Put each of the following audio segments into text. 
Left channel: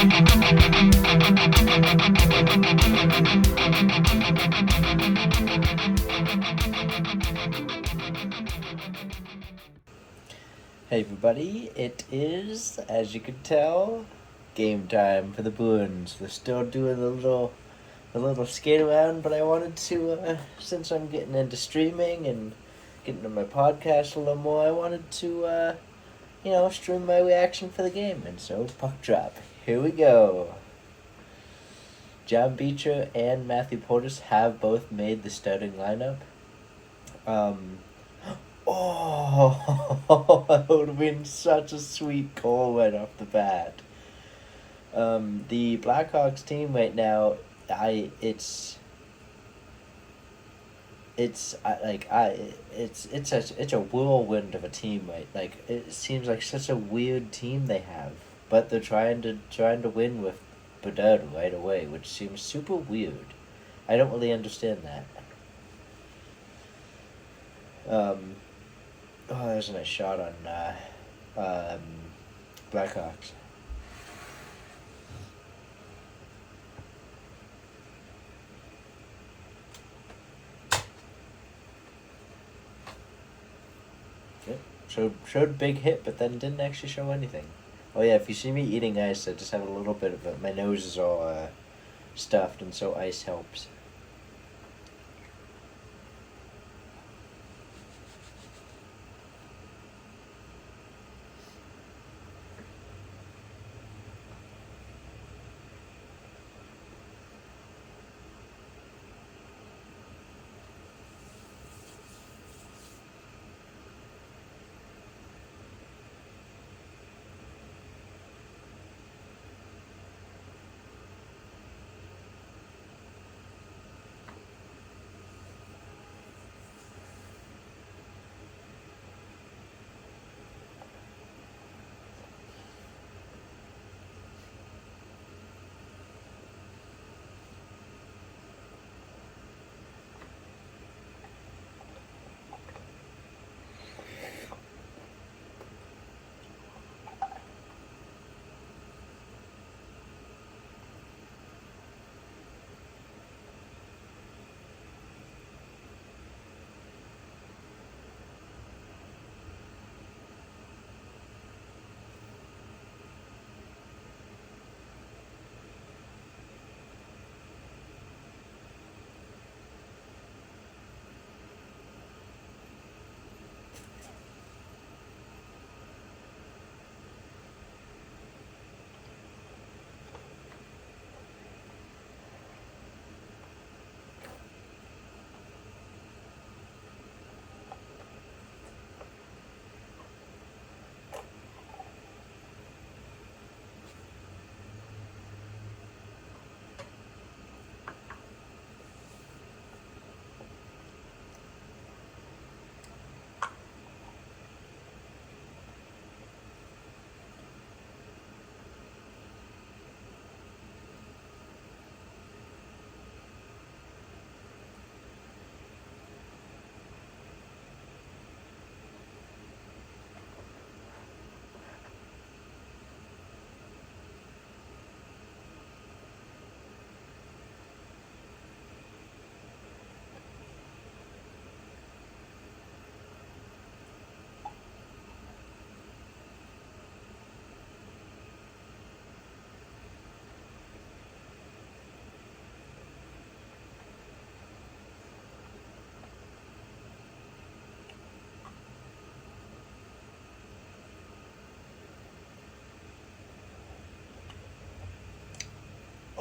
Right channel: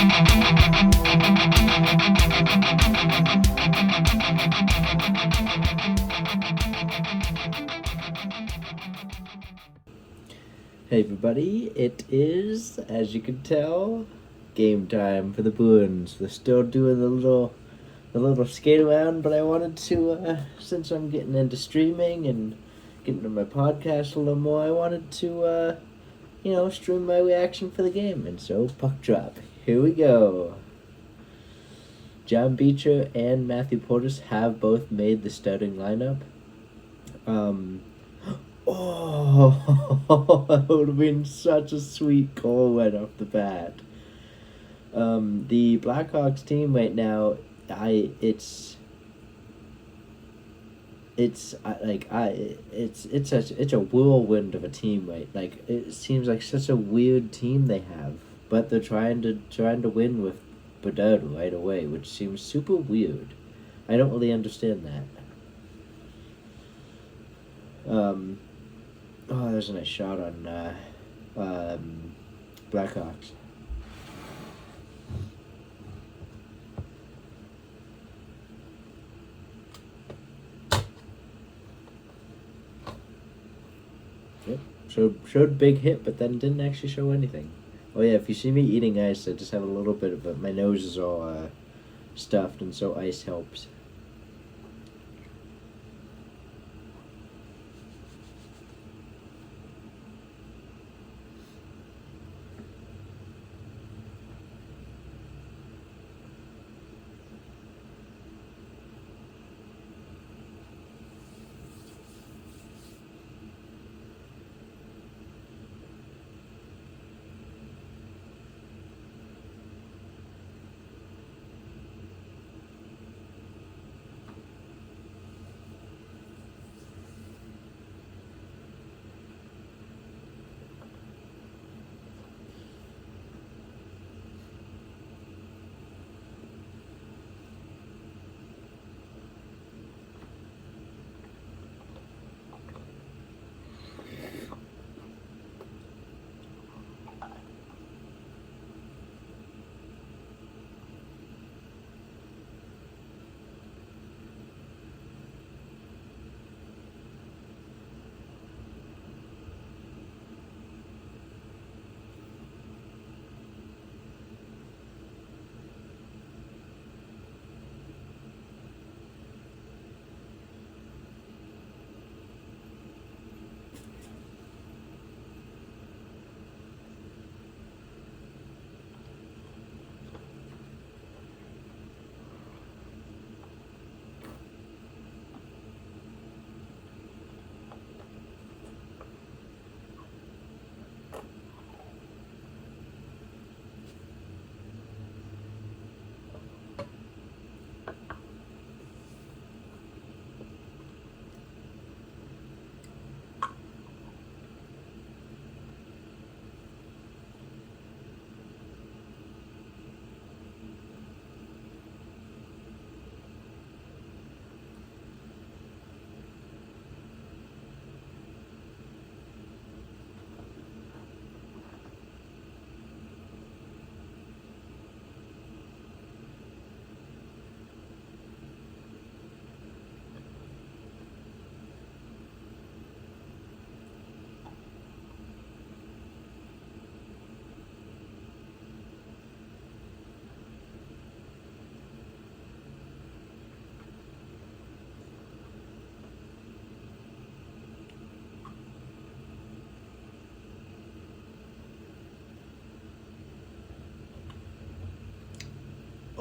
Hey everybody, it is, as you can tell, game time for the Bruins. They're still doing the little skate around, but I wanted to, since I'm getting into streaming and getting into my podcast a little more, I wanted to, stream my reaction for the game. And so, puck drop. Here we go. John Beecher and Matthew Portis have both made the starting lineup. Um, Oh, that would have been such a sweet goal right off the bat. The Blackhawks team right now, I it's a whirlwind of a team, right? Like it seems like such a weird team they have, but they're trying to win with Bedard right away, which seems super weird. I don't really understand that. Um, oh, there's a nice shot on Blackhawks. Good. Showed big hit, but then didn't actually show anything. Oh yeah, if you see me eating ice, I just have a little bit of it. My nose is all stuffed, and so ice helps.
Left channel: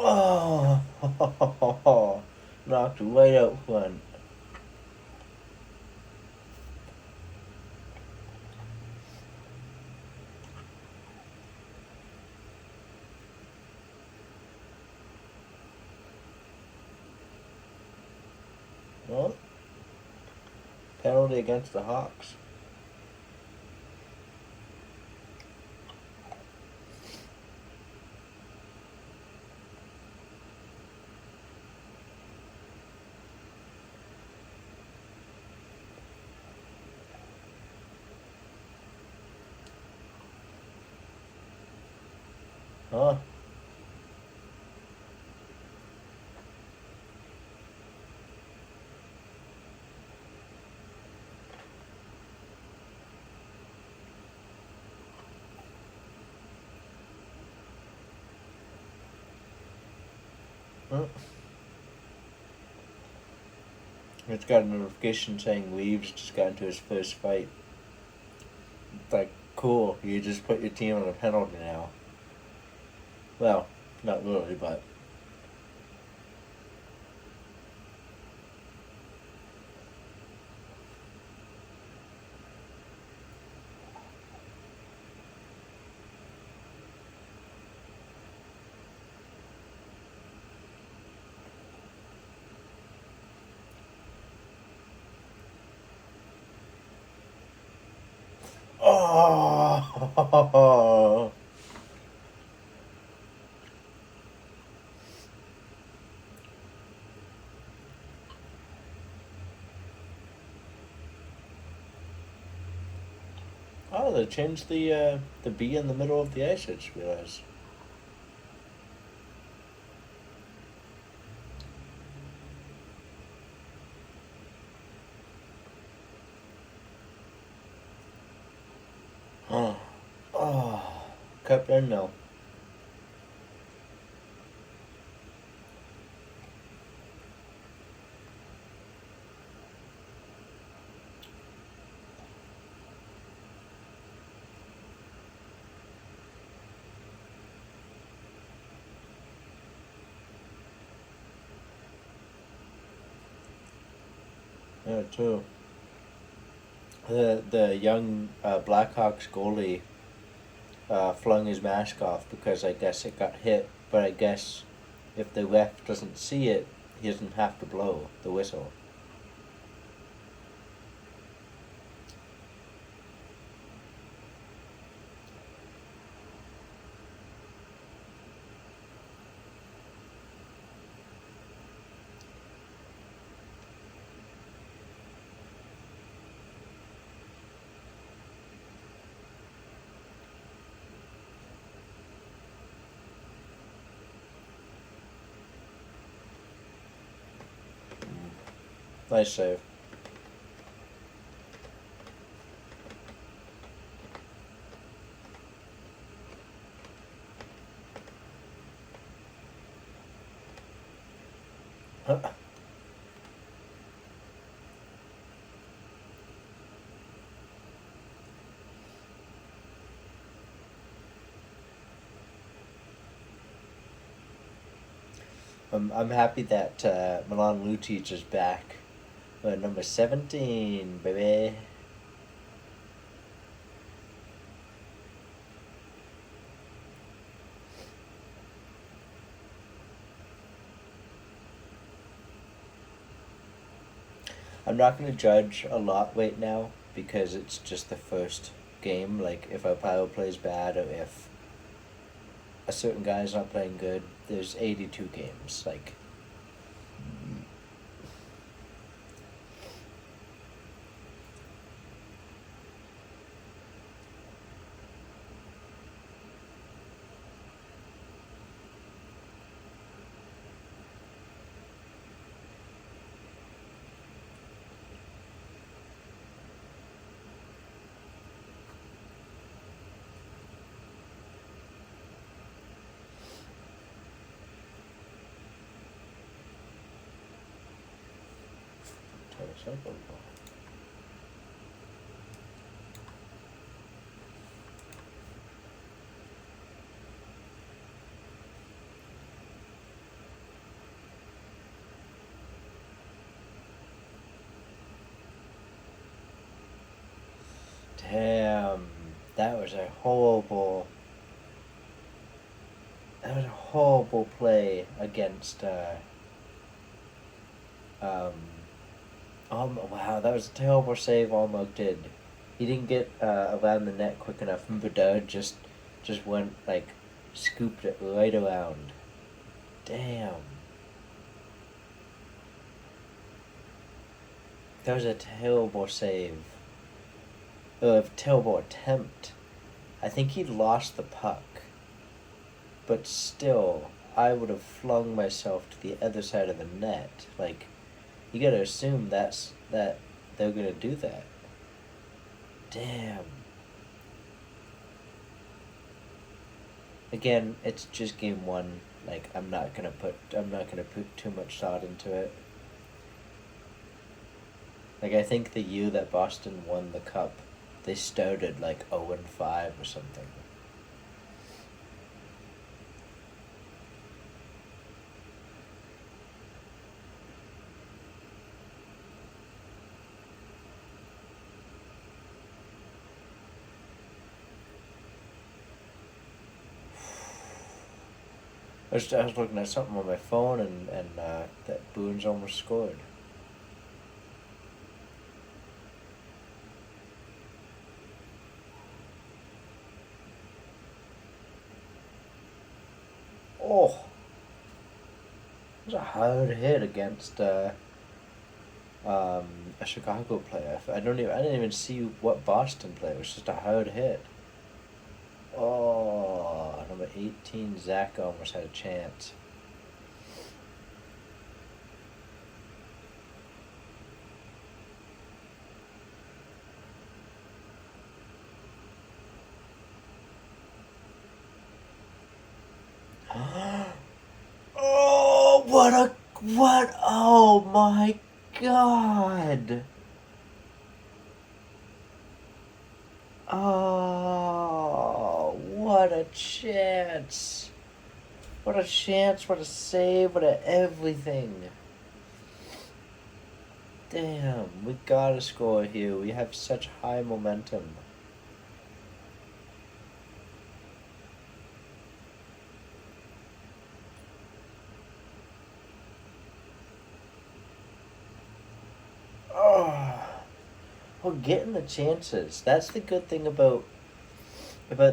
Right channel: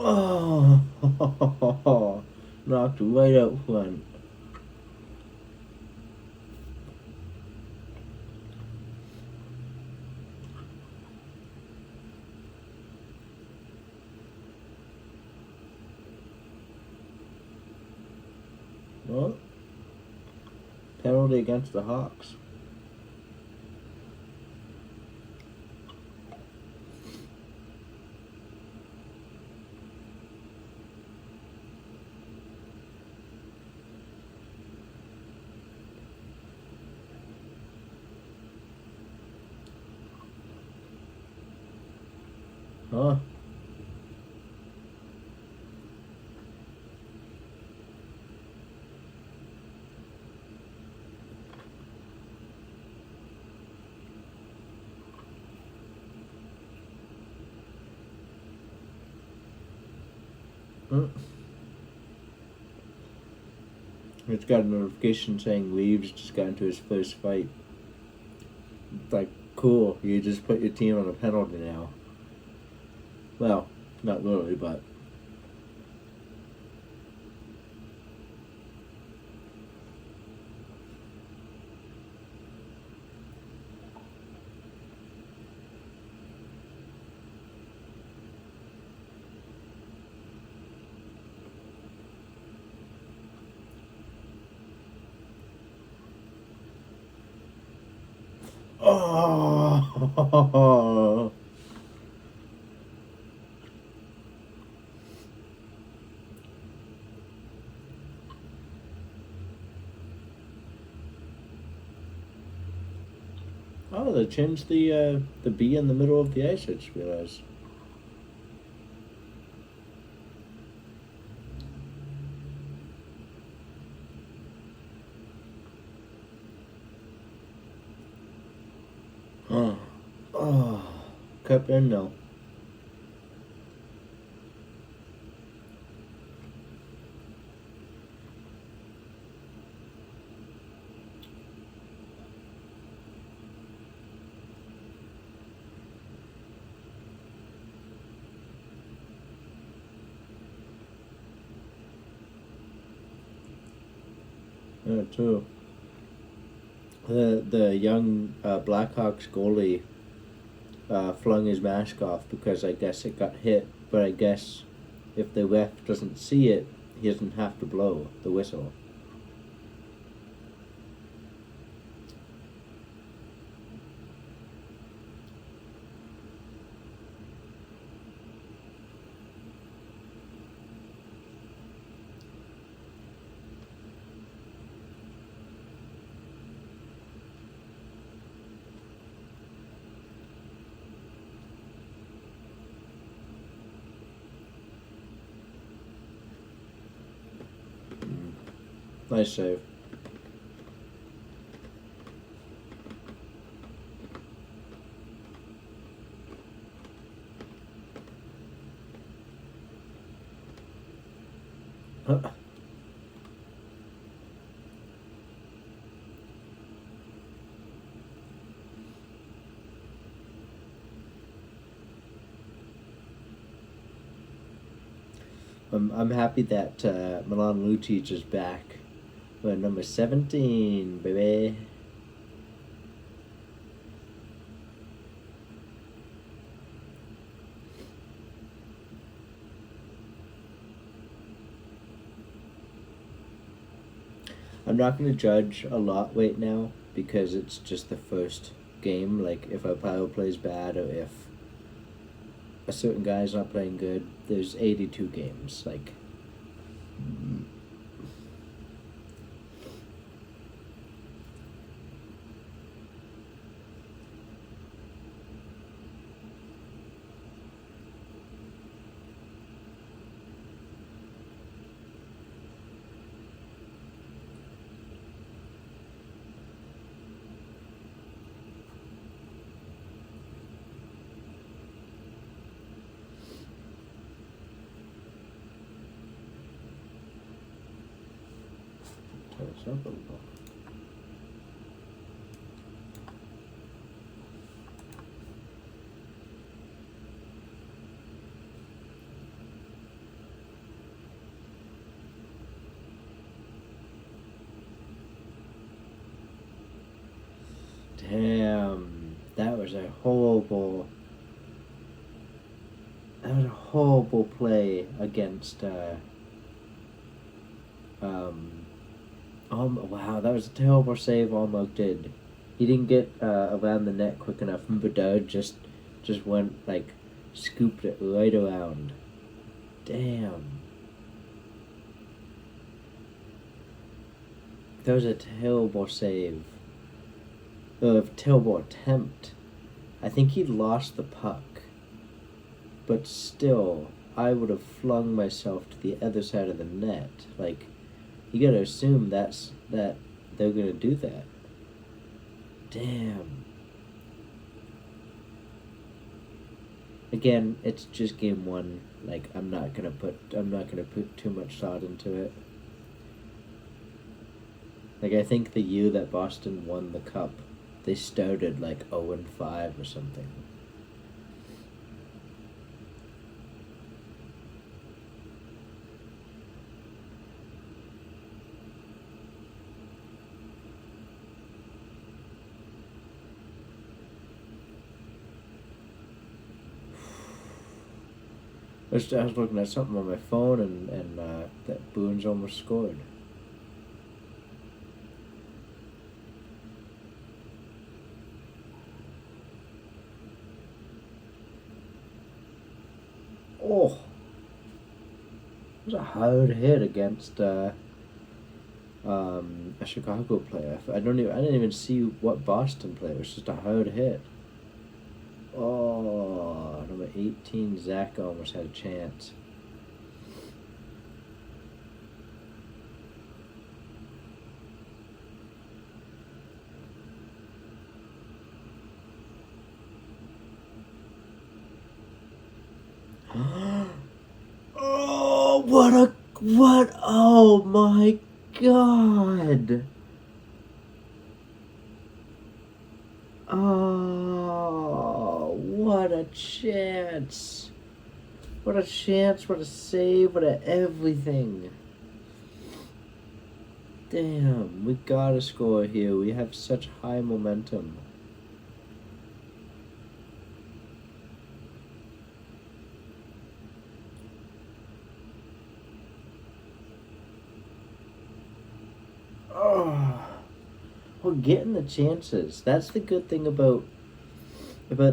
Oh, knocked right out front. Well, penalty against the Hawks. Huh? Mm. It's got a notification saying Reeves just got into his first fight. It's like, cool, you just put your team on a penalty now. Well, not literally, but. Oh! Oh, they changed the B in the middle of the ice, I just realized. Oh. Oh. Cup in no. Yeah, too. The young Blackhawks goalie flung his mask off because I guess it got hit. But I guess if the ref doesn't see it, he doesn't have to blow the whistle. Nice save. I'm happy that Milan Lucic is back. Number 17, baby. I'm not going to judge a lot right now because it's just the first game. Like, if a power plays bad or if a certain guy is not playing good, there's 82 games. Like, damn, that was a horrible play against um wow, that was a terrible save Almog did. He didn't get around the net quick enough, and Bedard just went like scooped it right around. Damn. That was a terrible save. A terrible attempt. I think he lost the puck. But still, I would have flung myself to the other side of the net. Like, you gotta assume that they're gonna do that. Damn. Again, it's just game one. Like I'm not gonna put too much thought into it. Like I think the year that Boston won the cup, they started like 0-5 or something. I was looking at something on my phone and that Bruins almost scored. Oh, it was a hard hit against a Chicago player. I didn't even see what Boston player. It was just a hard hit. Oh, number 18, Zach almost had a chance. Oh, what? Oh my God. Oh, what a chance. What a chance, what a save, what a everything. Damn, we gotta score here. We have such high momentum. Oh, we're getting the chances. That's the good thing about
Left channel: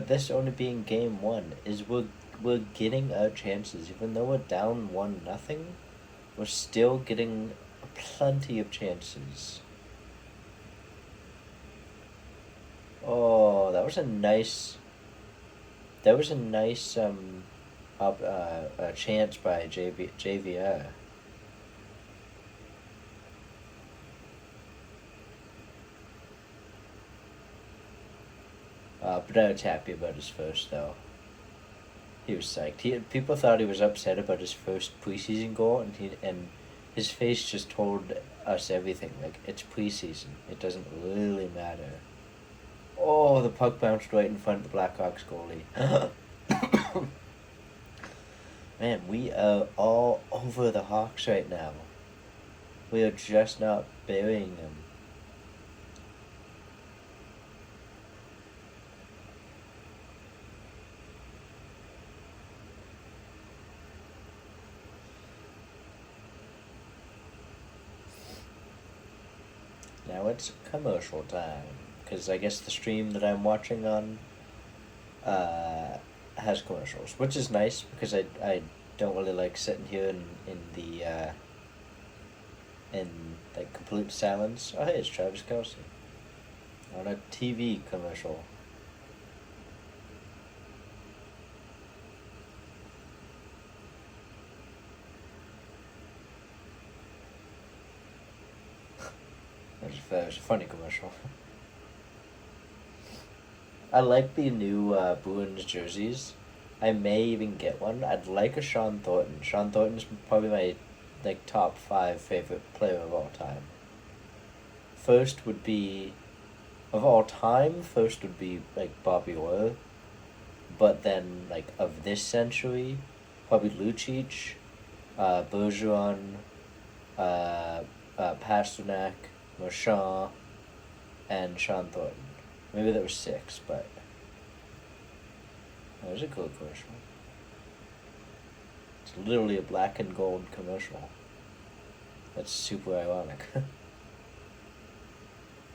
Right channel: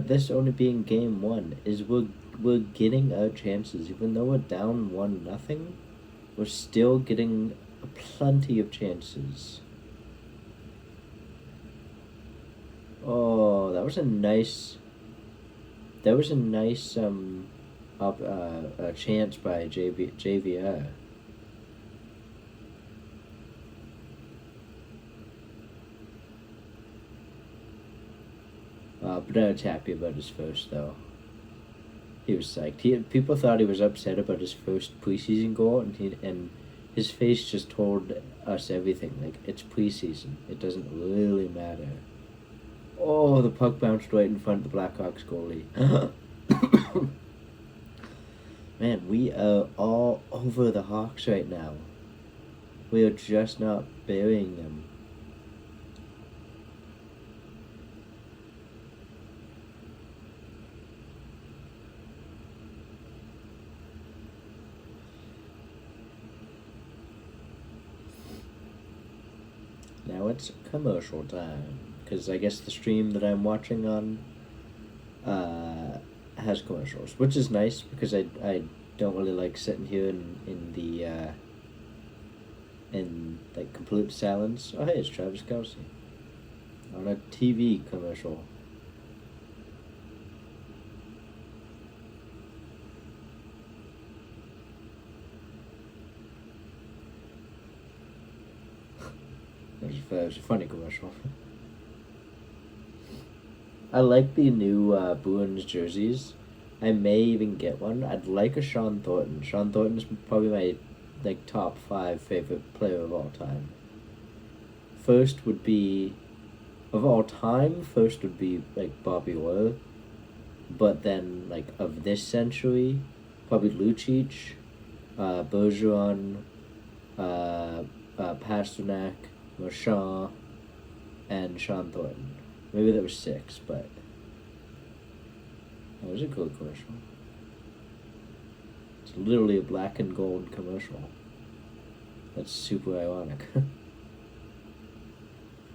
this only being game one is we're getting our chances. Even though we're down 1-0, we're still getting plenty of chances. Oh, that was a nice chance by JVR. But I was happy about his first though. He was psyched. People thought he was upset about his first preseason goal, and his face just told us everything. Like, it's preseason. It doesn't really matter. Oh, the puck bounced right in front of the Blackhawks goalie. Man, we are all over the Hawks right now. We are just not burying them. Now it's commercial time, because I guess the stream that I'm watching on uh, has commercials, which is nice because I don't really like sitting here in like complete silence. Oh, hey, it's Travis Kelce on a TV commercial. That was a funny commercial. I like the new Bruins jerseys. I may even get one. I'd like a Sean Thornton. Sean Thornton's probably my like top 5 favorite player of all time. First would be of all time. First would be like Bobby Orr, but then like of this century, probably Lucic, Bergeron, Pasternak, Marchand, and Sean Thornton. Maybe that was 6, but that was a cool commercial. It's literally a black and gold commercial. That's super ironic.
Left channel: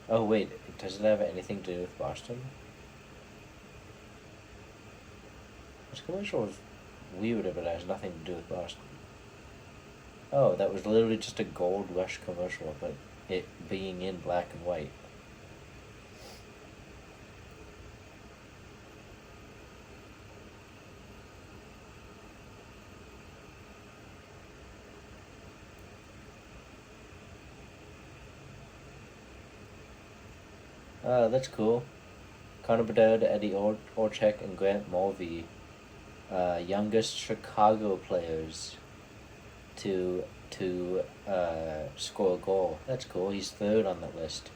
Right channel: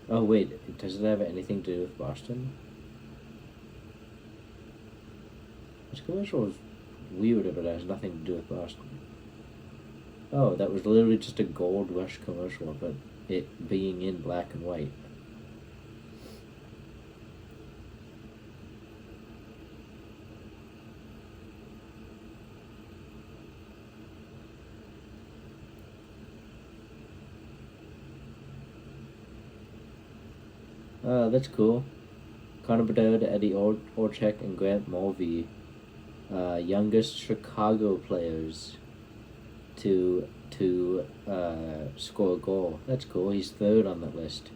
Oh wait, does it have anything to do with Boston? This commercial is weird if it has nothing to do with Boston. Oh, that was literally just a Gold Rush commercial, but it being in black and white. That's cool. Connor Bedard, Eddie Olczyk, and Grant Mulvey youngest Chicago players to score a goal. That's cool. He's third on that list.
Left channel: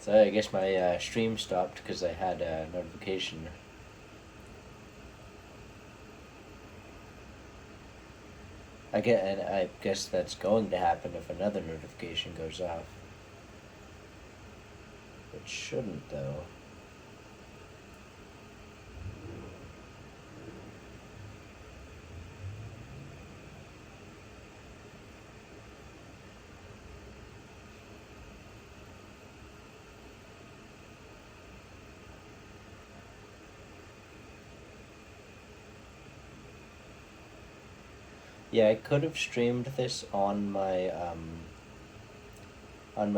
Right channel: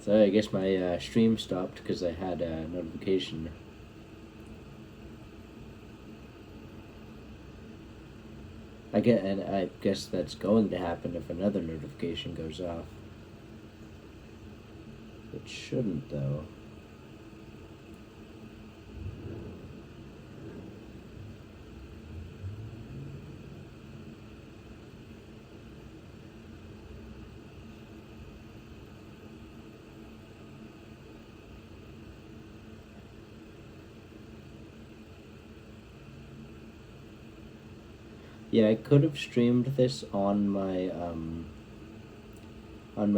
So I guess my stream stopped because I had a notification. And I guess that's going to happen if another notification goes off. It shouldn't, though. Yeah, I could have streamed this on my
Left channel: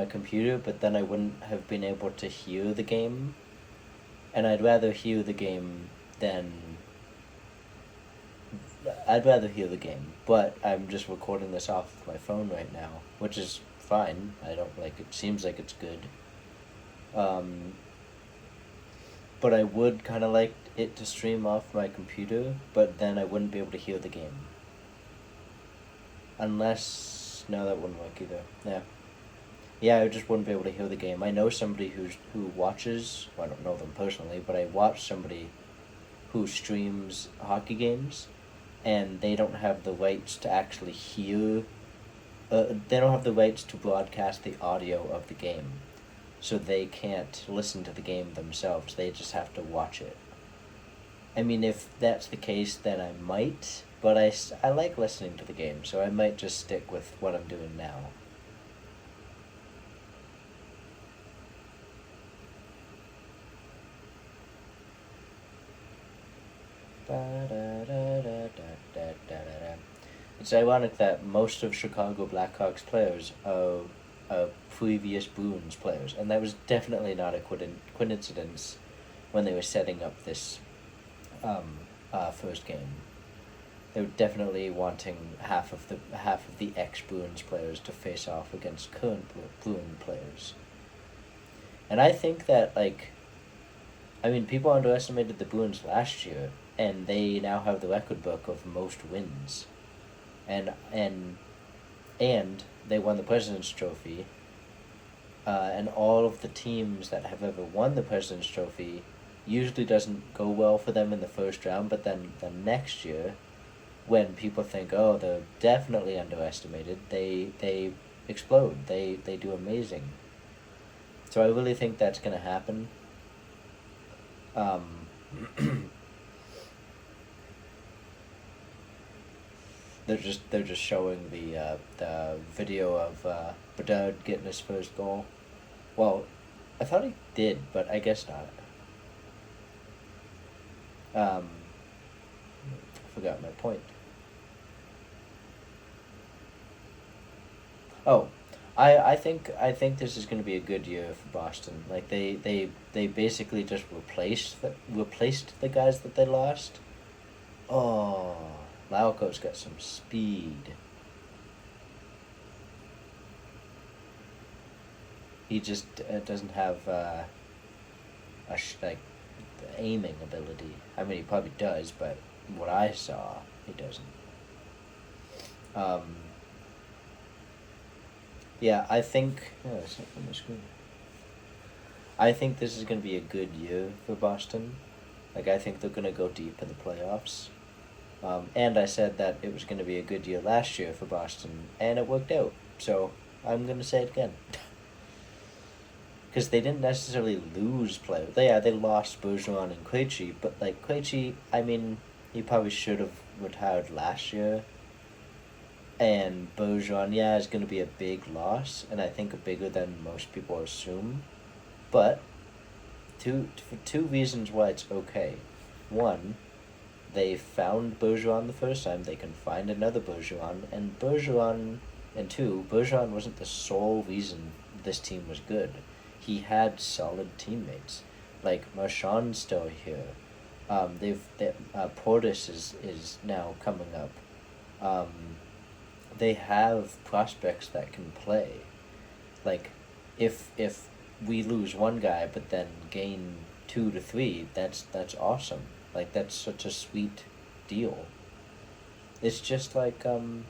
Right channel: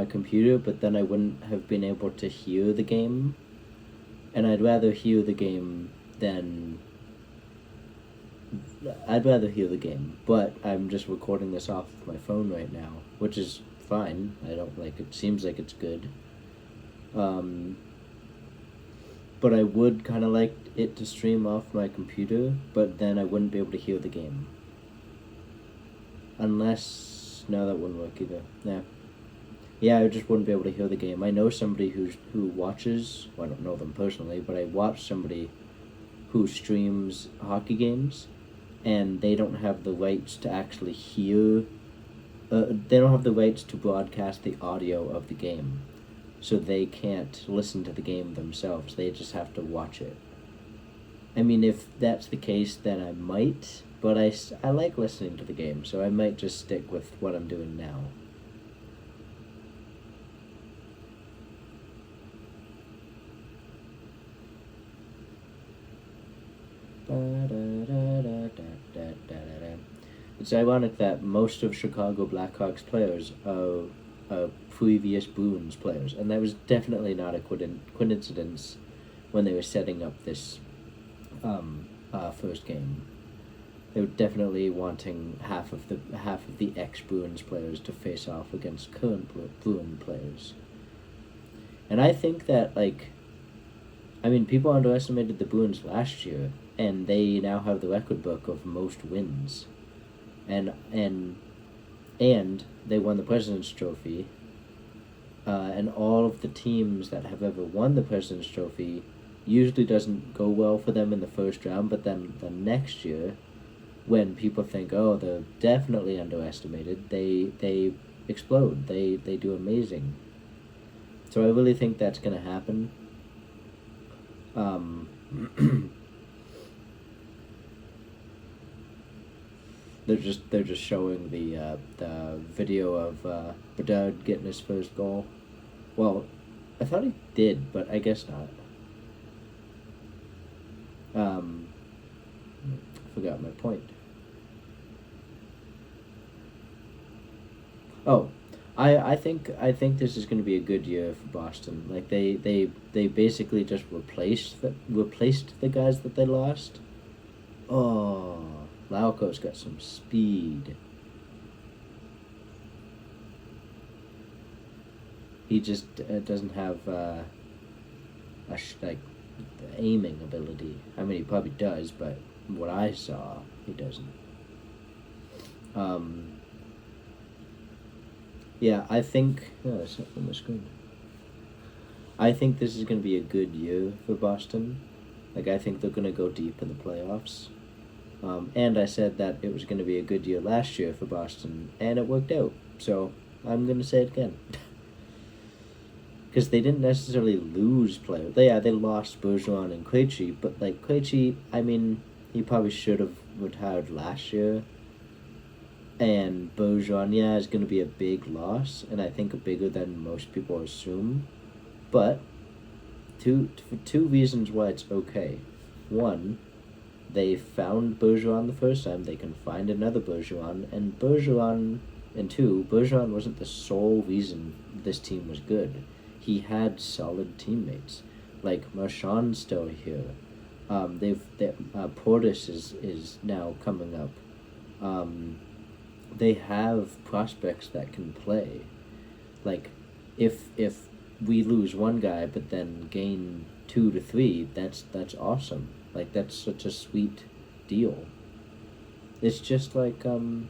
computer, but then I wouldn't have been able to hear the game, and I'd rather hear the game than I'd rather hear the game. But I'm just recording this off my phone right now, which is fine. I don't like it. Seems like it's good. But I would kind of like it to stream off my computer, but then I wouldn't be able to hear the game. Unless, no, that wouldn't work either. Yeah, I just wouldn't be able to hear the game. I know somebody who watches, well, I don't know them personally, but I watch somebody who streams hockey games, and they don't have the rights to actually hear, they don't have the rights to broadcast the audio of the game. So they can't listen to the game themselves, they just have to watch it. I mean, if that's the case, then I might, but I like listening to the game, so I might just stick with what I'm doing now. It's ironic that most of Chicago Blackhawks players are previous Bruins players, and that was definitely not a coincidence when they were setting up this first game. They were definitely wanting half of the ex-Bruins players to face off against current Bruin players. And I think that, people underestimated the Bruins last year, and they now have the record book of most wins. And they won the President's Trophy, and all of the teams that have ever won the President's Trophy usually doesn't go well for them in the first round, but then the next year, when people think, oh, they're definitely underestimated, they explode. They do amazing. So I really think that's going to happen. They're just showing the video of Bedard getting his first goal. Well, I thought he did, but I guess not. I forgot my point. Oh, I think this is going to be a good year for Boston. Like they basically just replaced the guys that they lost. Oh, Lauko's got some speed. He just doesn't have aiming ability. I mean, he probably does, but what I saw, he doesn't. Yeah, I think... Oh, it's not on my screen. I think this is going to be a good year for Boston. I think they're going to go deep in the playoffs. And I said that it was going to be a good year last year for Boston, and it worked out. So I'm going to say it again. Because they didn't necessarily lose players. They lost Bergeron and Krejci, but Krejci, I mean, he probably should have retired last year. And Bergeron, is going to be a big loss, and I think bigger than most people assume. But for two reasons why it's okay. One, they found Bergeron the first time. They can find another Bergeron, and two, Bergeron wasn't the sole reason this team was good. He had solid teammates, like Marchand's still here. Portis is now coming up. They have prospects that can play. Like, if we lose one guy but then gain 2 to 3, that's awesome. Like, that's such a sweet deal. It's just like the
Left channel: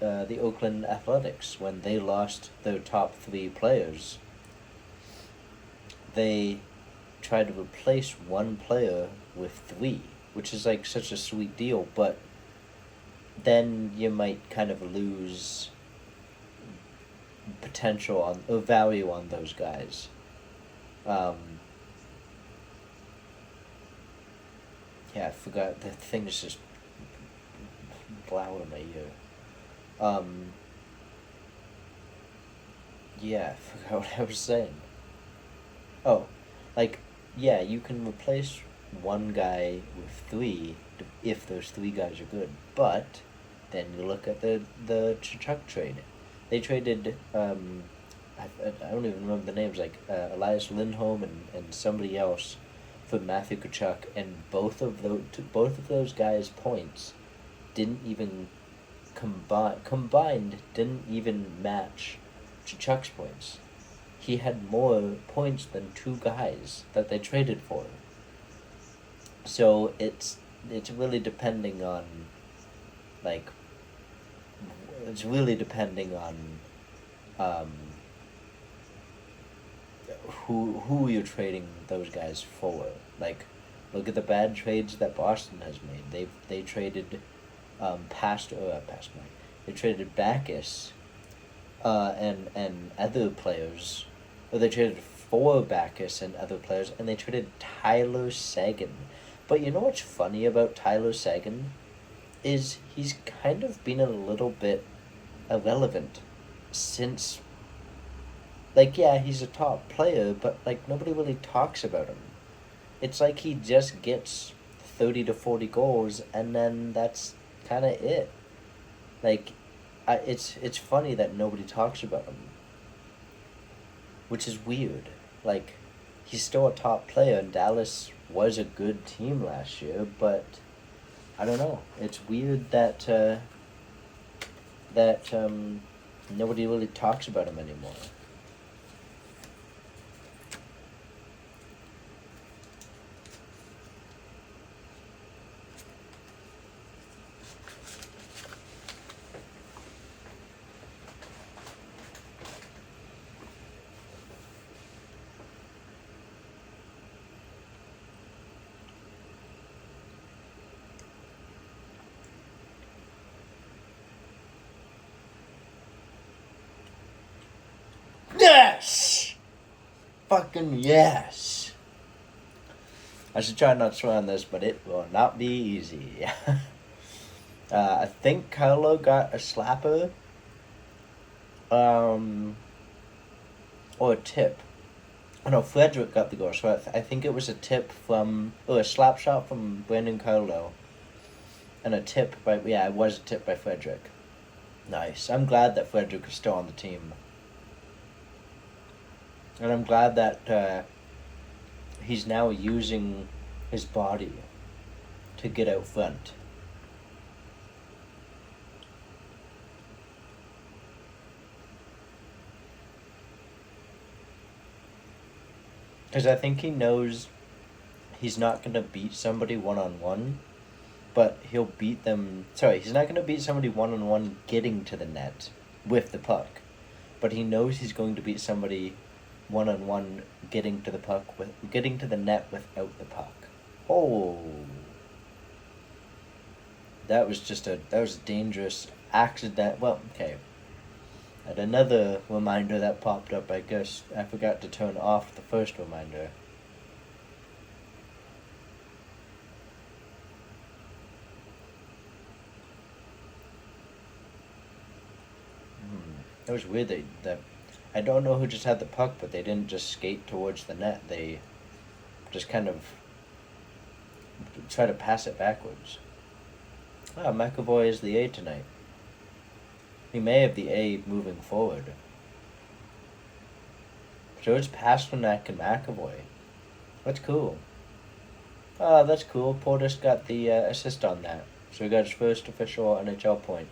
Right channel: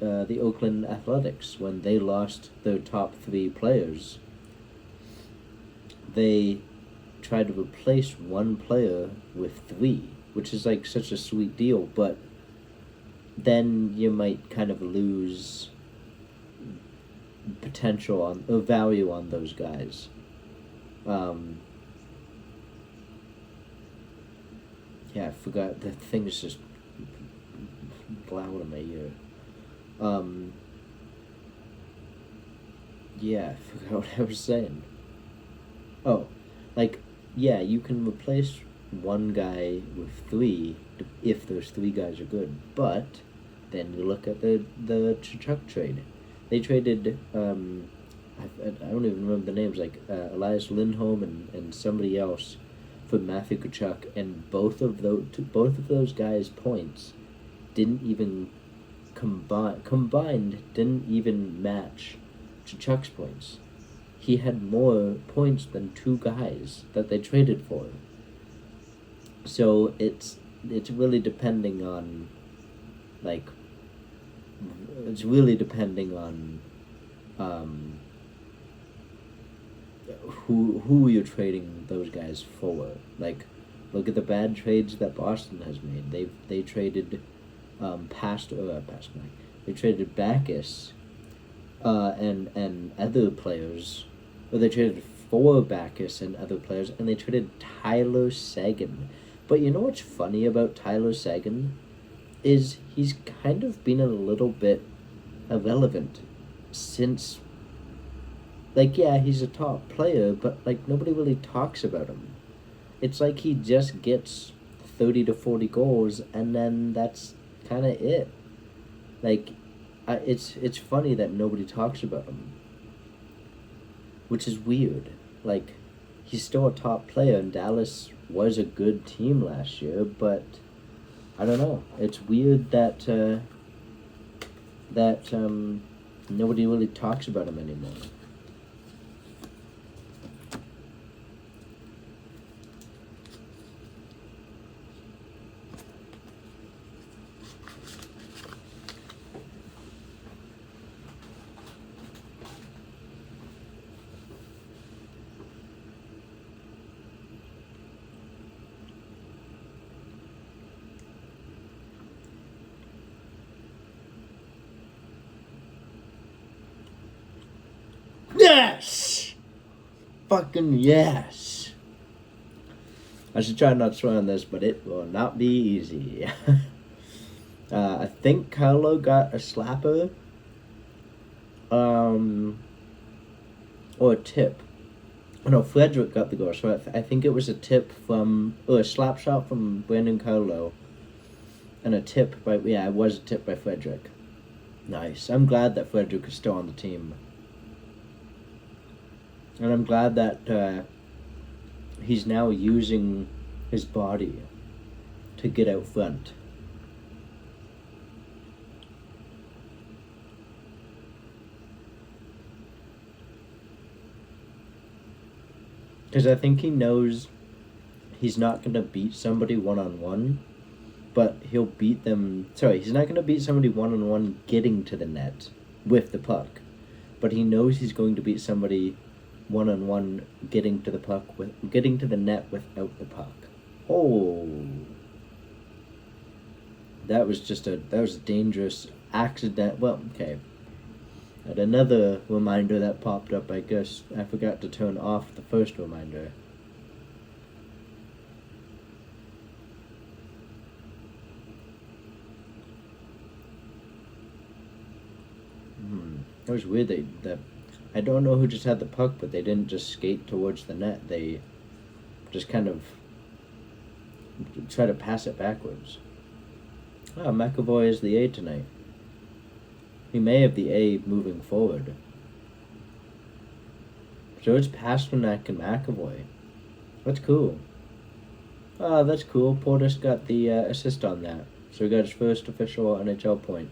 Oakland Athletics, when they lost their top 3 players, they tried to replace one player with 3, which is like such a sweet deal, but then you might kind of lose potential on or value on those guys. Yeah, I forgot, the thing is just loud in my ear. Yeah, I forgot what I was saying. Oh, like, yeah, you can replace one guy with 3 if those 3 guys are good, but then you look at the Chuck trade. They traded I don't even remember the names, like Elias Lindholm and somebody else for Matthew Tkachuk, and both of those guys' points didn't even combined didn't even match Tkachuk's points. He had more points than 2 guys that they traded for. So it's really depending on, like, it's really depending on who you're trading those guys for. Like, look at the bad trades that Boston has made. They traded They traded Backus and other players. Or they traded for Backus and other players, and they traded Tyler Seguin. But you know what's funny about Tyler Seguin? Is he's kind of been a little bit irrelevant since, like, yeah, he's a top player, but, like, nobody really talks about him. It's like he just gets 30 to 40 goals, and then that's kind of it. Like, it's funny that nobody talks about him, which is weird. Like, he's still a top player, and Dallas was a good team last year, but I don't know. It's weird that nobody really talks about him anymore. Yes! Fucking yes! I should try not to swear on this, but it will not be easy. I think Carlo got a slapper. Or a tip. Oh no, Frederick got the goal, so I think it was a tip from, or a slap shot from Brandon Carlo. And a tip by, yeah, it was a tip by Frederick. Nice. I'm glad that Frederick is still on the team. And I'm glad that he's now using his body to get out front. Because I think he knows he's not going to beat somebody one-on-one, but he'll beat them... Sorry, he's not going to beat somebody one-on-one getting to the net with the puck. But he knows he's going to beat somebody one-on-one getting to the net without the puck. Oh, that was a dangerous accident. Well, okay. And another reminder that popped up, I guess I forgot to turn off the first reminder. That was weird that I don't know who just had the puck, but they didn't just skate towards the net. They just kind of try to pass it backwards. McAvoy is the A tonight. He may have the A moving forward. So it's Pasternak and McAvoy. That's cool. That's cool. Portis got the assist on that. So he got his first official NHL point.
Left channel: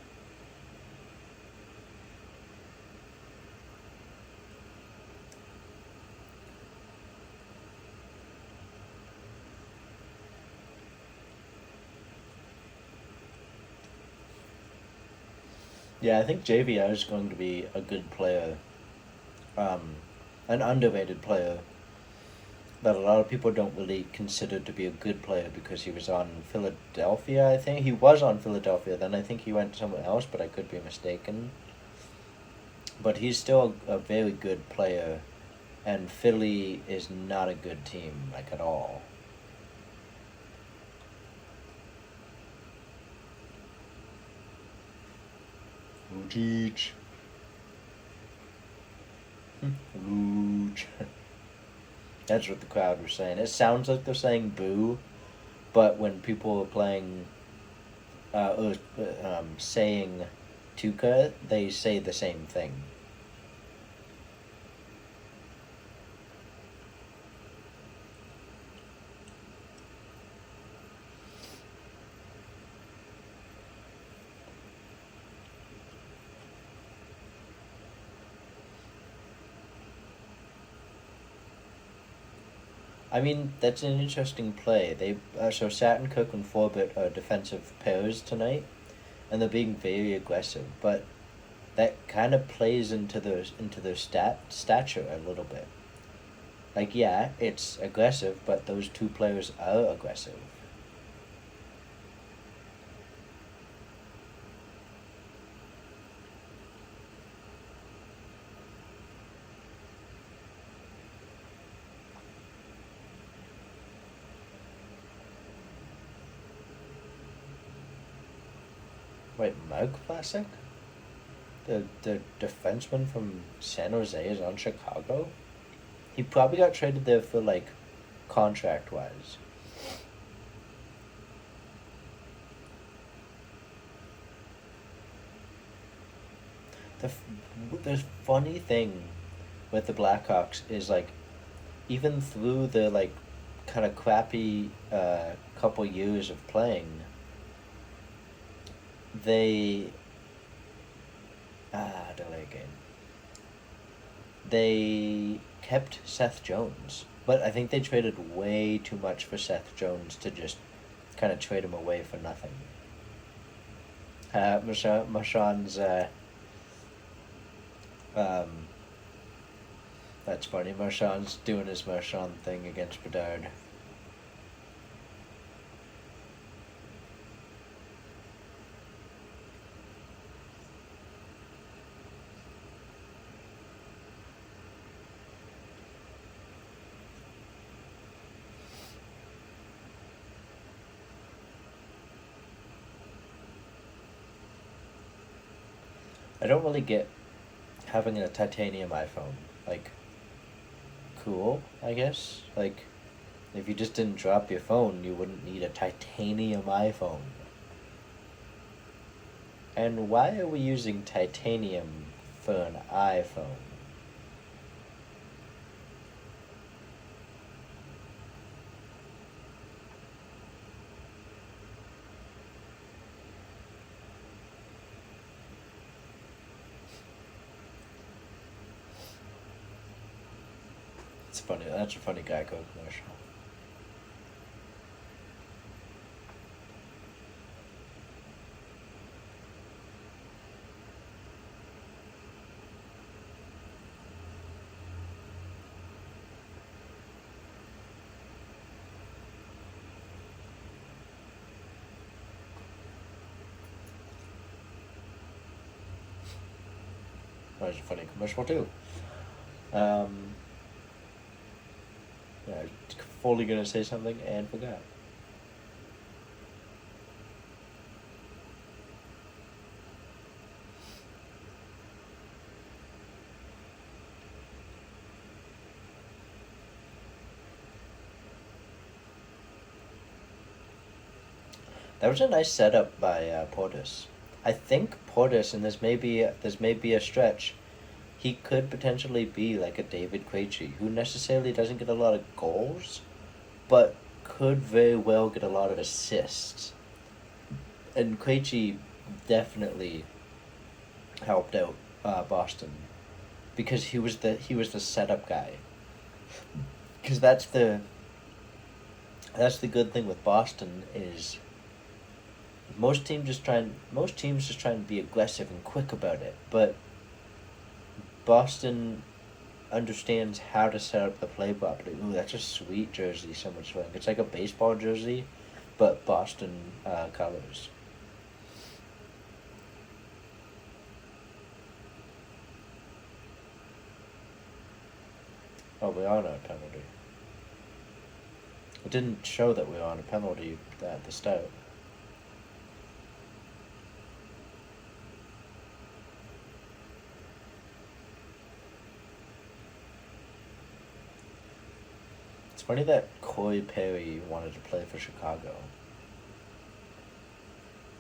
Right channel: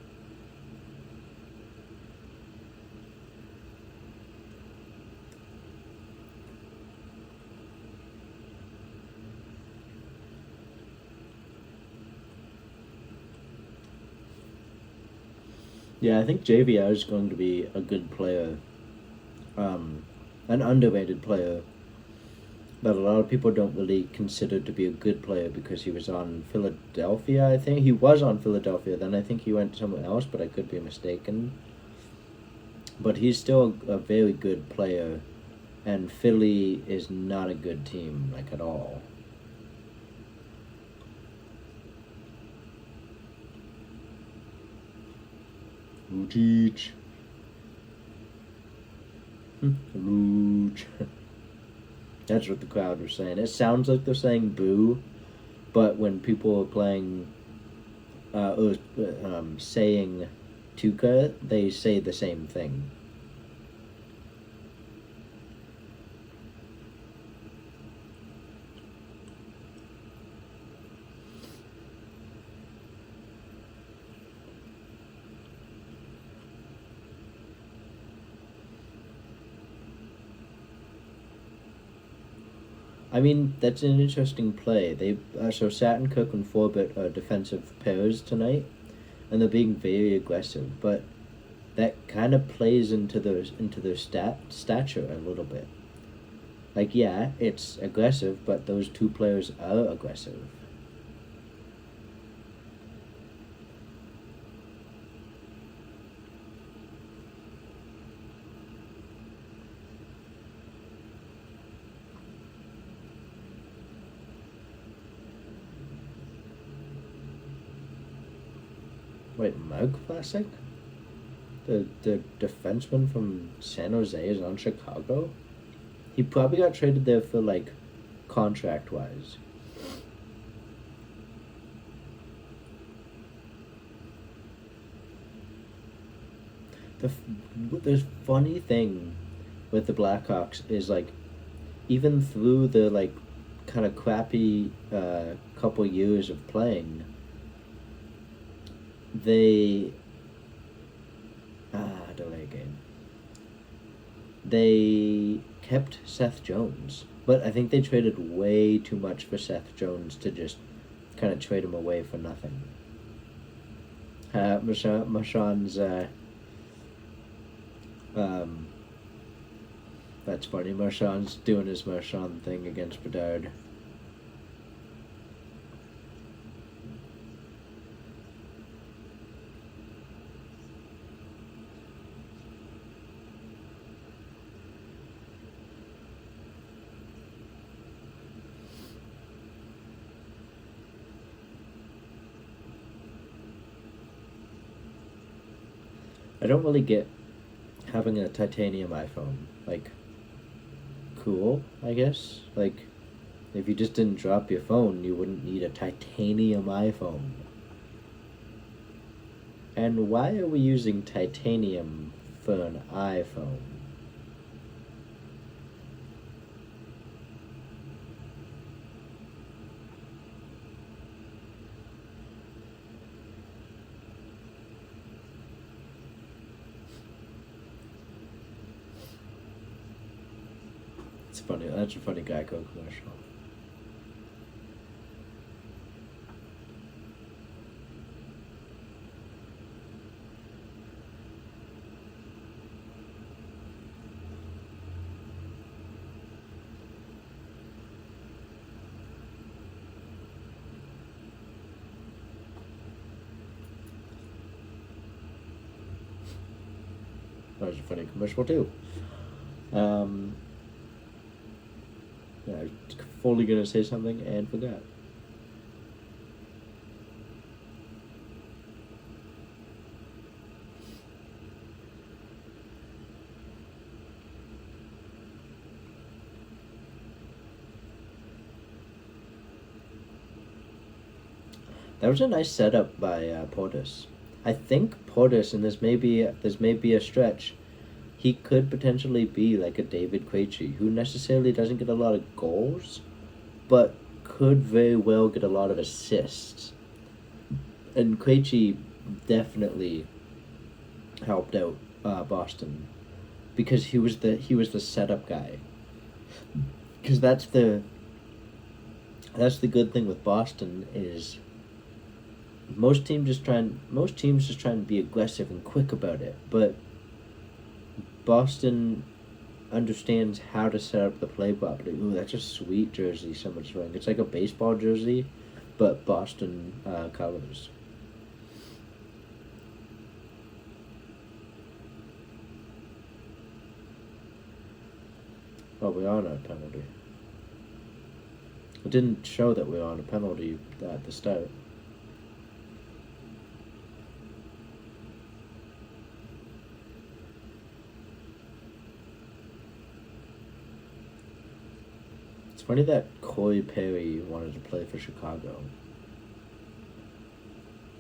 Yeah, I think JVR is going to be a good player, um, an underrated player that a lot of people don't really consider to be a good player because he was on Philadelphia. I think he was on Philadelphia. Then I think he went somewhere else, but I could be mistaken. But he's still a very good player, and Philly is not a good team, like, at all. Lucic. Luch. That's what the crowd was saying. It sounds like they're saying boo, but when people are playing, saying Tuca, they say the same thing. I mean, that's an interesting play. So Satin, Cook, and Forbett are defensive pairs tonight, and they're being very aggressive. But that kind of plays into their stature a little bit. Like, yeah, it's aggressive, but those two players are aggressive. Wait, Mark Vlasic? The defenseman from San Jose is on Chicago? He probably got traded there for, like, contract wise. The funny thing with the Blackhawks is, like, even through the, like, kind of crappy couple years of playing, they delay game. They kept Seth Jones, but I think they traded way too much for Seth Jones to just kind of trade him away for nothing. Marchand's um, that's funny. Marchand's doing his Marchand thing against Bedard. I don't really get having a titanium iPhone. Like, cool, I guess. Like, if you just didn't drop your phone, you wouldn't need a titanium iPhone. And why are we using titanium for an iPhone? It's funny. That's a funny Geico commercial. That was a funny commercial too. Um, yeah, I was fully gonna say something and forgot. That was a nice setup by Portis. I think Portis, and this may be a stretch. He could potentially be like a David Krejci, who necessarily doesn't get a lot of goals, but could very well get a lot of assists. And Krejci definitely helped out Boston because he was the setup guy. Because that's the good thing with Boston is most teams just trying to be aggressive and quick about it, but Boston understands how to set up the play properly. Ooh, that's a sweet jersey someone's wearing. It's like a baseball jersey, but Boston colors. Oh, we are on a penalty. It didn't show that we were on a penalty at the start. It's funny that Corey Perry wanted to play for Chicago.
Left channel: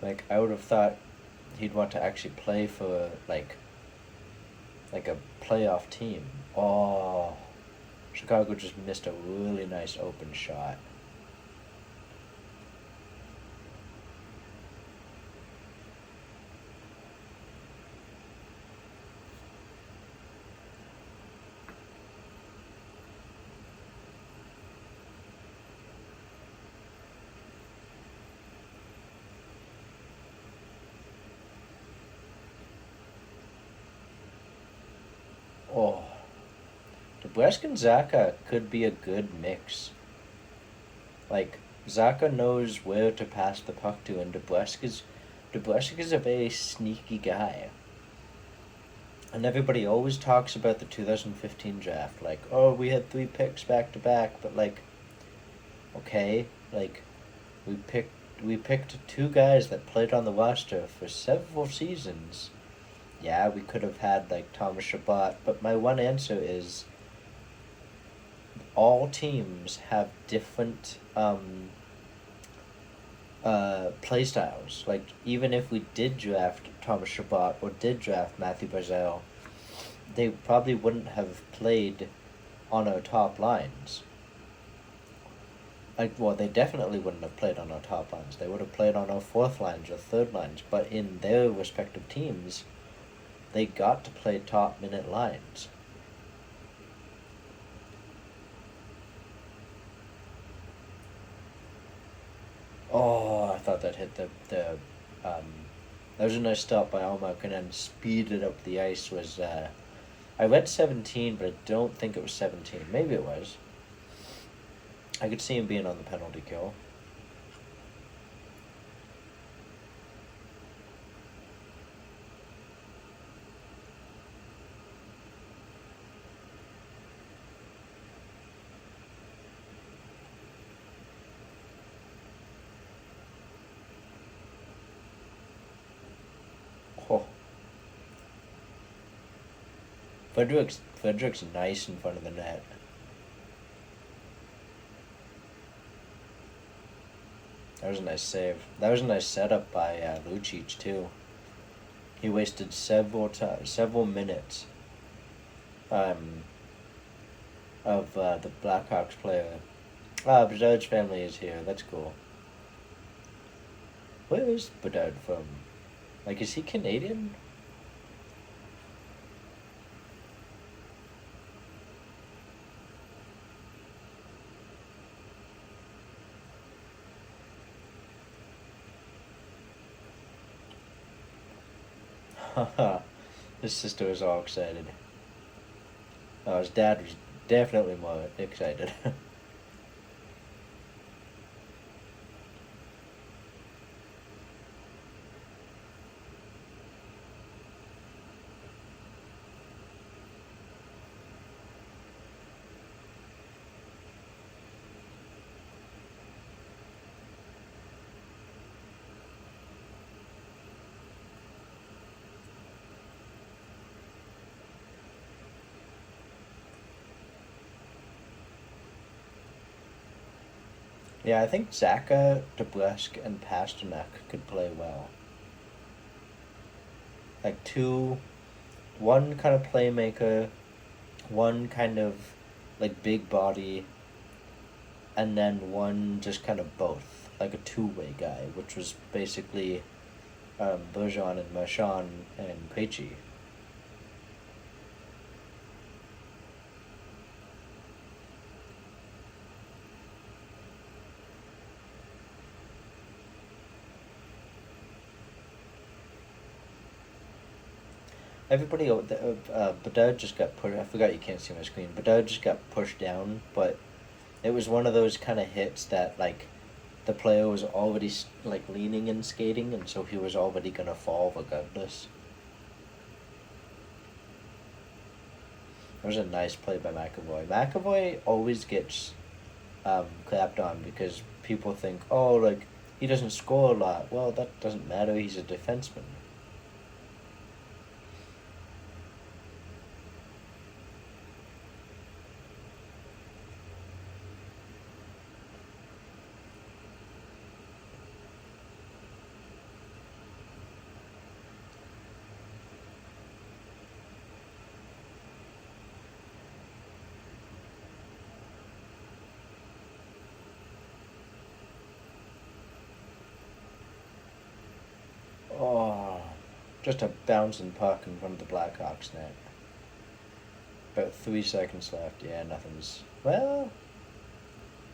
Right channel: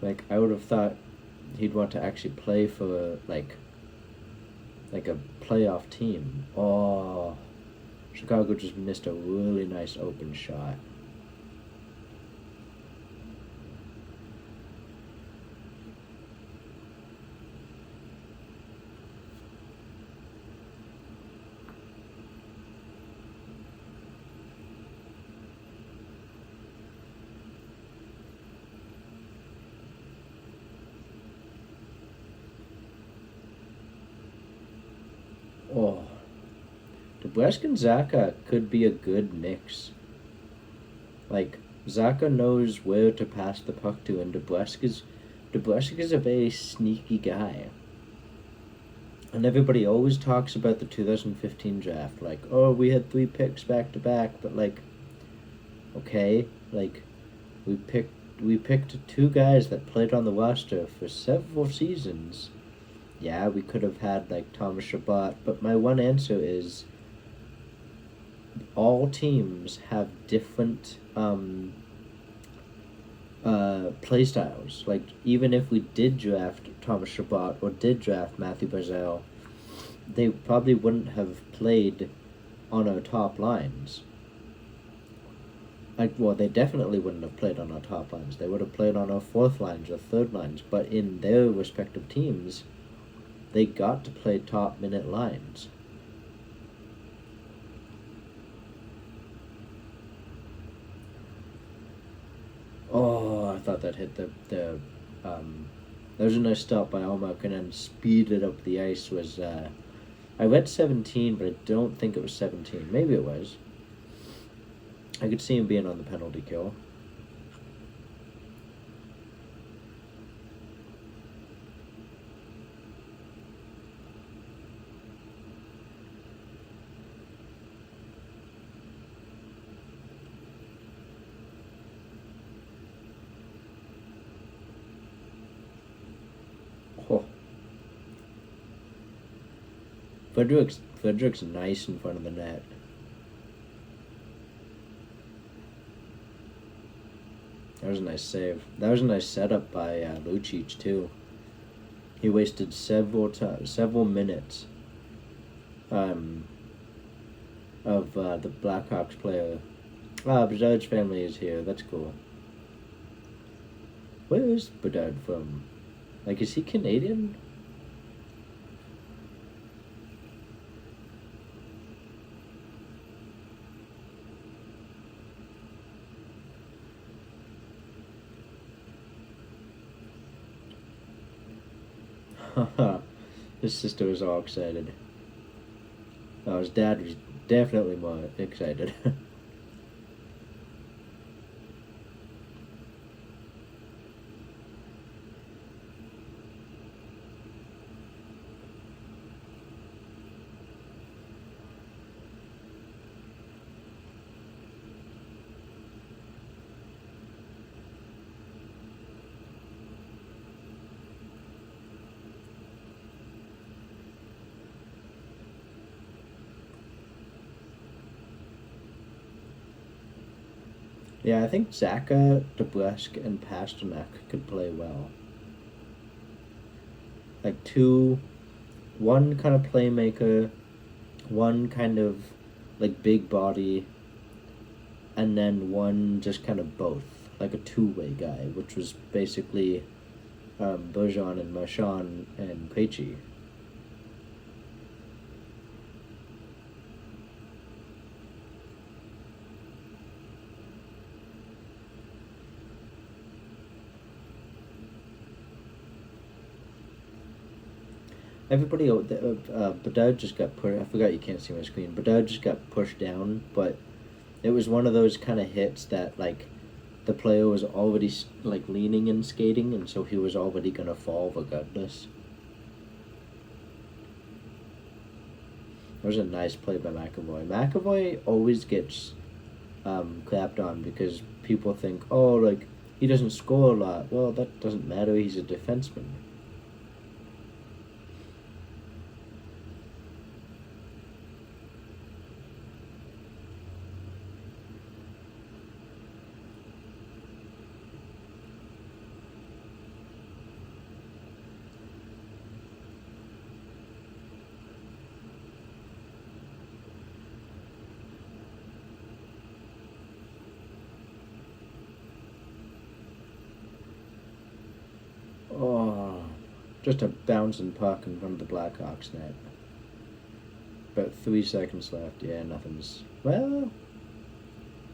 Like, I would have thought he'd want to actually play for like a playoff team. Oh, Chicago just missed a really nice open shot. Oh, Nebraska and Zaka could be a good mix. Like, Zaka knows where to pass the puck to, and Nebraska's a very sneaky guy. And everybody always talks about the 2015 draft, like, oh, we had 3 picks back to back, but like, okay, like, we picked we picked 2 guys that played on the roster for several seasons. Yeah, we could have had like Thomas Shabbat, but my one answer is all teams have different play styles. Like, even if we did draft Thomas Shabbat or did draft Matthew Barzell, they probably wouldn't have played on our top lines. Like, well, they definitely wouldn't have played on our top lines. They would have played on our fourth lines or third lines. But in their respective teams, they got to play top minute lines. Oh, I thought that hit the that was a nice stop by Almack, and then speeded up the ice was I read 17, but I don't think it was 17. Maybe it was. I could see him being on the penalty kill. Oh, Frederick's nice in front of the net. That was a nice save. That was a nice setup by Lucic too. He wasted several minutes um, of the Blackhawks player. Ah, Bedard's family is here. That's cool. Where is Bedard from? Like, is he Canadian? His sister was all excited. Oh, his dad was definitely more excited. Yeah, I think Zaka, DeBrusk, and Pasternak could play well. Like one kind of playmaker, one kind of like big body, and then one just kind of both, like a two-way guy, which was basically Bergeron and Marchand and Krejci. Everybody, Bedard just got put. I forgot you can't see my screen. Bedard just got pushed down, but it was one of those kind of hits that like the player was already like leaning and skating, and so he was already gonna fall regardless. It was a nice play by McAvoy. McAvoy always gets clapped on because people think, oh, like he doesn't score a lot. Well, that doesn't matter. He's a defenseman. Oh, just a bouncing puck in front of the Blackhawks net. About 3 seconds left. Yeah, nothing's. Well,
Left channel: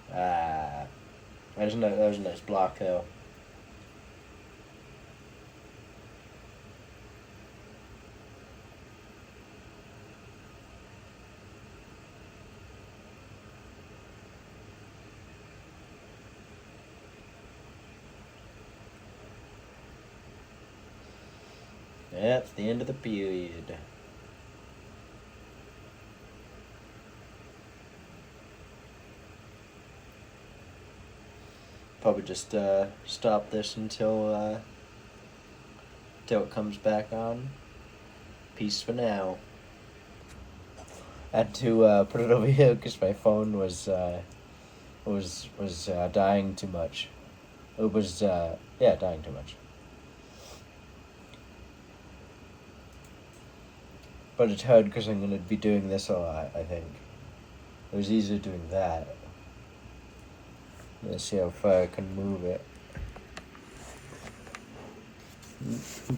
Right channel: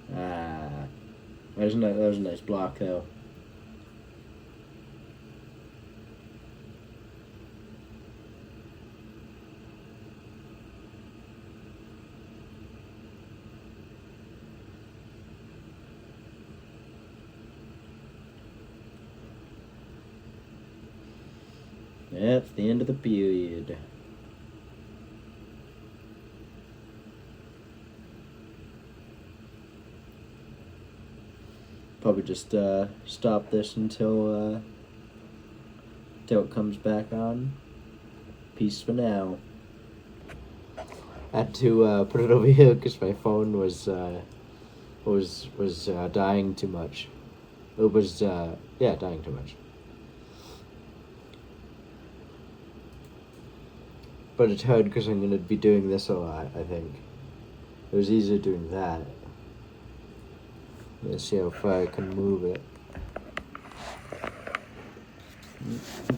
that was a nice block though. Yeah, it's the end of the period. Probably just stop this until it comes back on. Peace for now. I had to put it over here because my phone was dying too much. It was dying too much. But it's hard because I'm gonna be doing this a lot. I think it was easier doing that. Let's see how far I can move it.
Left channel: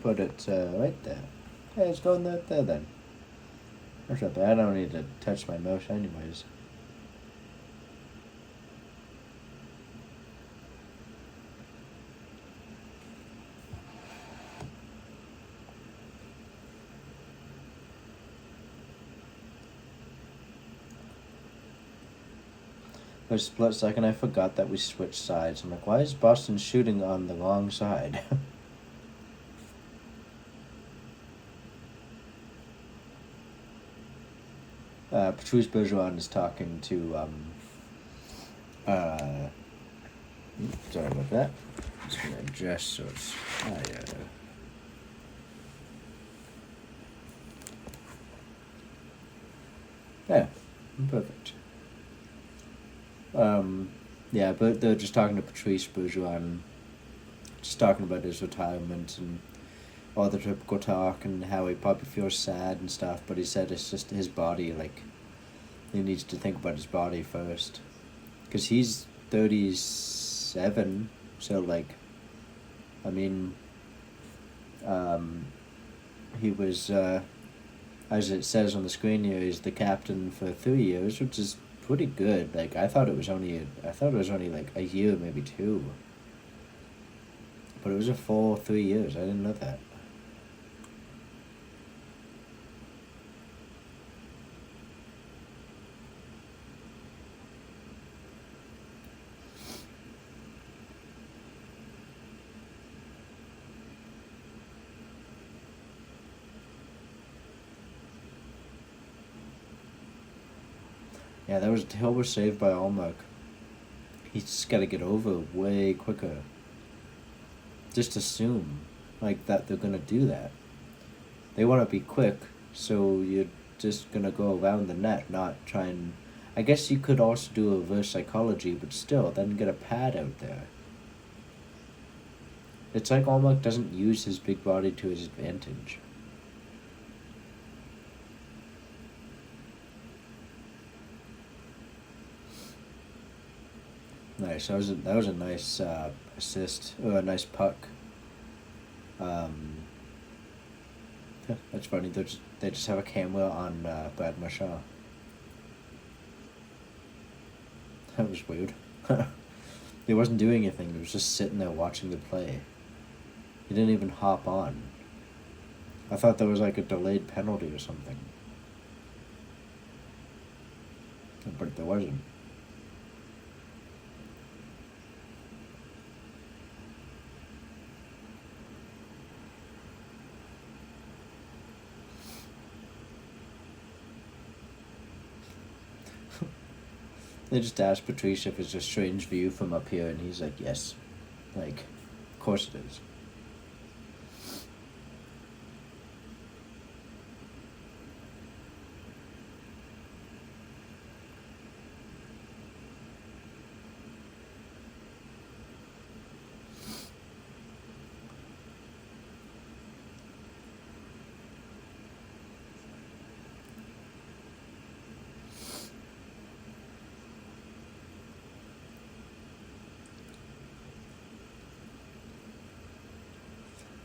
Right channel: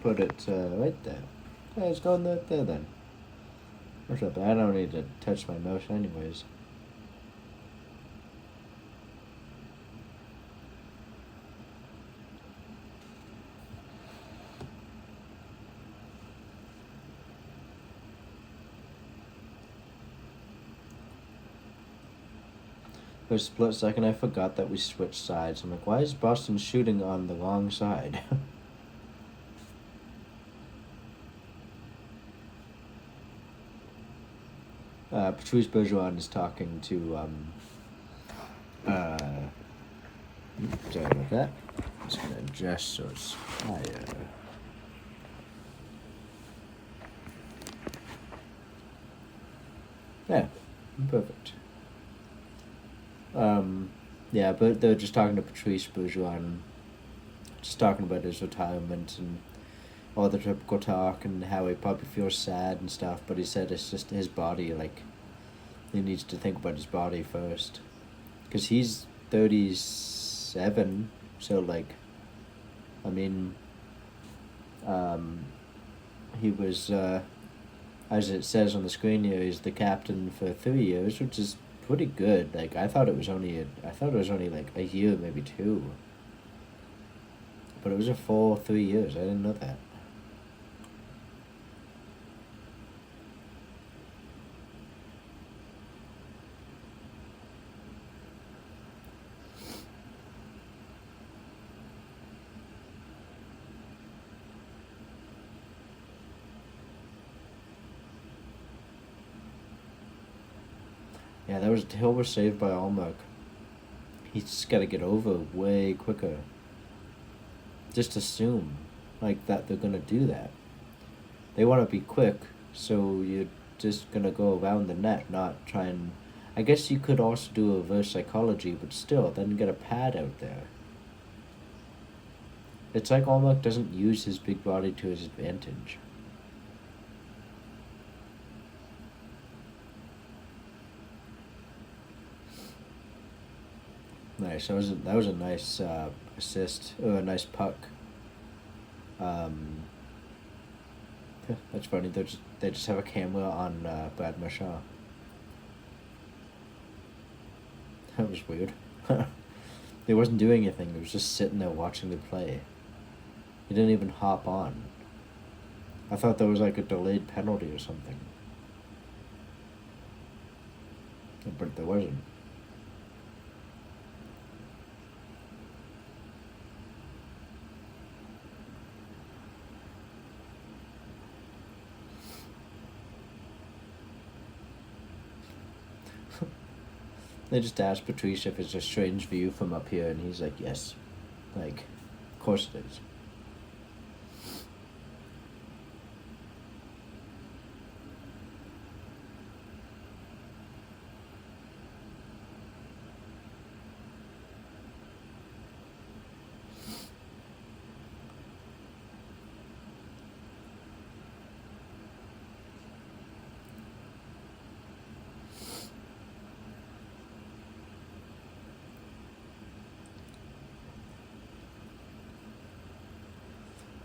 Put it right there. Okay, it's going right there then. Or something. I don't need to touch my mouse anyways. For a split second, I forgot that we switched sides. I'm like, why is Boston shooting on the wrong side? Patrice Bergeron is talking to, sorry about that. I'm just gonna adjust so it's higher. Yeah, perfect. Yeah, but they're just talking to Patrice Bergeron, just talking about his retirement and all the typical talk and how he probably feels sad and stuff, but he said it's just his body, like, he needs to think about his body first. Because he's 37, so, like, I mean, he was, as it says on the screen here, he's the captain for 3 years, which is pretty good. Like, I thought it was only like a year, maybe 2. But it was a full 3 years. I didn't know that. Yeah, Hill was saved by Allmark. He's just got to get over way quicker. Just assume, like, that they're gonna do that. They want to be quick, so you're just gonna go around the net, not try and. I guess you could also do a reverse psychology, but still, then get a pad out there. It's like Allmark doesn't use his big body to his advantage. Nice. That was a nice assist, or a nice puck. Yeah, that's funny. They just have a camera on Brad Marchand. That was weird. He wasn't doing anything. He was just sitting there watching the play. He didn't even hop on. I thought there was like a delayed penalty or something. But there wasn't. They just asked Patrice if it's a strange view from up here, and he's like, yes. Like, of course it is.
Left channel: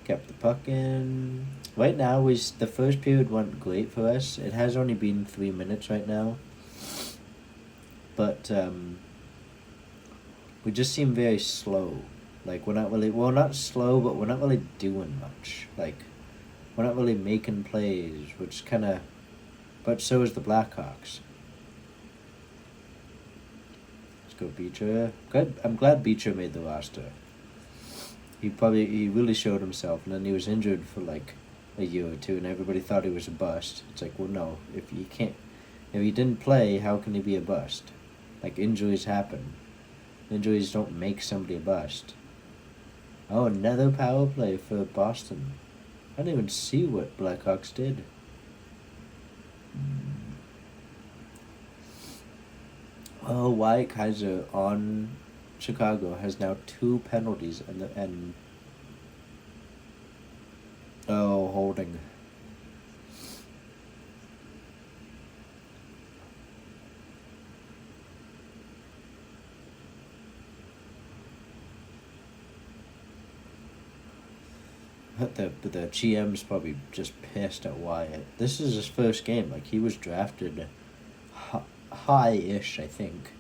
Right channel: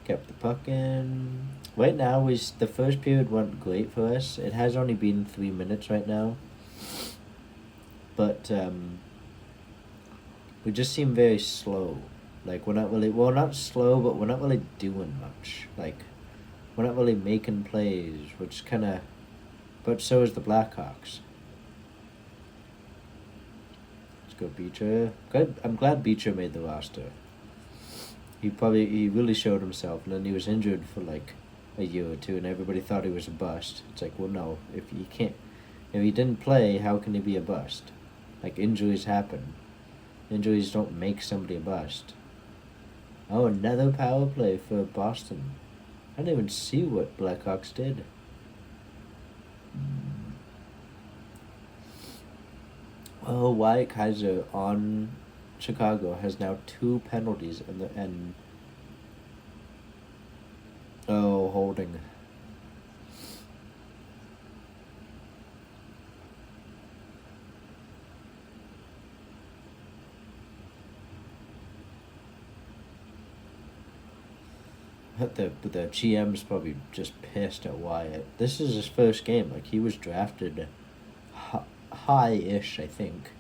Kept the puck in. Right now, the first period went great for us. It has only been 3 minutes right now. But we just seem very slow. Like, we're not really, well, not slow, but we're not really doing much. Like, we're not really making plays, which kind of, but so is the Blackhawks. Let's go Beecher. I'm glad Beecher made the roster. He really showed himself, and then he was injured for like a year or two, and everybody thought he was a bust. It's like, well, no, if he didn't play, how can he be a bust? Like, injuries happen. Injuries don't make somebody a bust. Oh, another power play for Boston. I didn't even see what Blackhawks did. Oh, Wyatt Kaiser on Chicago has now 2 penalties and oh, holding. The GM's probably just pissed at Wyatt. This is his first game. Like, he was drafted high-ish, I think,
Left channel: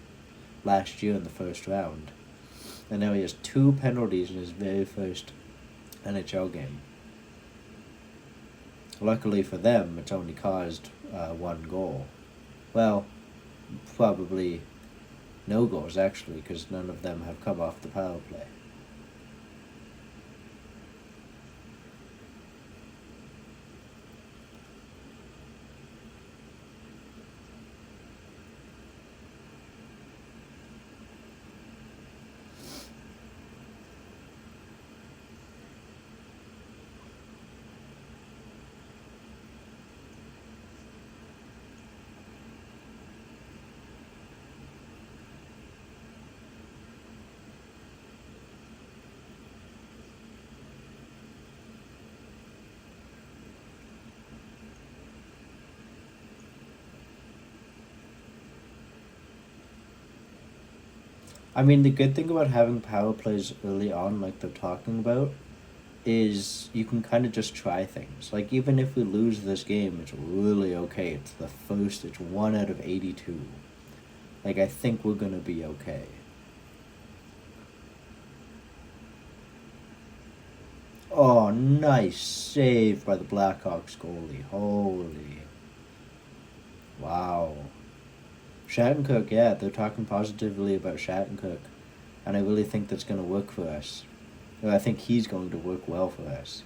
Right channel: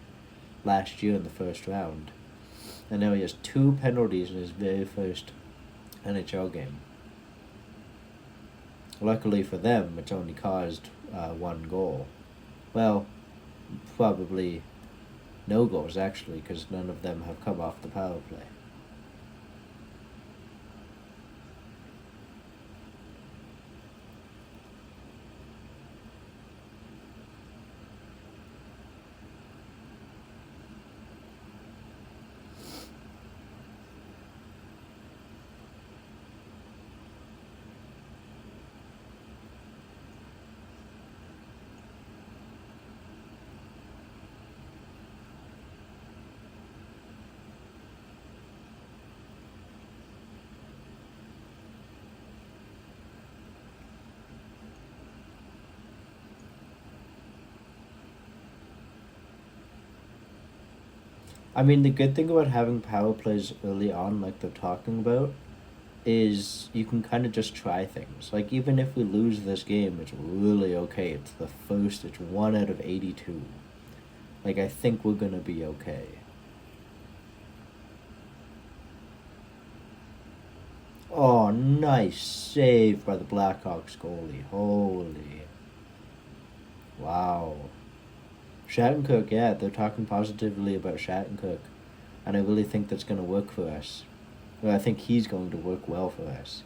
last year in the first round. And now he has 2 penalties in his very first NHL game. Luckily for them, it's only caused 1 goal. Well, probably no goals, actually, because none of them have come off the power play. I mean, the good thing about having power plays early on, like they're talking about, is you can kind of just try things. Like, even if we lose this game, it's really okay. It's 1 out of 82. Like, I think we're gonna be okay. Oh, nice save by the Blackhawks goalie. Holy. Wow. Shattenkirk, yeah, they're talking positively about Shattenkirk. And I really think that's going to work for us. Well, I think he's going to work well for us.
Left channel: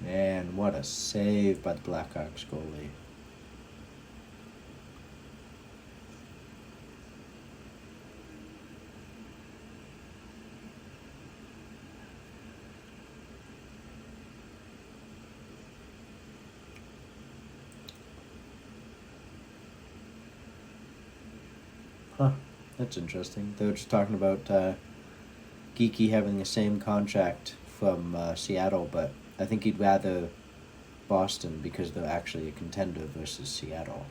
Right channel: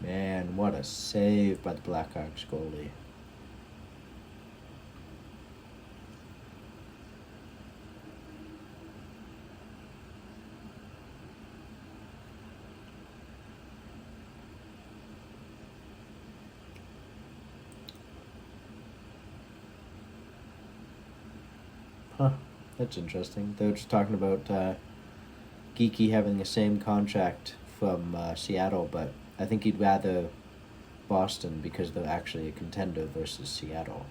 Man, what a save by the Blackhawks goalie. Huh, that's interesting. They were just talking about Geeky having the same contract from Seattle, but I think he'd rather Boston because they're actually a contender versus Seattle.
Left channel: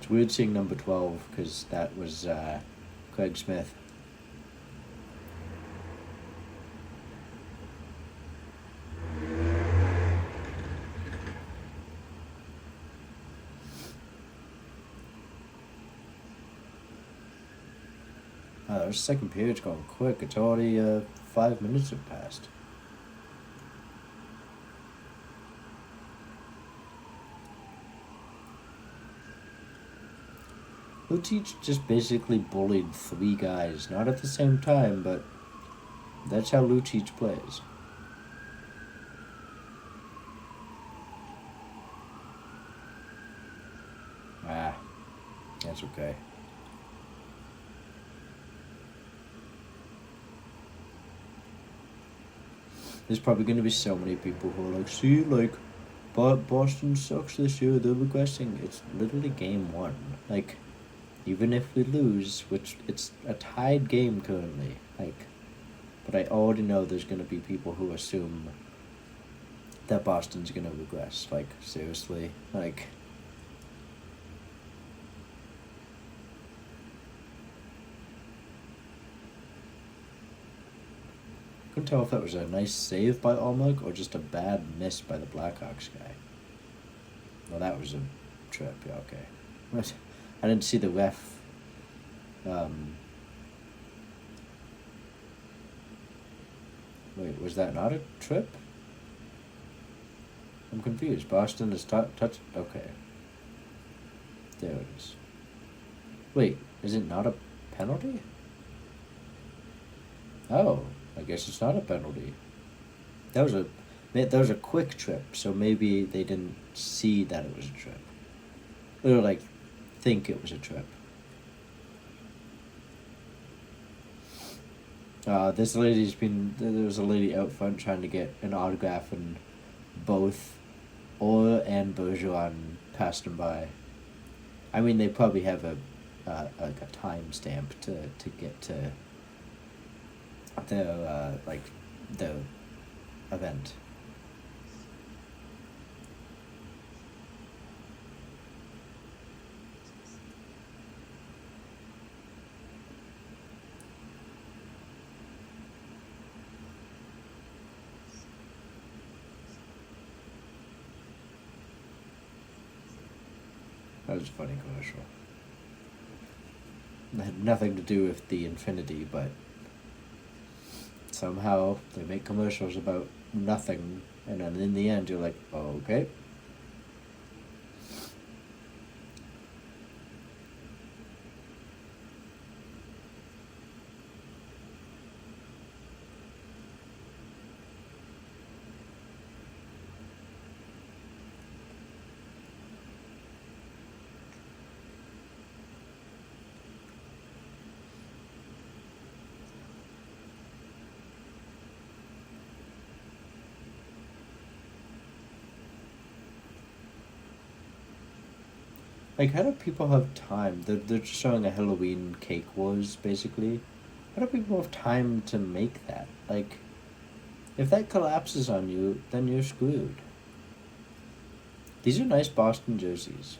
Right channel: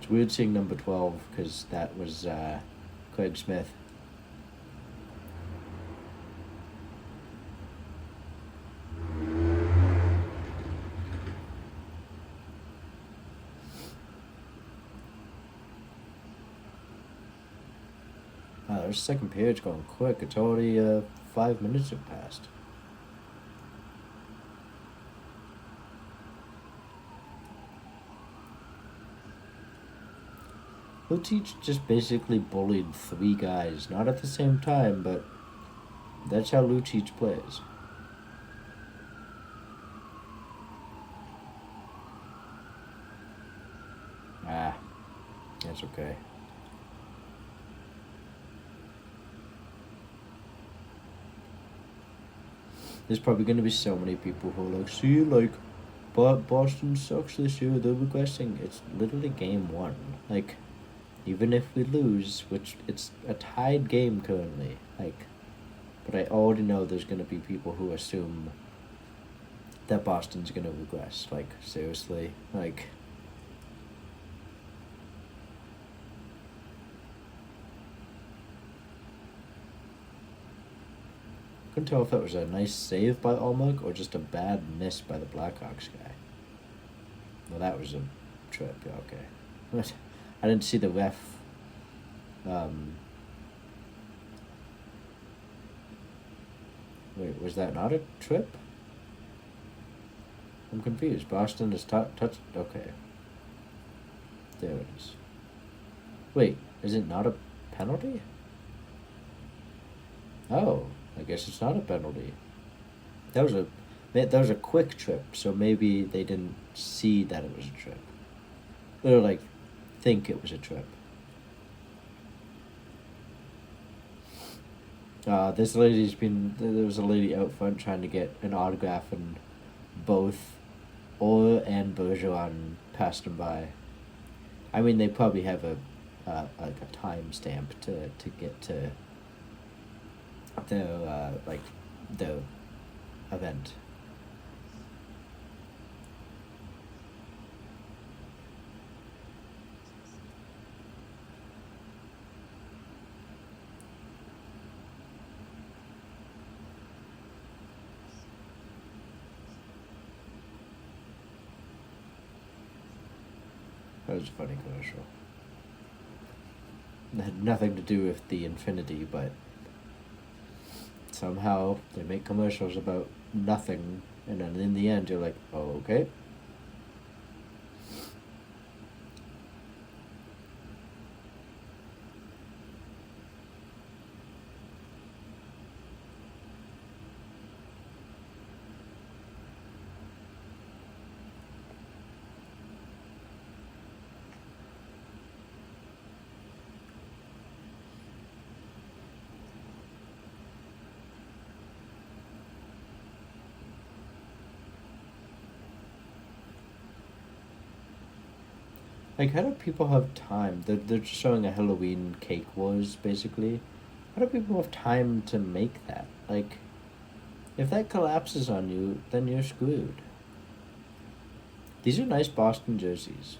It's weird seeing number 12 because that was Craig Smith. Our second period's going quick. It's already 5 minutes have passed. Lucic just basically bullied three guys, not at the same time, but that's how Lucic plays. Ah, that's okay. There's probably going to be so many people who are like, see, like, Boston sucks this year, they're regressing. It's literally game one. Like, even if we lose, which it's a tied game currently, like, but I already know there's going to be people who assume that Boston's going to regress. Like, seriously? Like, couldn't tell if that was a nice save by Olmec or just a bad miss by the Blackhawks guy. Well, that was a trip. Yeah, okay. What? I didn't see the ref. Wait, was that not a trip? I'm confused. Boston is touched. Okay. There it is. Wait, is it not a penalty? Oh, I guess it's not a penalty. That was a quick trip, so maybe they didn't see that it was a trip. Or like think it was a trip. This lady's been there was a lady out front trying to get an autograph, and both Orr and Bergeron passed him by. I mean, they probably have a like a timestamp to get to their like their event. That was a funny commercial. It had nothing to do with the Infinity, but somehow they make commercials about nothing, and then in the end you're like, oh, okay. Like, how do people have time? They're just showing a Halloween cake wars, basically. How do people have time to make that? Like, if that collapses on you, then you're screwed. These are nice Boston jerseys.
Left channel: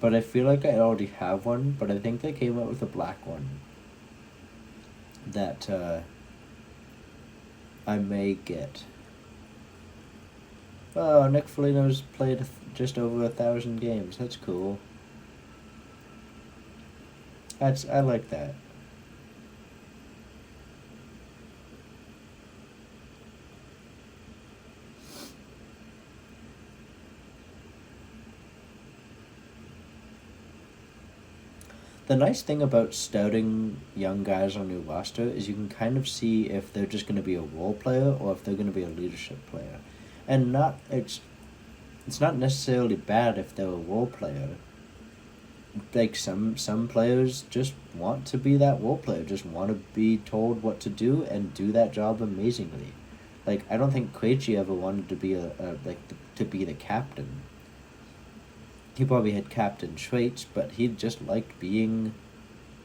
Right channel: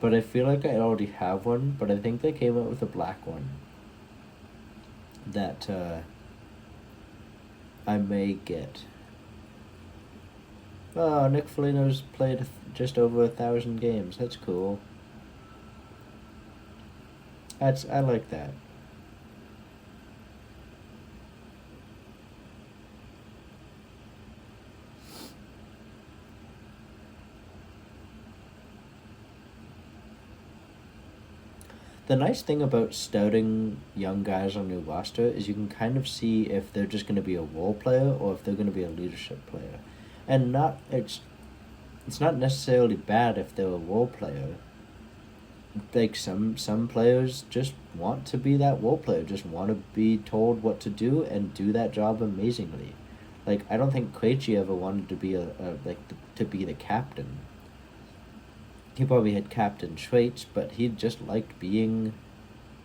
But I feel like I already have one, but I think they came out with a black one that I may get. Oh, Nick Foligno's played just over 1,000 games. That's cool. I like that. The nice thing about scouting young guys on your roster is you can kind of see if they're just going to be a role player or if they're going to be a leadership player, and not it's not necessarily bad if they're a role player. Like some players just want to be that role player, just want to be told what to do and do that job amazingly. Like, I don't think Krejci ever wanted to be to be the captain. He probably had captain traits, but he just liked being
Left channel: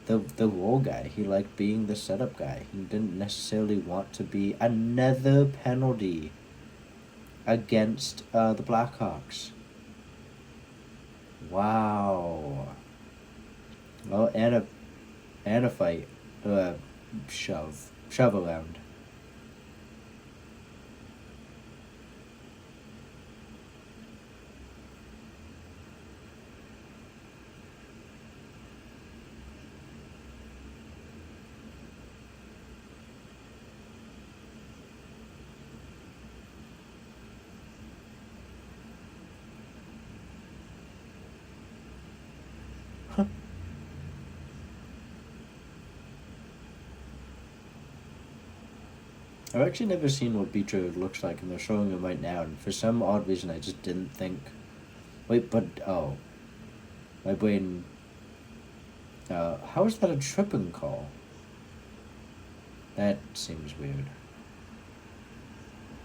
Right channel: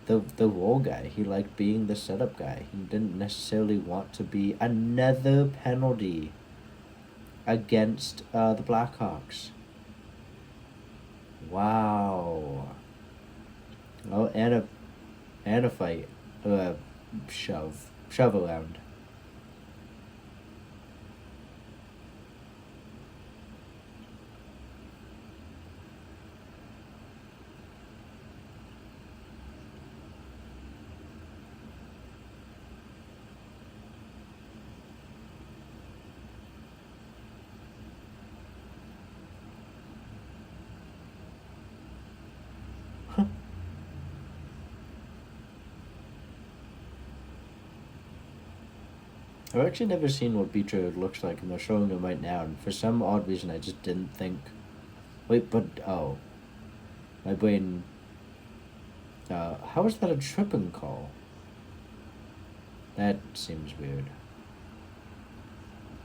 the role guy. He liked being the setup guy. He didn't necessarily want to be another penalty against the Blackhawks. Wow. Oh, and a fight, shove around. I've actually never seen what beach road looks like, and they're showing it right now. And for some odd reason, I just didn't think. Wait, but oh, my brain. How is that a tripping call? That seems weird.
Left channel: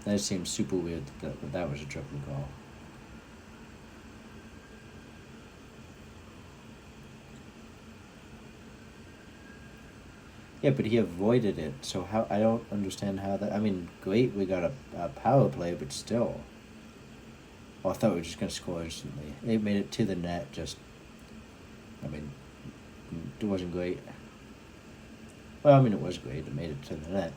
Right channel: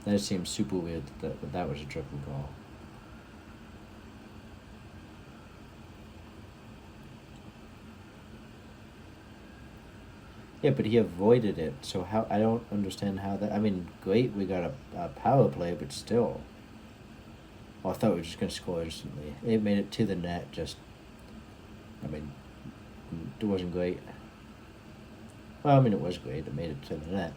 That seems super weird that was a tripping call. Yeah, but he avoided it. So how? I don't understand how that. I mean, great, we got a power play, but still. Well, I thought we were just gonna score instantly. It made it to the net. Just, I mean, it wasn't great. Well, I mean, it was great. It made it to the net.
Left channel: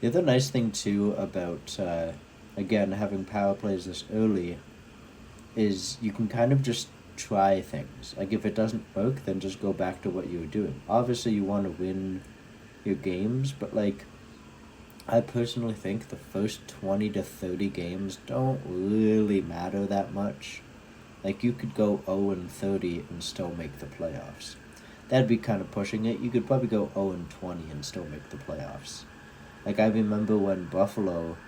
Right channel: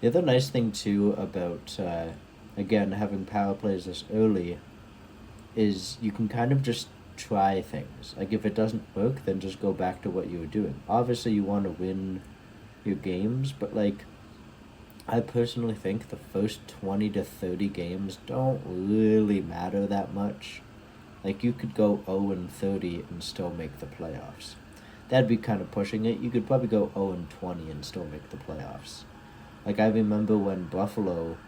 The other nice thing too about again having power plays this early is you can kind of just try things. Like if it doesn't work, then just go back to what you were doing. Obviously, you want to win your games, but like I personally think the first 20 to 30 games don't really matter that much. Like you could go 0 and 30 and still make the playoffs. That'd be kind of pushing it. You could probably go 0 and 20 and still make the playoffs. Like I remember when Buffalo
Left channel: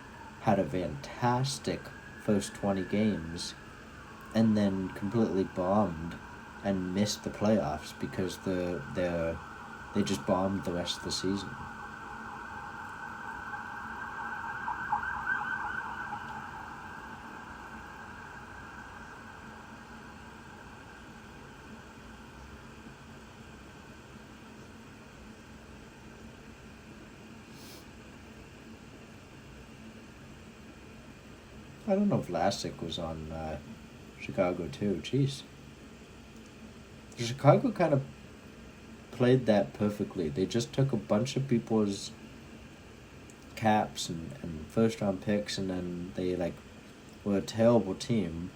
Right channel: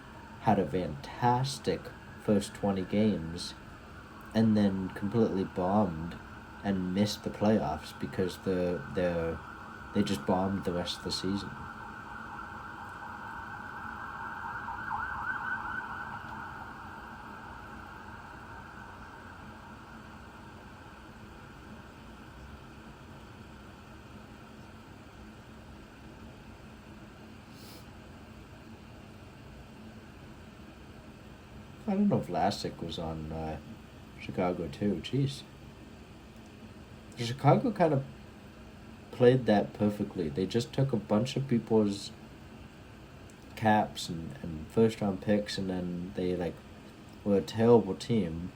had a fantastic first 20 games and then completely bombed and missed the playoffs because they just bombed the rest of the season. I don't know if Vlasic was on Chicago too. Jeez. Chicago kind of played that perfectly. They just took a bunch of people's caps and first round picks, and then they like were a terrible team,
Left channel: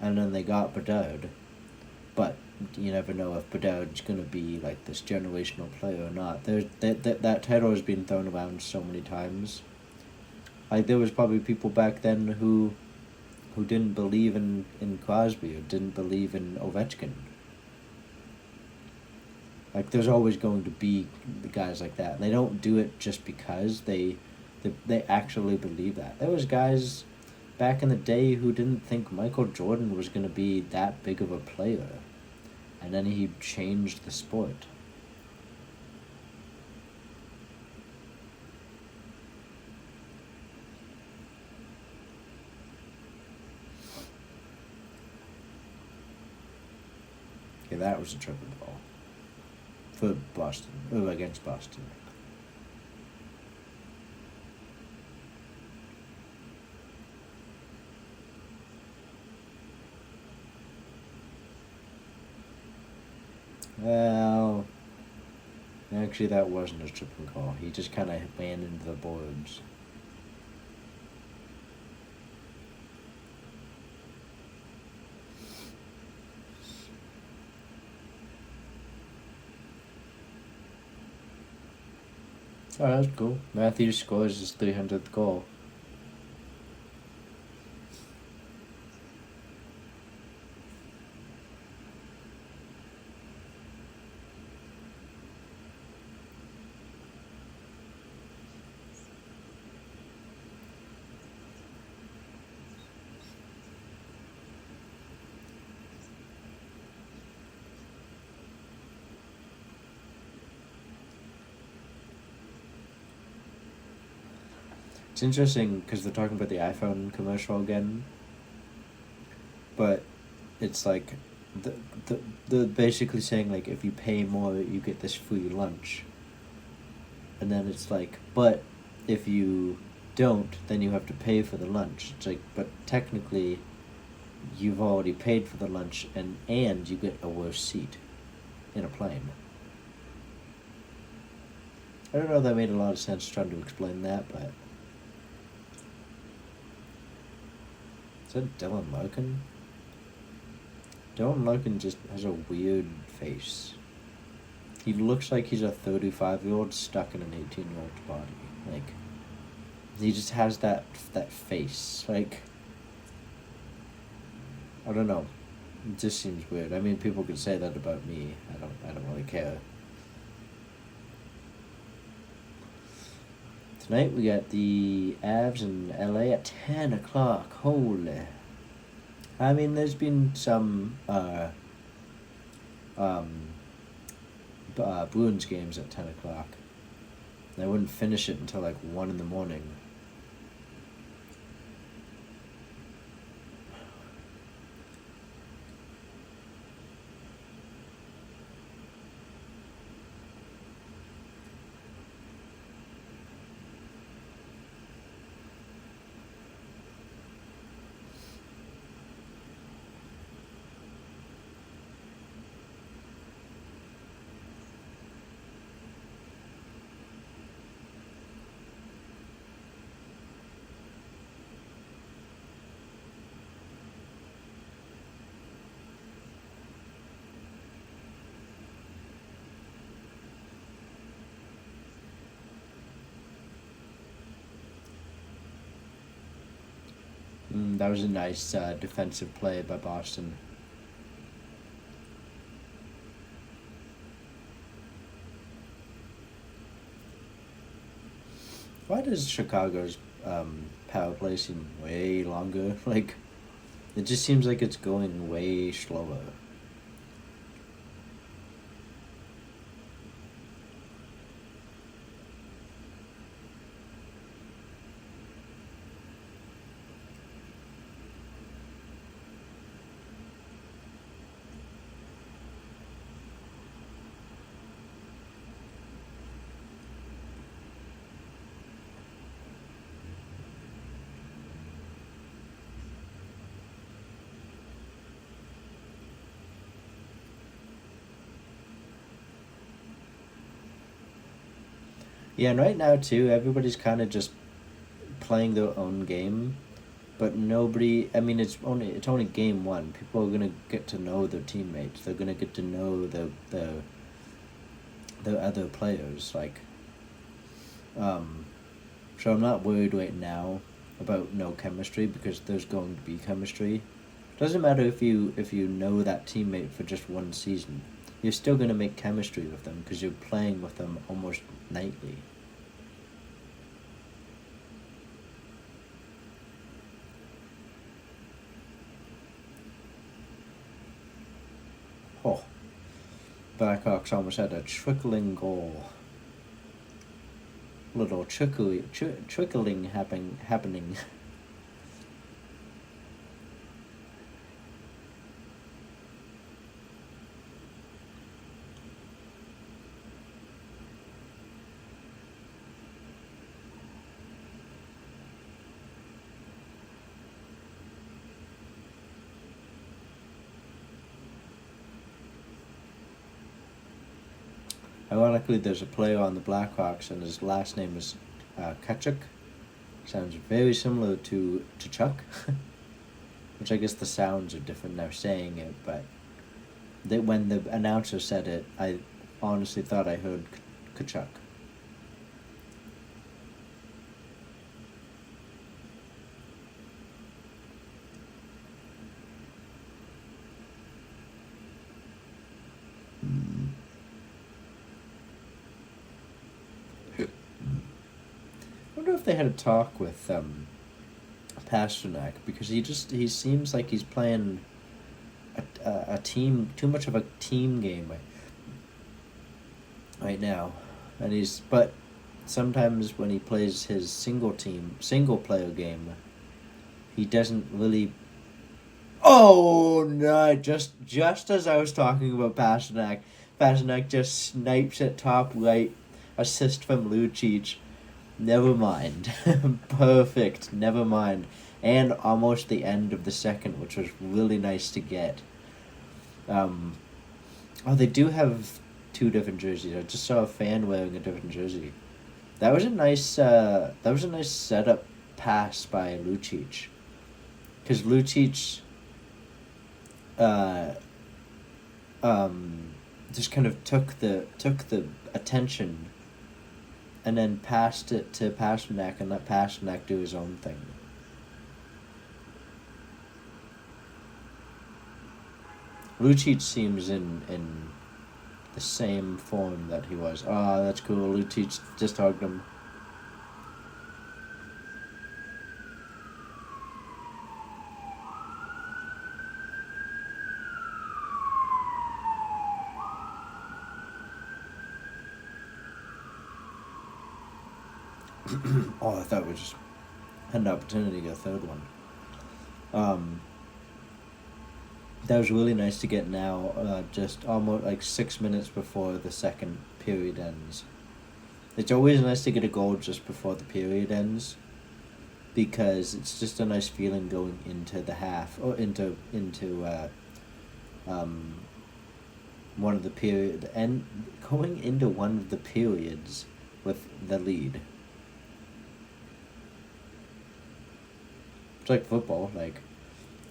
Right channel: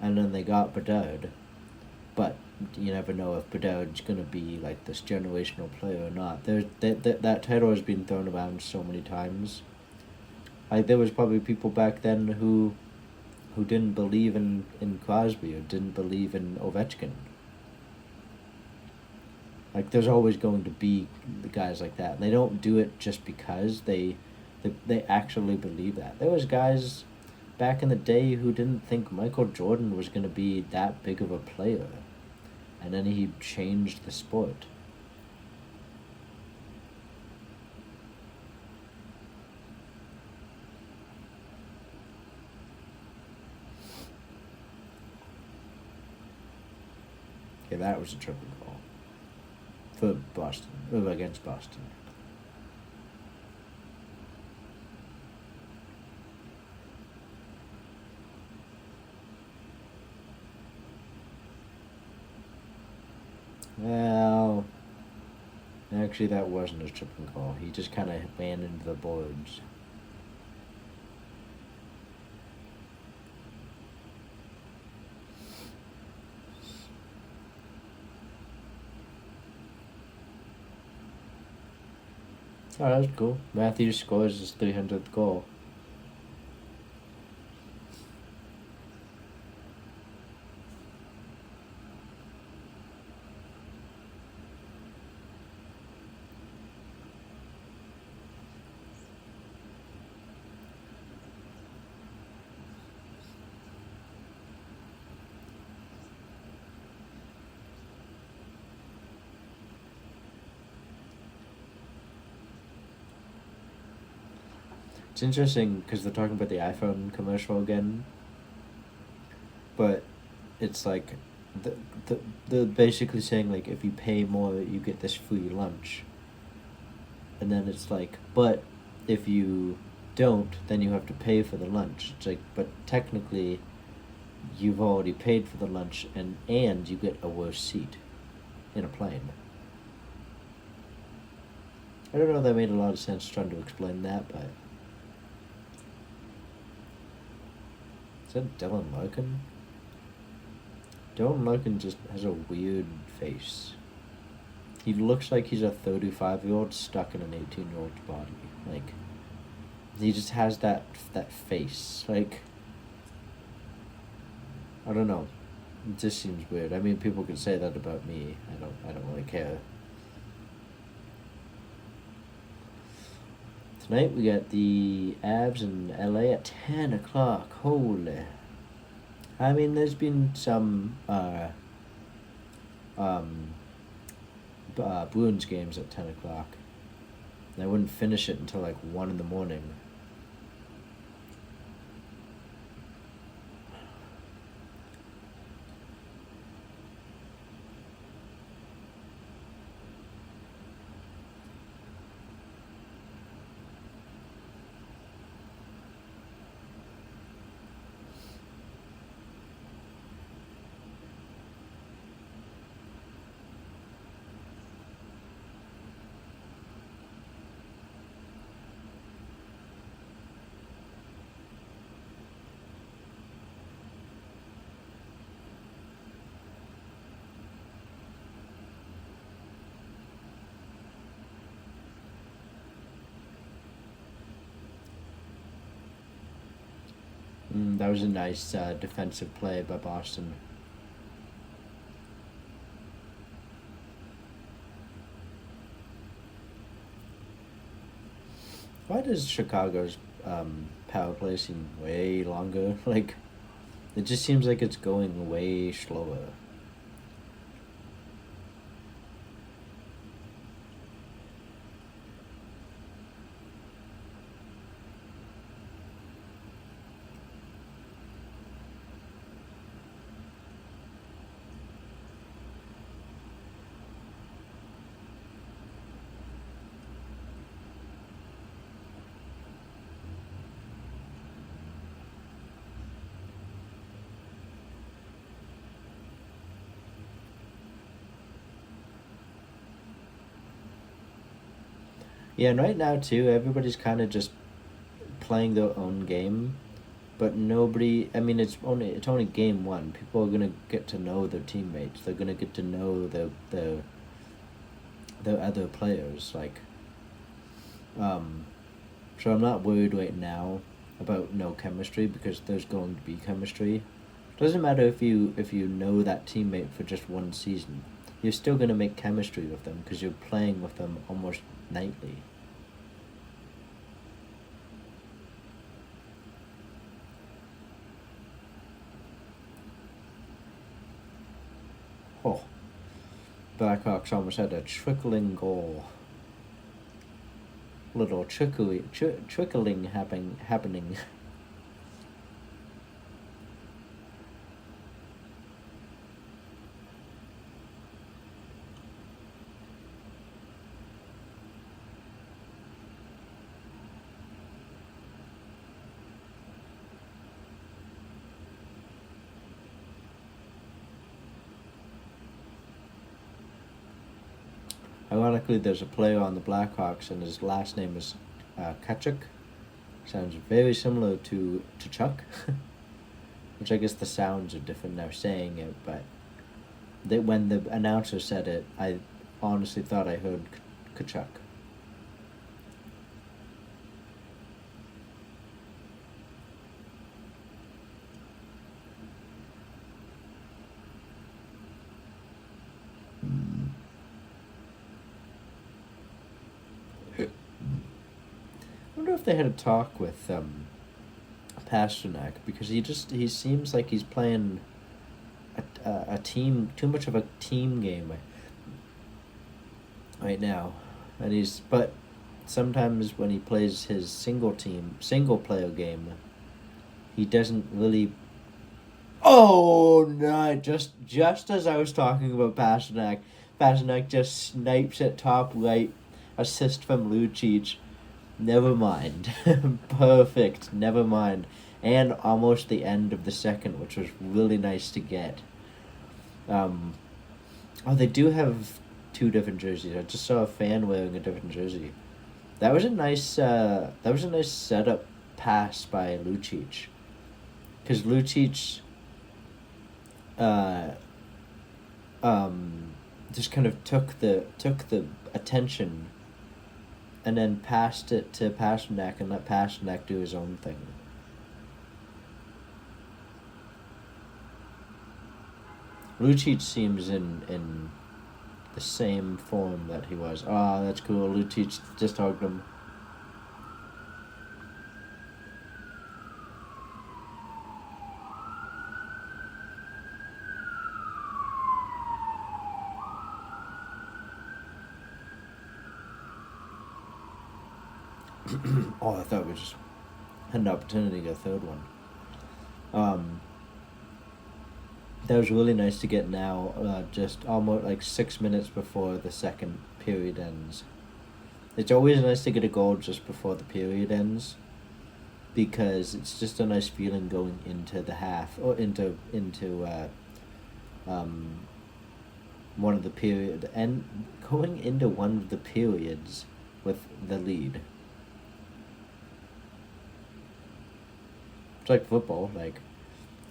and then they got Bedard. But you never know if Bedard's gonna be like this generational player or not. That title has been thrown around so many times. Like there was probably people back then who didn't believe in Crosby or didn't believe in Ovechkin. Like there's always going to be the guys like that. And they don't do it just because they actually believe that. There was guys back in the day who didn't think Michael Jordan was going to be that big of a player. And then he changed the sport. Okay, that was a triple call for Boston, or against Boston. Well, actually, that wasn't a triple call. He just kind of ran into the boards. Oh, that's cool. Matthews scores his 300th goal. It's interesting because they're talking about the iPhone commercial again, but it's like they're basically saying like if you pay more you get this free lunch, and then it's like but if you don't, then you have to pay for the lunch. It's like, but technically, you've already paid for the lunch, and you get a worse seat in a plane. I don't know if that made a lot of sense trying to explain that, but... Is that Dylan Larkin? Dylan Larkin just has a weird face. He looks like he's a 35-year-old stuck in an 18-year-old's body. Like, he just has that face. Like, I don't know. It just seems weird. I mean, people could say that about me. I don't really care. Tonight we got the Avs in LA at 10 o'clock. Holy. I mean, there's been some Bruins games at 10 o'clock. And I wouldn't finish it until like 1 in the morning. That was a nice defensive play by Boston. Why does Chicago's power play seem way longer? Like, it just seems like it's going way slower. Yeah, and right now too, everybody's kind of just playing their own game, but nobody. I mean, it's only game one. People are gonna get to know their teammates. They're gonna get to know the other players. Like, so I'm not worried right now about no chemistry because there's going to be chemistry. Doesn't matter if you know that teammate for just one season. You're still gonna make chemistry with them because you're playing with them almost nightly. Oh, Blackhawks almost had a trickling goal. Little trickling happening. Ironically, there's a player on the Blackhawks, and his last name is Kachuk. Sounds very similar to Chuck, which I guess the sounds are different now saying it, but when the announcer said it, I honestly thought I heard Kachuk. I wonder if they had a talk with Pasternak, because he seems like he's playing a team, too much of a team game right now, but sometimes when he plays his single player game, he doesn't really. Oh no! Just as I was talking about Pasternak just snipes it top right, assist from Lucic. Never mind. Perfect. Never mind. And almost the end of the second, which was really nice to get. Um, oh, they do have two different jerseys. I just saw a fan wearing a different jersey. That was a nice. That was a nice setup pass by Lucic, because Lucic, uh, just kind of took the attention, and then passed it to Pasternak, and let Pasternak do his own thing. Lucic seems in the same form that he was. Ah, that's cool. Lucic just hugged him. Oh, I thought we just had an opportunity to get a third one. Um, that was really nice to get now, just almost like 6 minutes before the second period ends. It's always nice to get a goal just before the period ends, because it's just a nice feeling going into the half, or into um, one of the period, and going into one of the periods with the lead. It's like football, like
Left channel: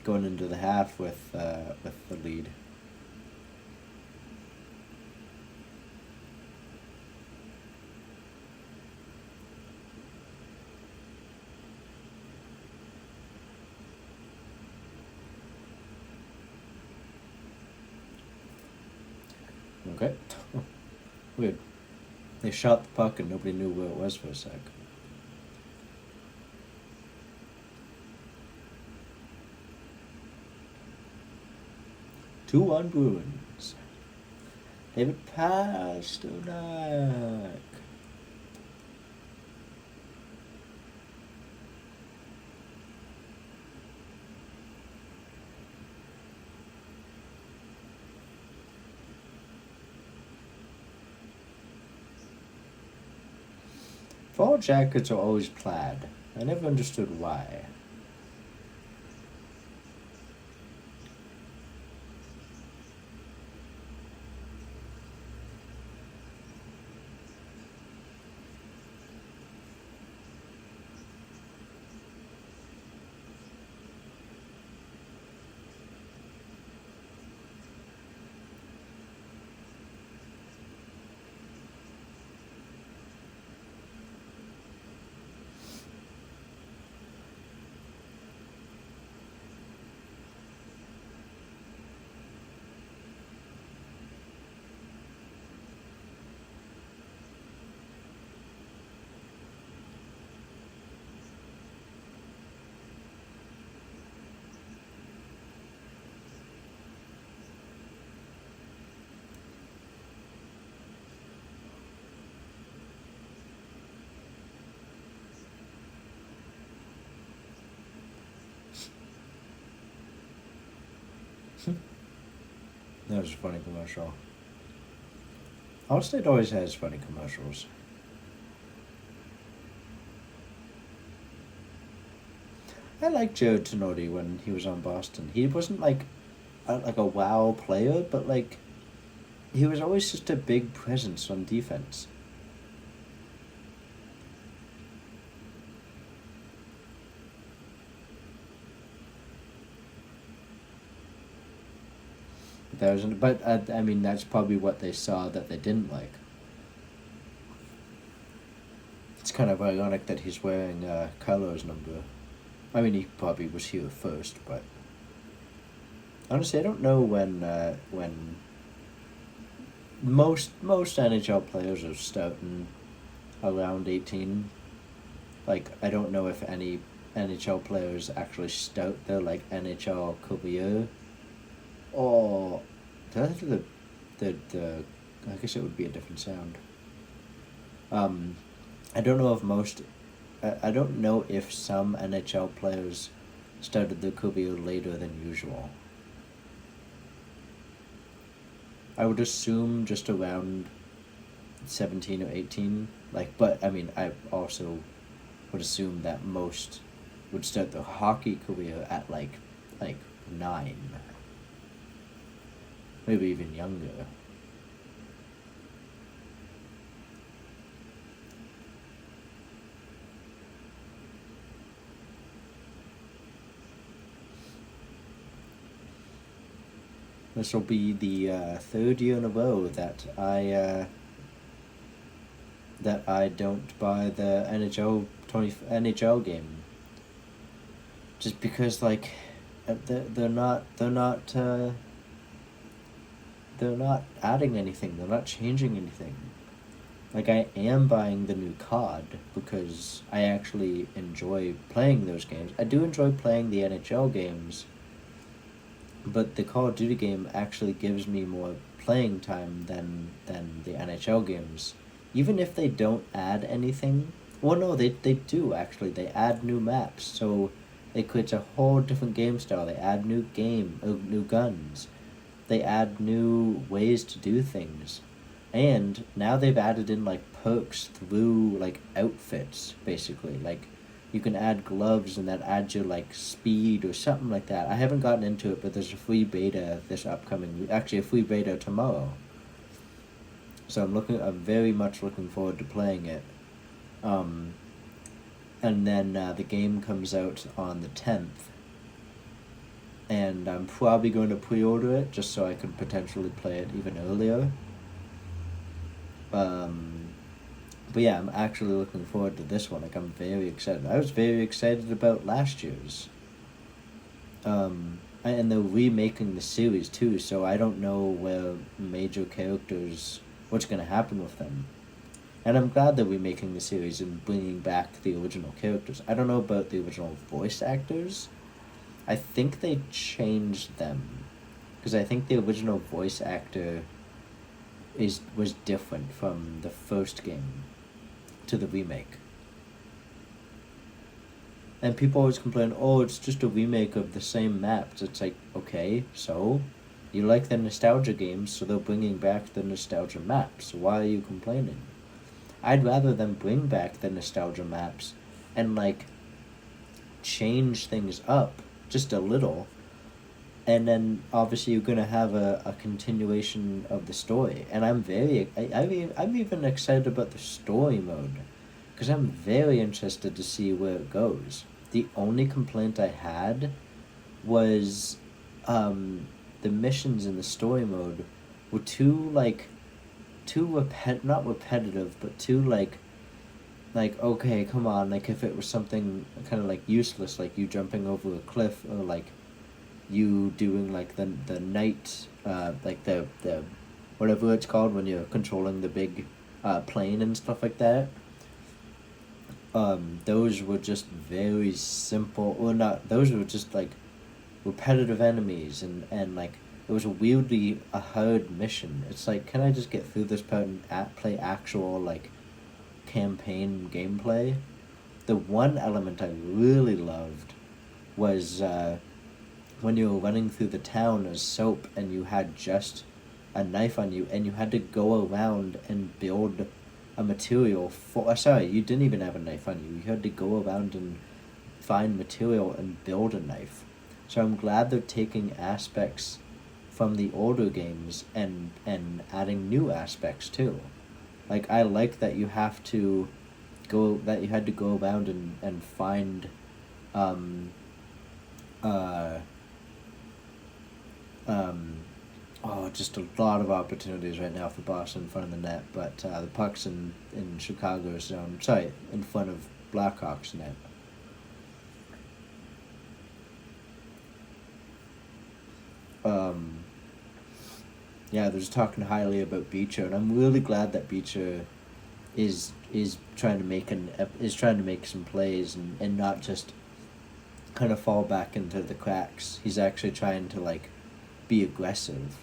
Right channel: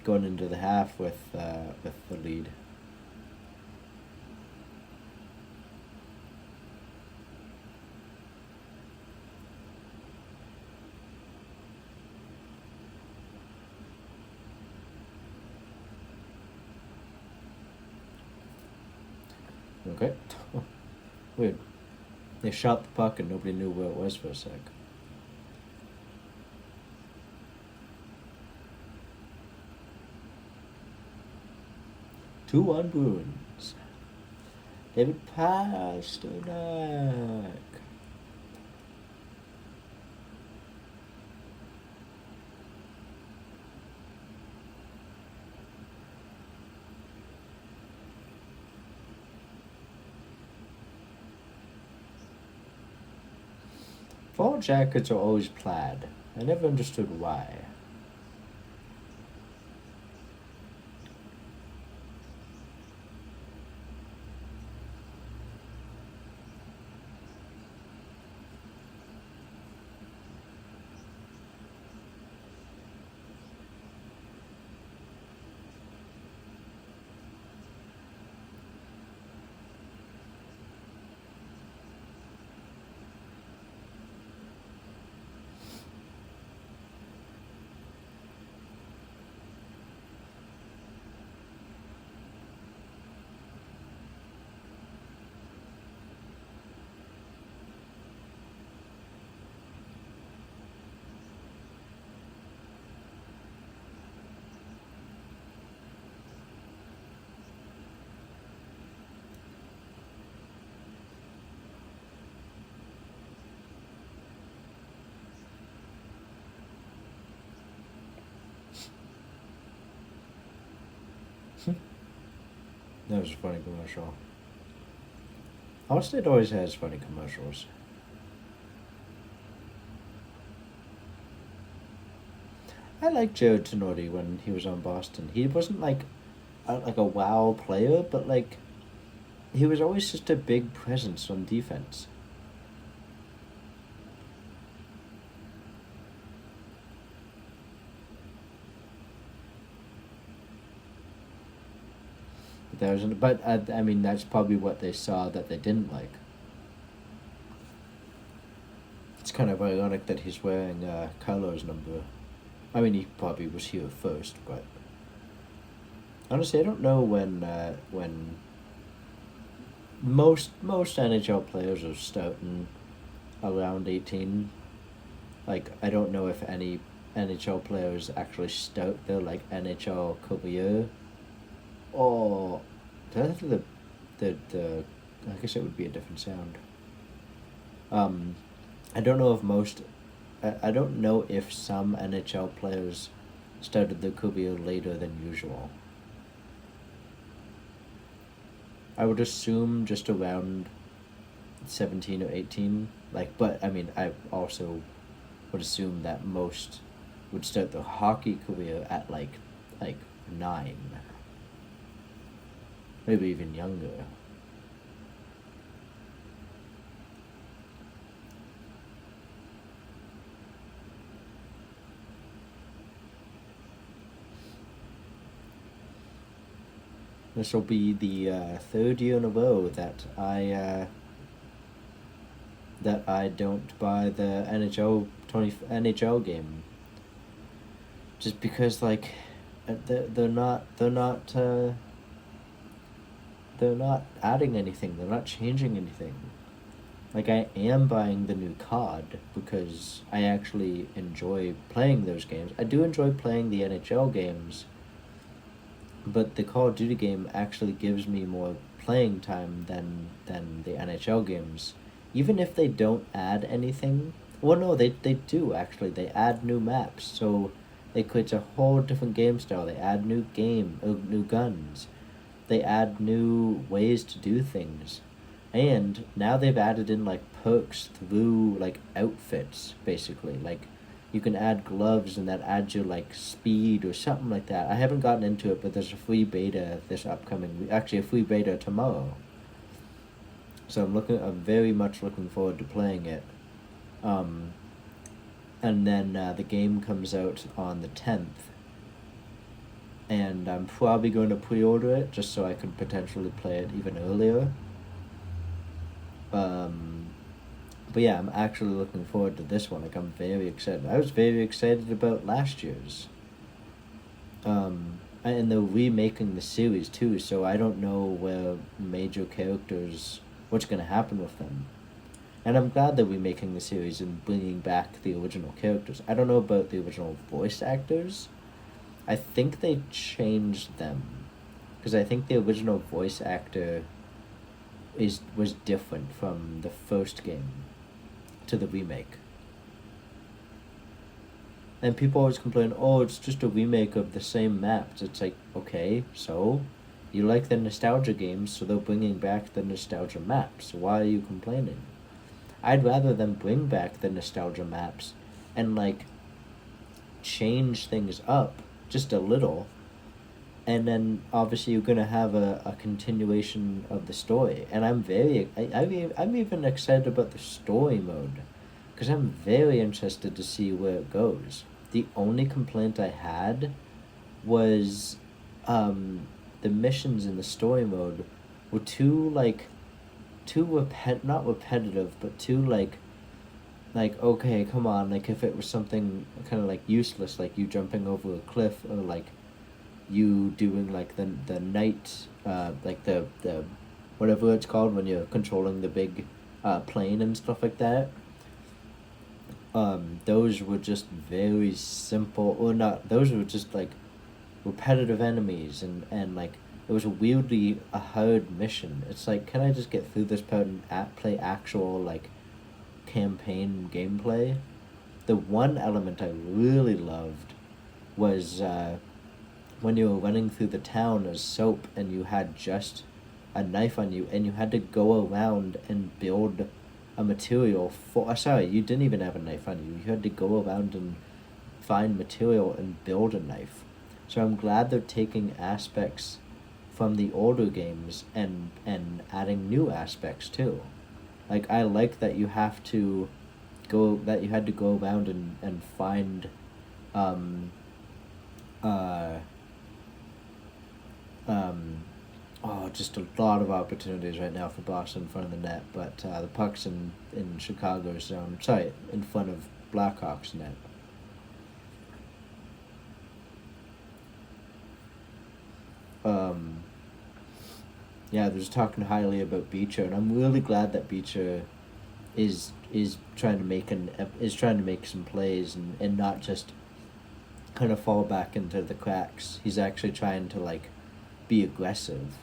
going into the half with the lead. Okay. Weird. They shot the puck and nobody knew where it was for a sec. Two on Bruins. David Pasternak. Fall jackets are always plaid. I never understood why. That was a funny commercial. Allstate always has funny commercials. I liked Jared Tenori when he was on Boston. He wasn't like a wow player, but like he was always just a big presence on defense. But I mean, that's probably what they saw that they didn't like. It's kind of ironic that he's wearing Carlo's number. I mean, he probably was here first, but honestly, I don't know when most NHL players are starting around 18. Like, I don't know if any NHL players actually start their like NHL career, or the I guess it would be a different sound. Um, I don't know if most. I don't know if some NHL players started their career later than usual. I would assume just around 17 or 18. Like, but I mean, I also would assume that most would start their hockey career at like 9, maybe even younger. This will be the third year in a row that I don't buy the NHL game, just because like they're not adding anything. They're not changing anything. Like, I am buying the new COD because I actually enjoy playing those games. I do enjoy playing the NHL games, but the Call of Duty game actually gives me more playing time than the NHL games. Even if they don't add anything. Well, no, they do actually. They add new maps, so it creates a whole different game style. They add new guns. They add new ways to do things. And now they've added in like perks through like outfits, basically. Like, you can add gloves and that adds your like speed or something like that. I haven't gotten into it, but there's a free beta this upcoming week. Actually, a free beta tomorrow. So I'm very much looking forward to playing it. Um, and then the game comes out on the 10th. And I'm probably going to pre-order it just so I could potentially play it even earlier. But yeah, I'm actually looking forward to this one. Like, I'm very excited. I was very excited about last year's. And they're remaking the series too, so I don't know where major characters, what's going to happen with them. And I'm glad they're remaking the series and bringing back the original characters. I don't know about the original voice actors. I think they changed them, because I think the original voice actor was different from the first game to the remake. And people always complain, oh, it's just a remake of the same maps. It's like, okay, so you like the nostalgia games, so they're bringing back the nostalgia maps. Why are you complaining? I'd rather them bring back the nostalgia maps and like change things up just a little, and then obviously you're gonna have a continuation of the story. And I'm even excited about the story mode, because I'm very interested to see where it goes. The only complaint I had was the missions in the story mode were not repetitive, but too like, okay, come on, like if it was something kind of like useless, like you jumping over a cliff, or like you doing like the night like the whatever it's called when you're controlling the big plane and stuff like that. Those were just very simple, or not, those were just like repetitive enemies, and like it was a weirdly a hard mission. It's like, can I just get through this part and play actual like campaign gameplay? The one element I really loved was when you were running through the town as Soap and you had just a knife on you and you had to go around and build a material for. Sorry, you didn't even have a knife on you. You had to go around and find material and build a knife. So I'm glad they're taking aspects from the older games and adding new aspects too. Like, I like that you have to that you had to go around and find um uh just a lot of opportunities right now for Boston in front of the net, but the puck's in Chicago's zone. Sorry, in front of Blackhawks net. Yeah, they're just talking highly about Beecher, and I'm really glad that Beecher is trying to make some plays, and not just kind of fall back into the cracks. He's actually trying to like be aggressive.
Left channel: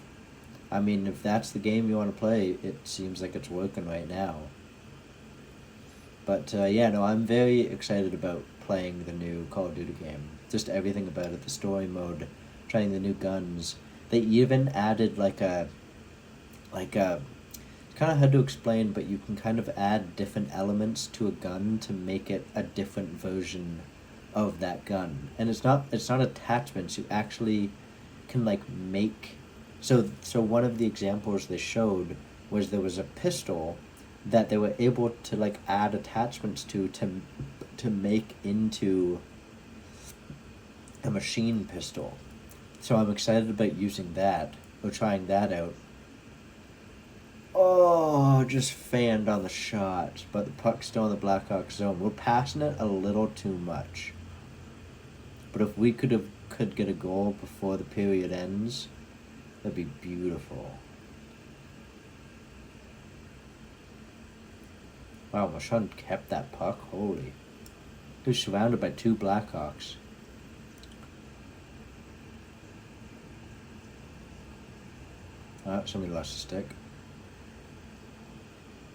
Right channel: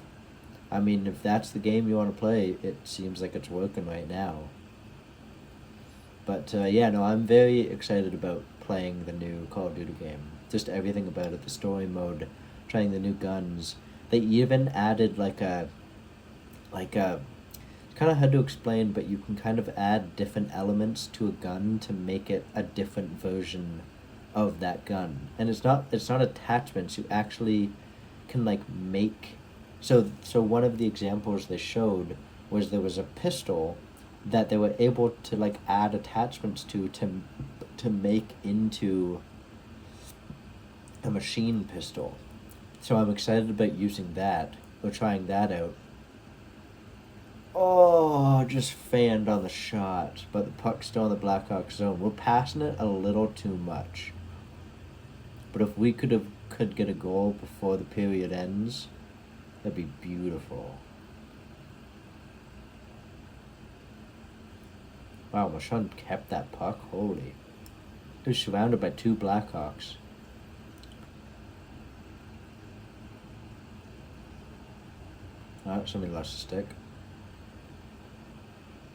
I mean, if that's the game you want to play, it seems like it's working right now. But yeah, no, I'm very excited about playing the new Call of Duty game. Just everything about it, the story mode, trying the new guns. They even added like a kind of hard to explain, but you can kind of add different elements to a gun to make it a different version of that gun. And it's not attachments. You actually can like make. So one of the examples they showed was there was a pistol that they were able to like add attachments to make into a machine pistol. So I'm excited about using that or trying that out. Oh, just fanned on the shot, but the puck's still in the Blackhawks zone. We're passing it a little too much. But if we could get a goal before the period ends, that'd be beautiful. Wow, Marchand kept that puck. Holy. He was surrounded by two Blackhawks. Somebody lost a stick.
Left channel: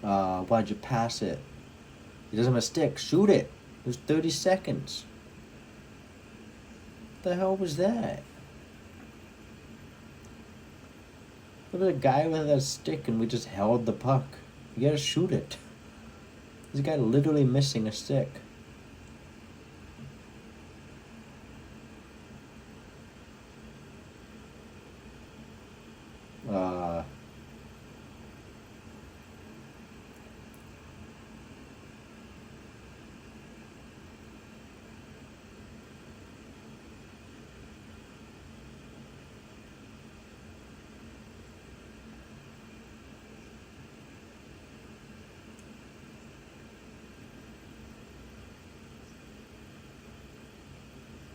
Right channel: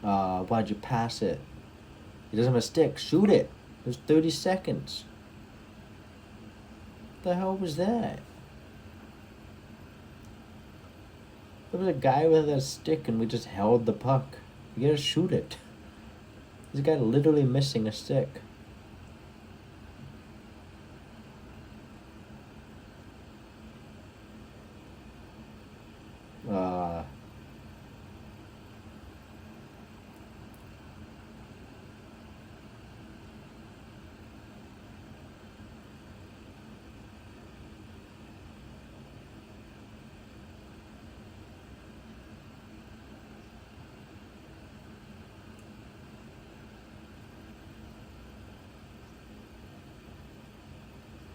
Why'd you pass it? He doesn't have a stick. Shoot it. There's 30 seconds. What the hell was that? There was a guy with a stick and we just held the puck. You gotta shoot it. There's a guy literally missing a stick.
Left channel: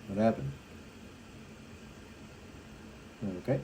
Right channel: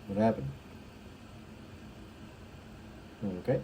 What happened? Okay.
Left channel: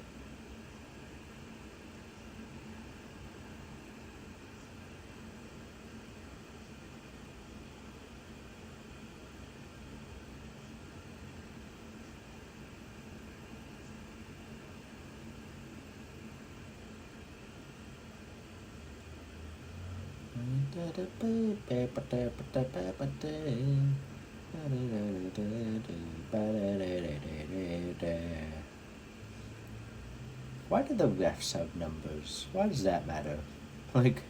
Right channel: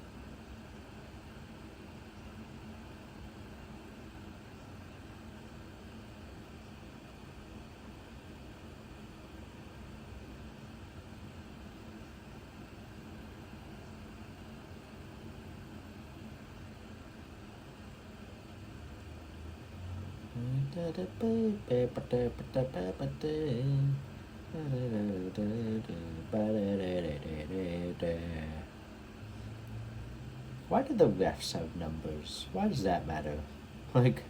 Why do the refs have numbers? Why does that matter? Like,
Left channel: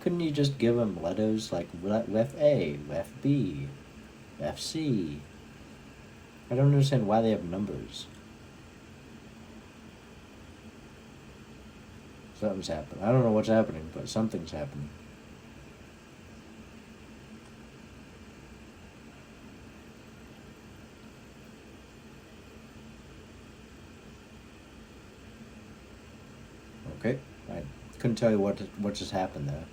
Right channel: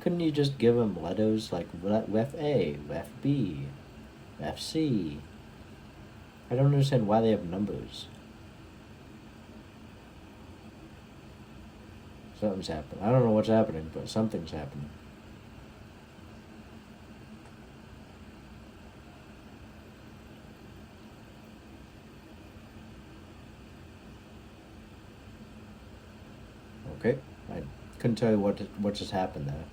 couldn't you just give them letters like ref A, ref B, ref C? I don't understand why they have numbers. Something's happening. I don't know what's happening, but something's happening. Okay, I couldn't tell you what just happened there.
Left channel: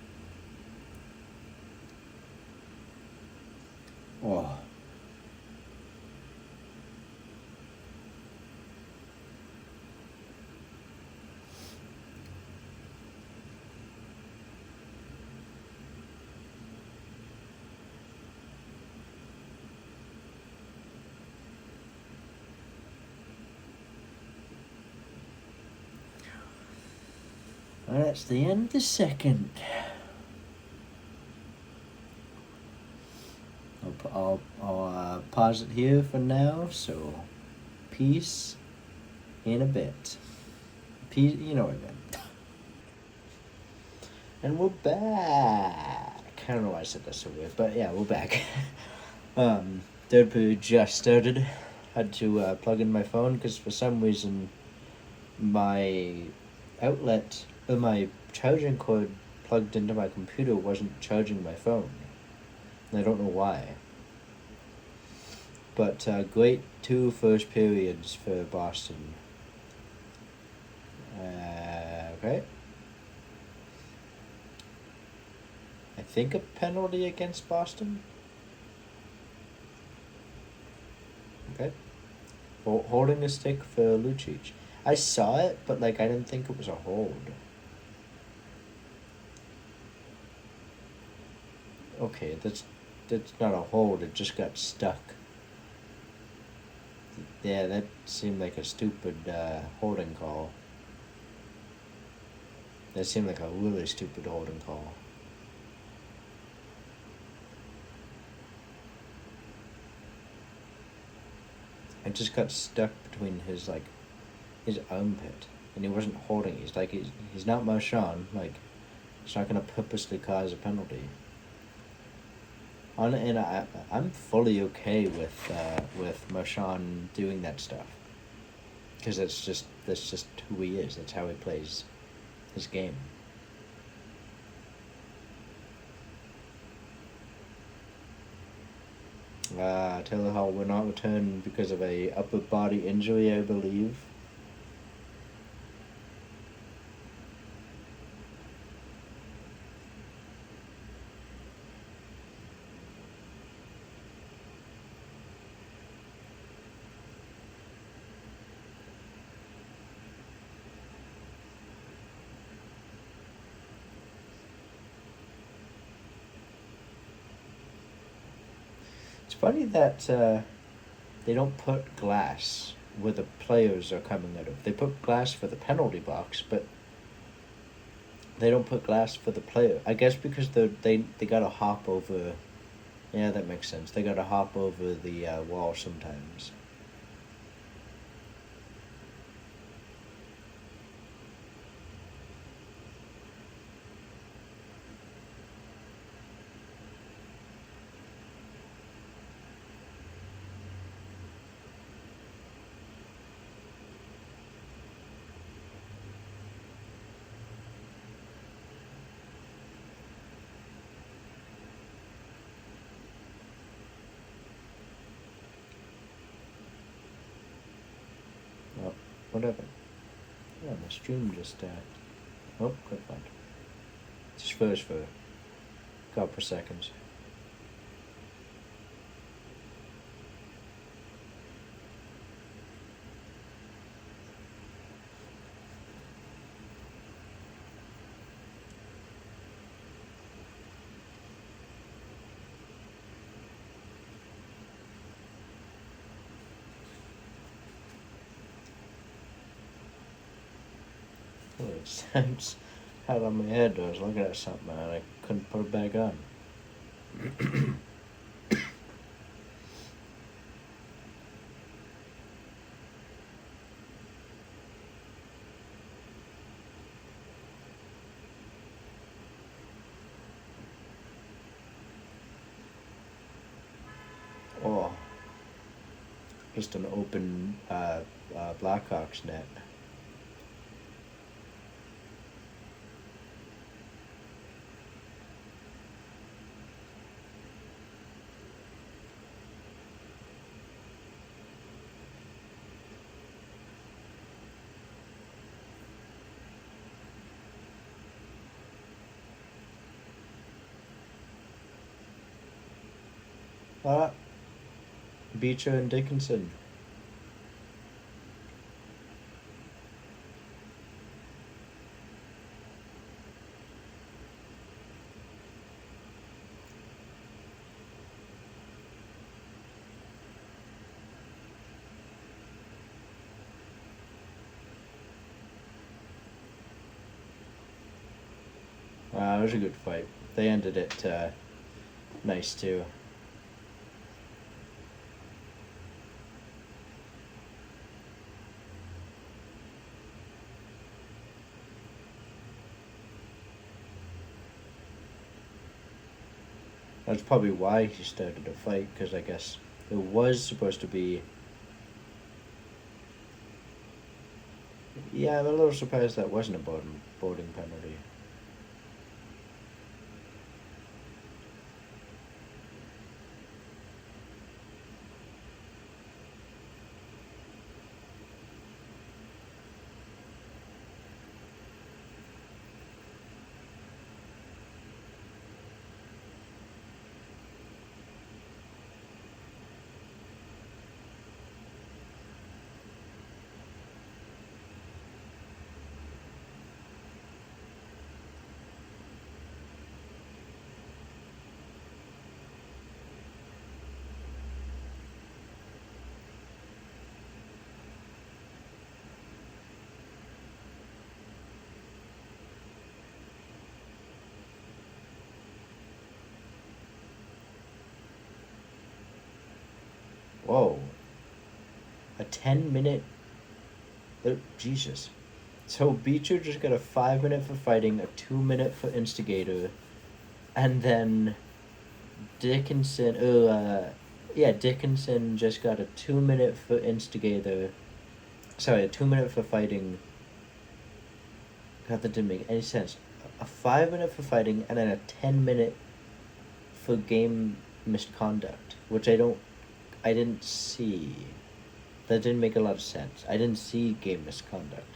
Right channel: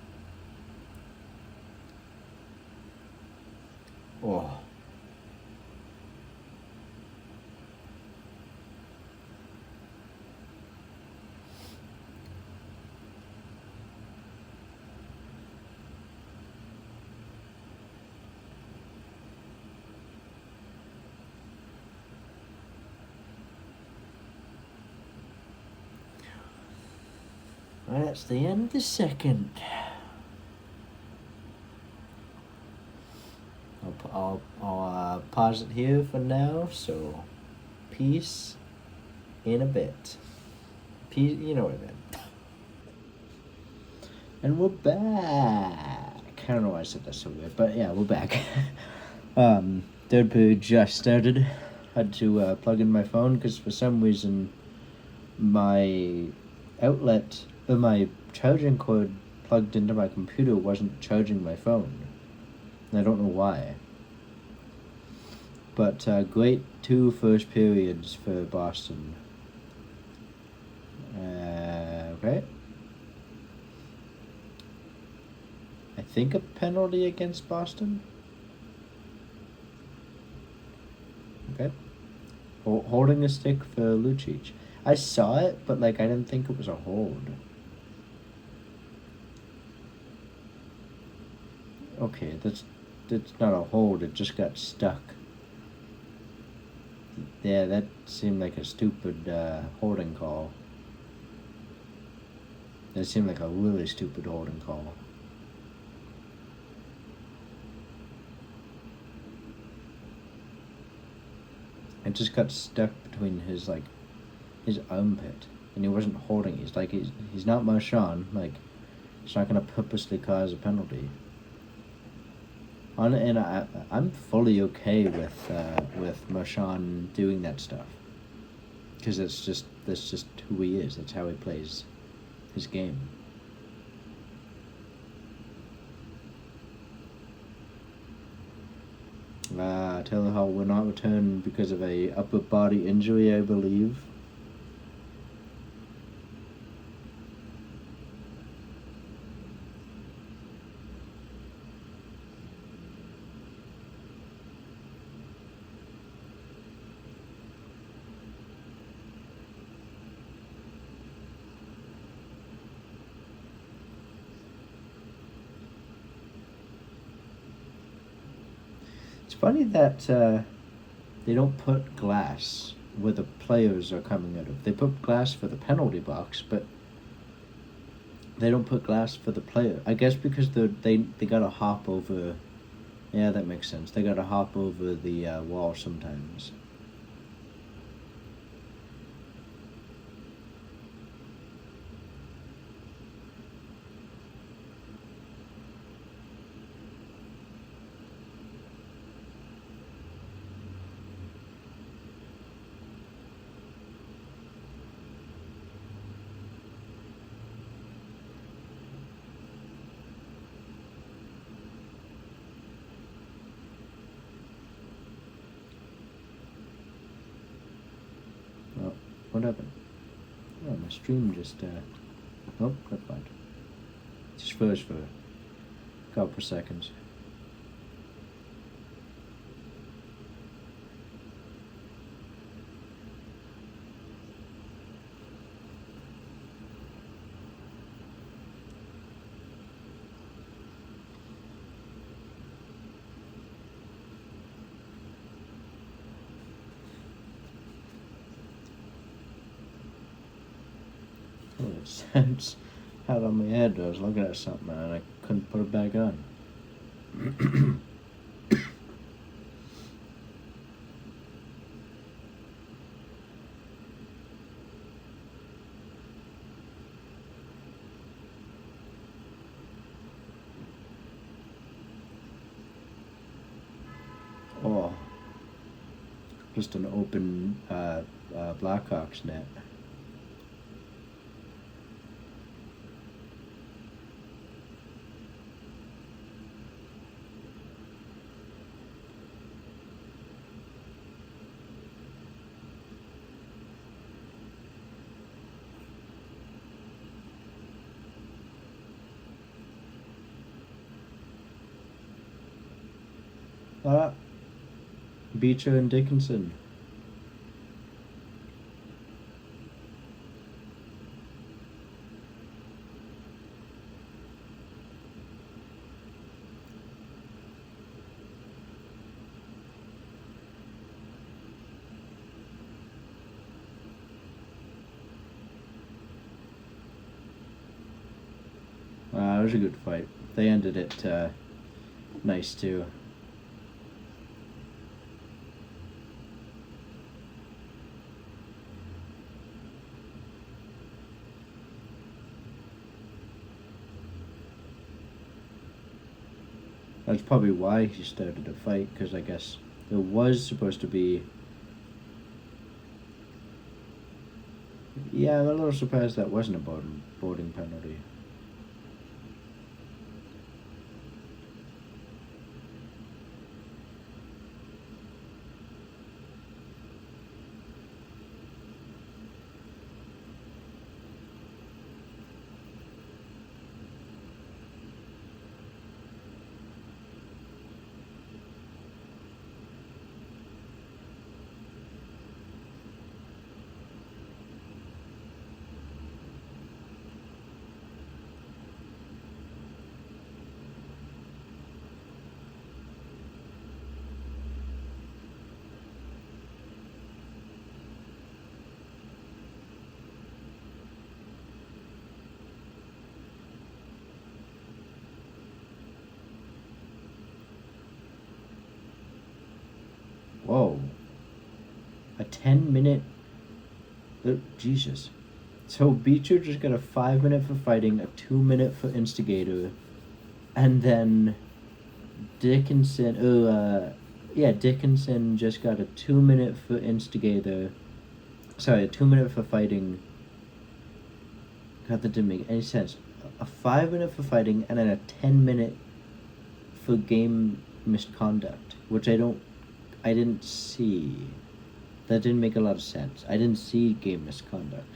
Oh. Well, that's the end of the second. I'll pause it here for now. So, peace in a bit. Peace, you know what I meant. And we're back. I don't know why I said that so weird, but yeah, we're back. Third period just started. Had to plug in my phone because for some reason my outlet or my charging cord plugged into my computer wasn't charging my phone. And I don't know why. But great two first periods for Boston. Okay. I think a penalty against Boston. Okay. Holding a stick for Lucic. I saw it, but like I didn't think it was a hold. Okay, that's not a hold. It just got stuck. Yeah, that seemed like a stupid holding call. That seemed like a really stupid holding call. It just got stuck between his armpit, and he wasn't holding. He's not Marchand. Like, It's not going to purposely cause a penalty. And I'm fully okay with Marchand doing that stuff, because that's just who he is. That's how he plays his game. Taylor Hall will not return because of a upper body injury, I believe. It's funny that they don't put glass where the players are coming out of. They put glass for the penalty box, but they don't put glass for the player. I guess because they gotta hop over. Yeah, that makes sense. They gotta hop over the wall sometimes. Oh, what happened? Oh, my stream just. Oh, got fine. Just froze for a couple of seconds. Oh, it sounds had on my head. I was looking at something and I couldn't put it back on. Oh, just an open Blackhawks net. Ah, Beecher and Dickinson. It was a good fight. They ended it nice too. That's probably why he started a fight, because I guess there was supposed to be. Yeah, I'm a little surprised that wasn't a boarding penalty. Whoa. A 10-minute. Jesus. So Beecher just got a 5 minute for fighting, a 2 minute for instigator, and then Dickinson. Yeah, Dickinson just got a 2 minute for instigator. Sorry, a 2 minute for fighting. God, that didn't make any sense. A 5 minute for fighting, and then a 10 minute for game misconduct, which I didn't see. That didn't make a lot of sense. I didn't see game misconduct.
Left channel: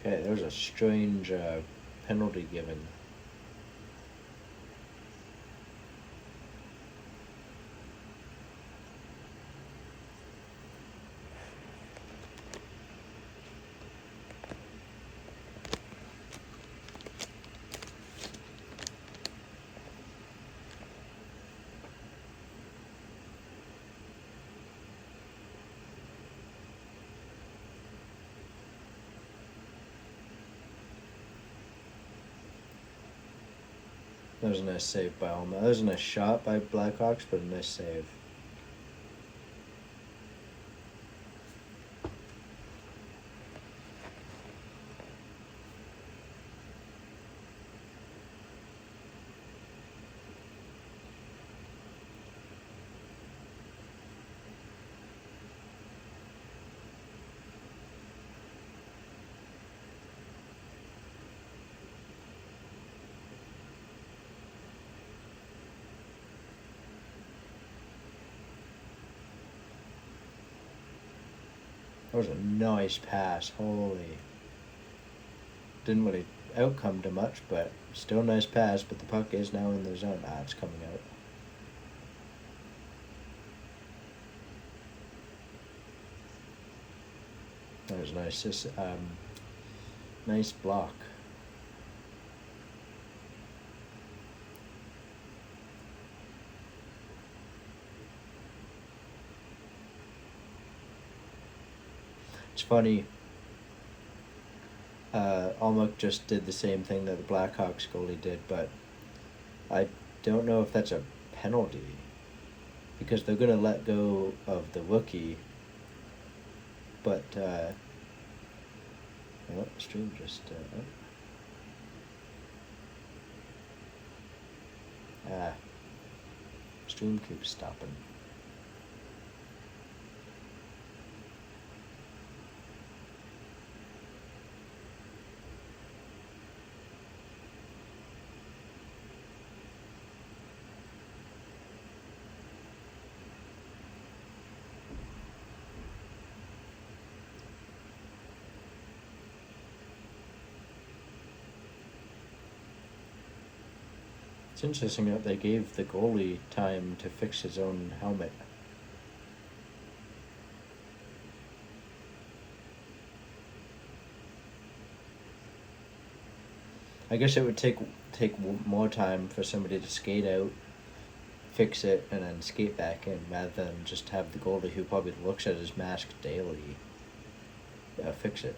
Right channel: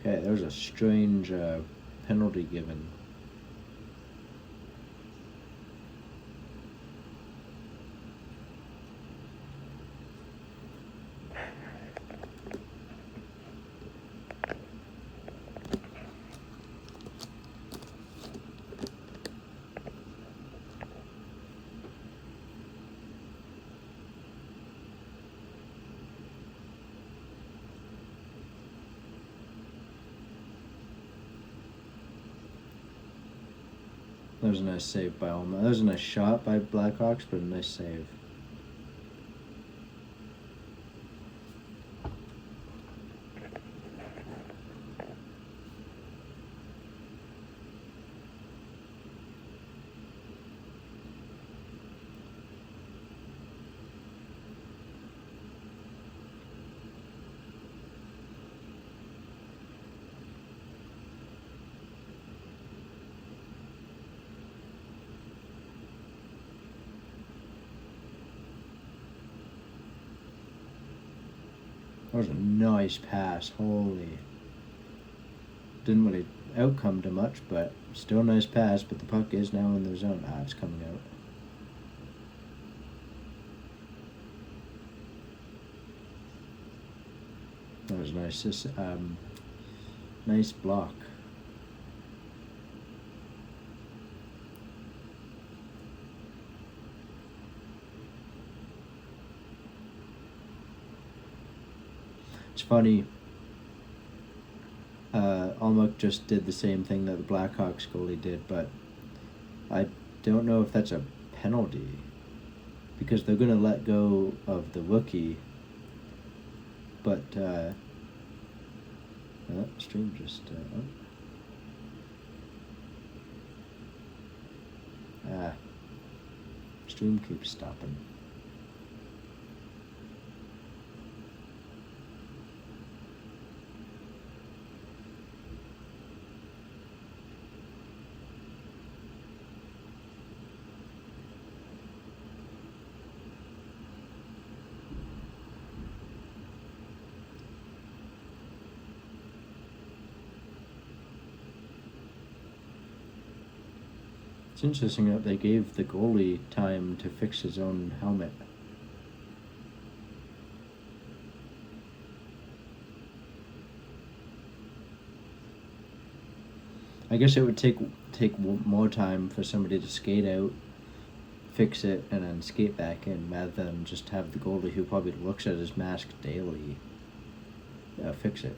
Okay, there was a strange penalty given. That was a nice save by Alma. That was a nice shot by Blackhawks, but a nice save. That was a nice pass. Holy. Didn't really outcome to much, but still a nice pass. But the puck is now in the zone. Ah, it's coming out. That was nice. Nice block. It's funny. Almuk just did the same thing that the Blackhawks goalie did, but I don't know if that's a penalty because they're gonna let go of the rookie. But stream just stream keeps stopping. It's interesting that they gave the goalie time to fix his own helmet. I guess it would take more time for somebody to skate out, fix it, and then skate back in, rather than just have the goalie who probably looks at his mask daily fix it.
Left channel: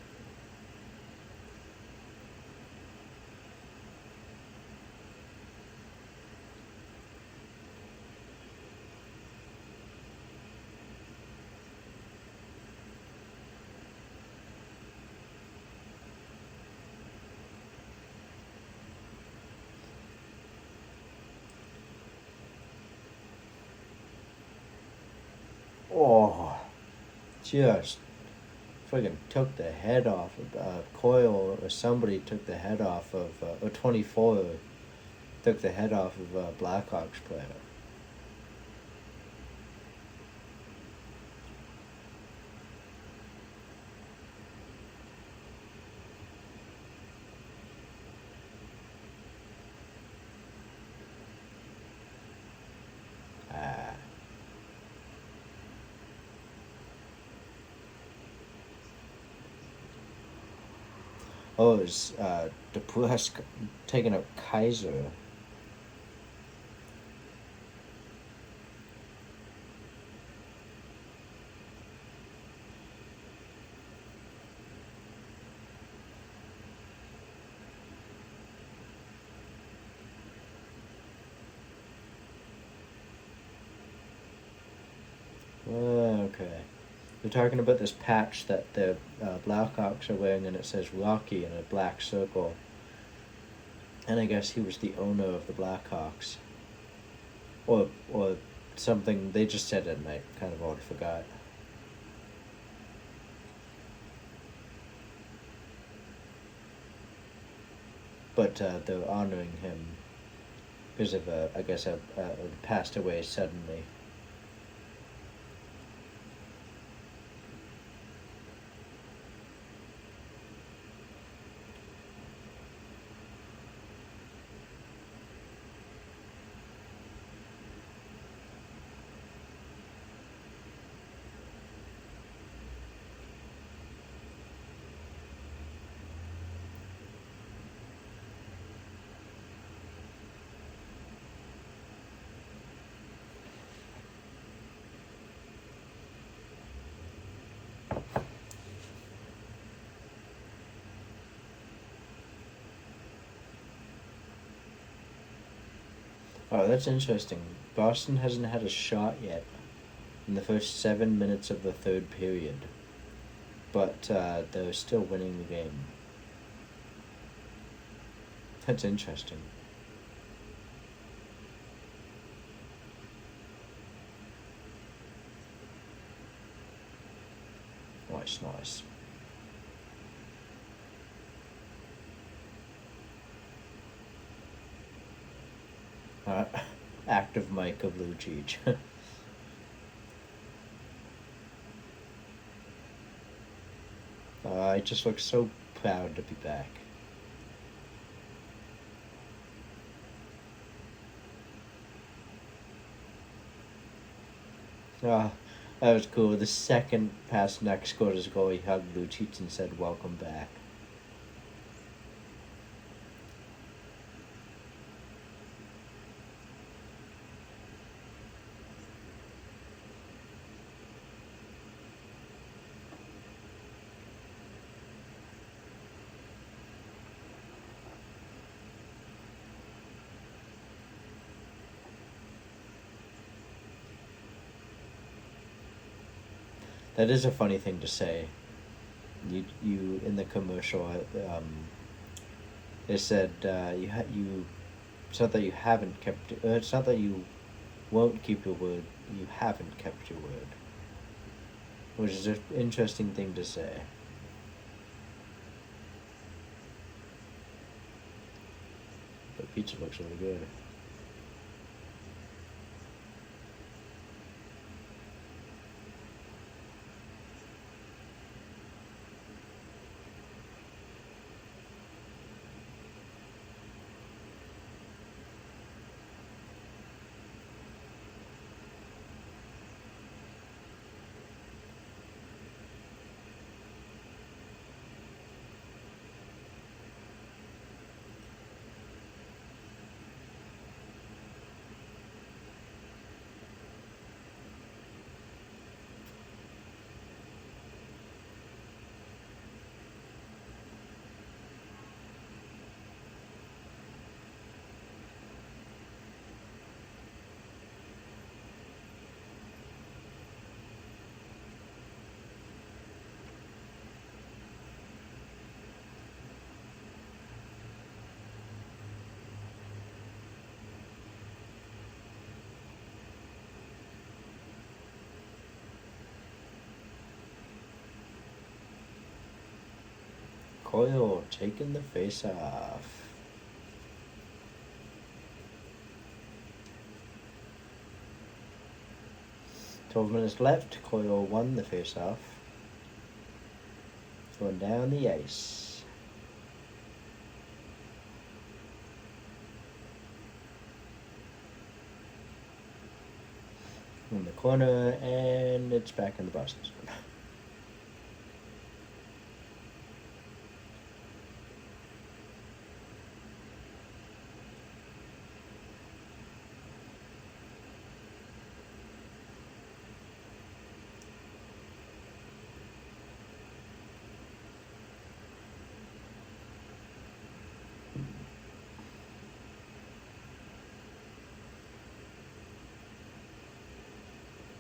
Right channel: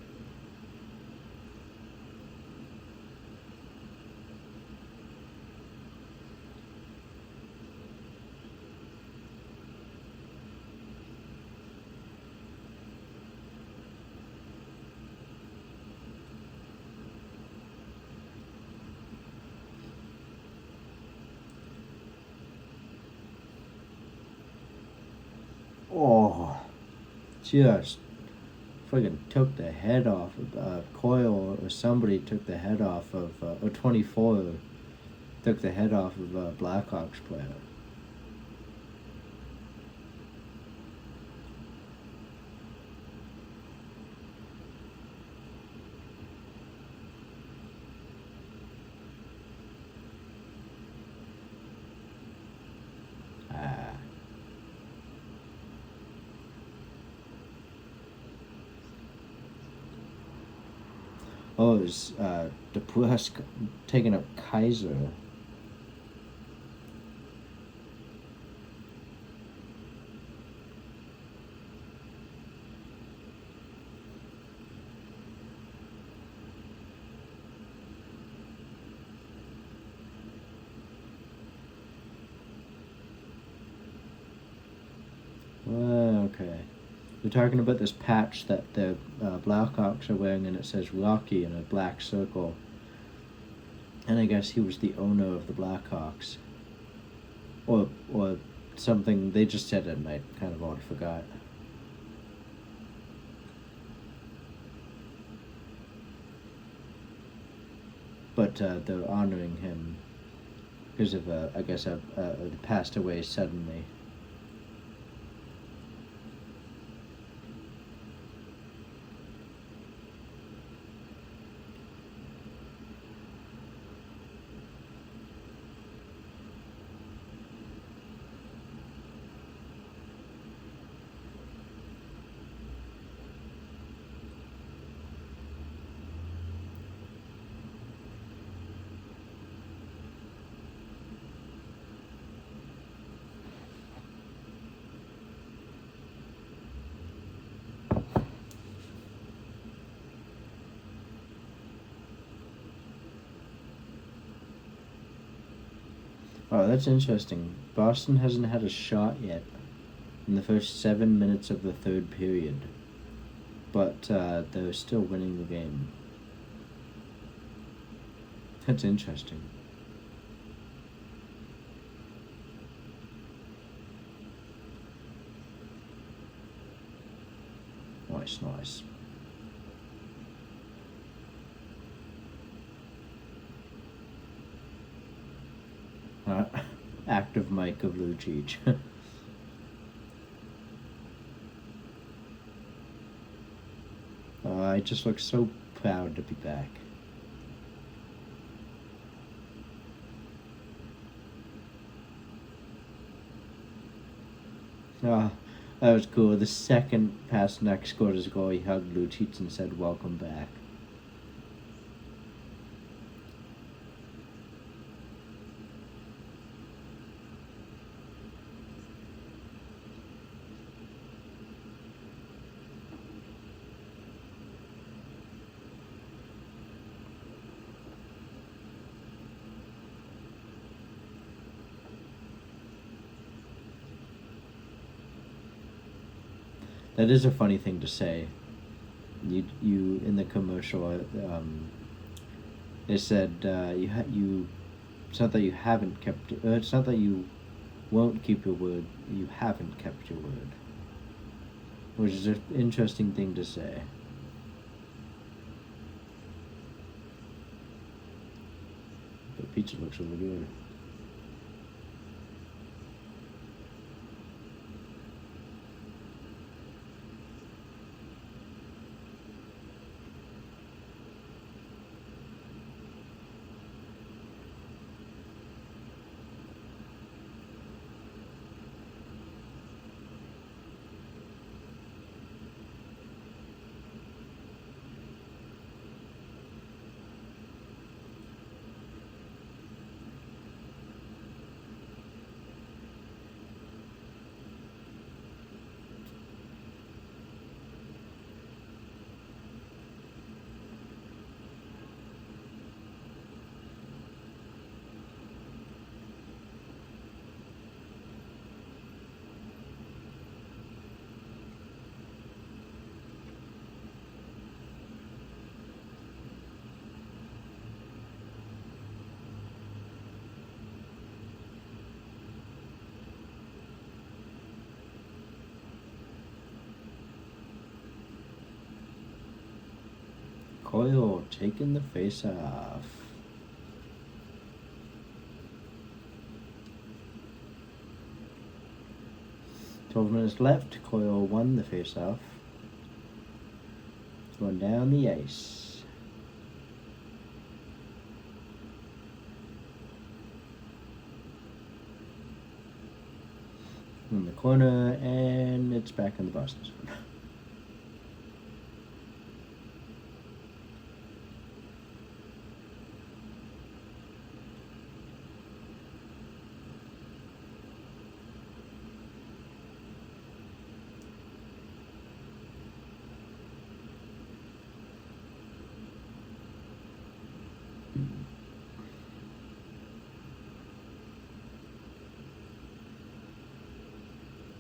Oh, just friggin' took the head off of Coyle, or somebody took the head off of, or 24 took the head off of a Blackhawks player. Ah. Oh, it was DePusk taking up Kaiser. Okay. We're talking about this patch that the Blackhawks are wearing, and it says Rocky in a black circle. And I guess he was the owner of the Blackhawks. Or something. They just said it, and I kind of already forgot. But they're honoring him because of, I guess, passed away suddenly. Oh, that's interesting. Boston hasn't had a shot yet in the first 7 minutes of the third period, but they're still winning the game. That's interesting. Nice. Uh, Active Mike of Lucic. I just look so proud to be back. Ah, that was cool. The second Pasternak scored his goal, he hugged Lucic and said, "Welcome back." That is a funny thing to say. You in the commercial, it said you. It's not that you haven't kept. It's not that you won't keep your word. You haven't kept your word, which is an interesting thing to say. But pizza looks really good. Coyle taking the face off. "12 minutes left. Coyle won the face off. Going down the ice. In the corner, and it's back in the Boston zone.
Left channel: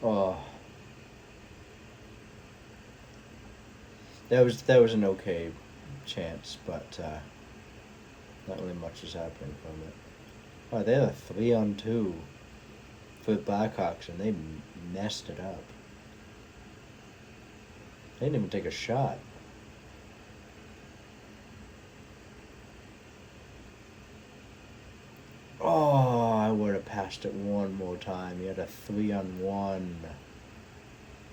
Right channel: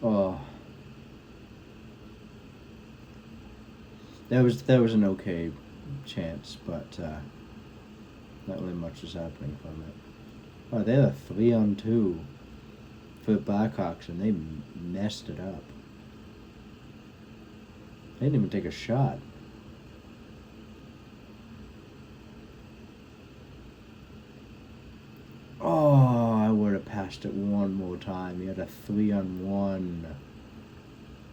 Oh, That was an okay chance, but not really much is happening from it. Oh, they had a 3-on-2 for the Blackhawks, and they messed it up. They didn't even take a shot. Oh, I would have passed it one more time. You had a 3-on-1.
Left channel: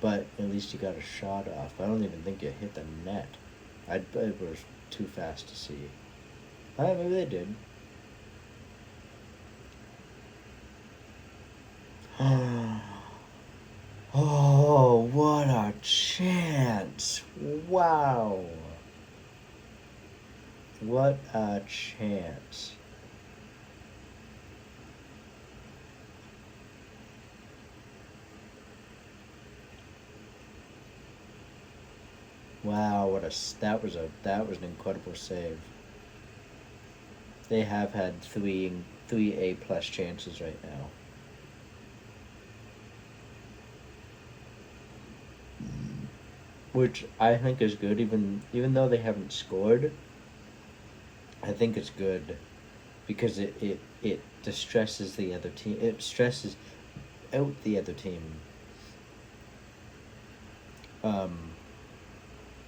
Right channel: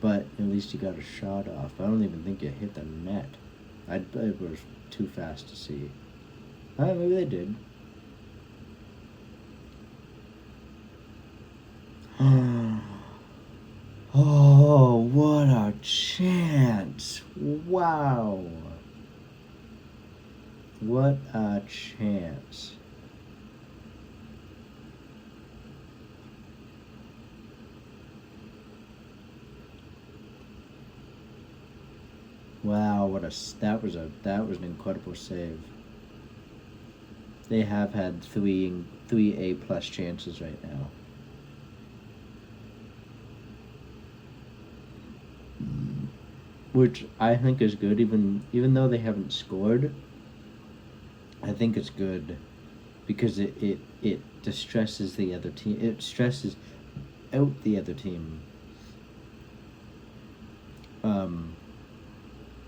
But at least you got a shot off. I don't even think you hit the net. It was too fast to see. Maybe they did. Oh, what a chance. Wow. What a chance. Wow, that was an incredible save. They have had three A+ chances right now. Which I think is good, even though they haven't scored. I think it's good because it distresses the other team. It stresses out the other team.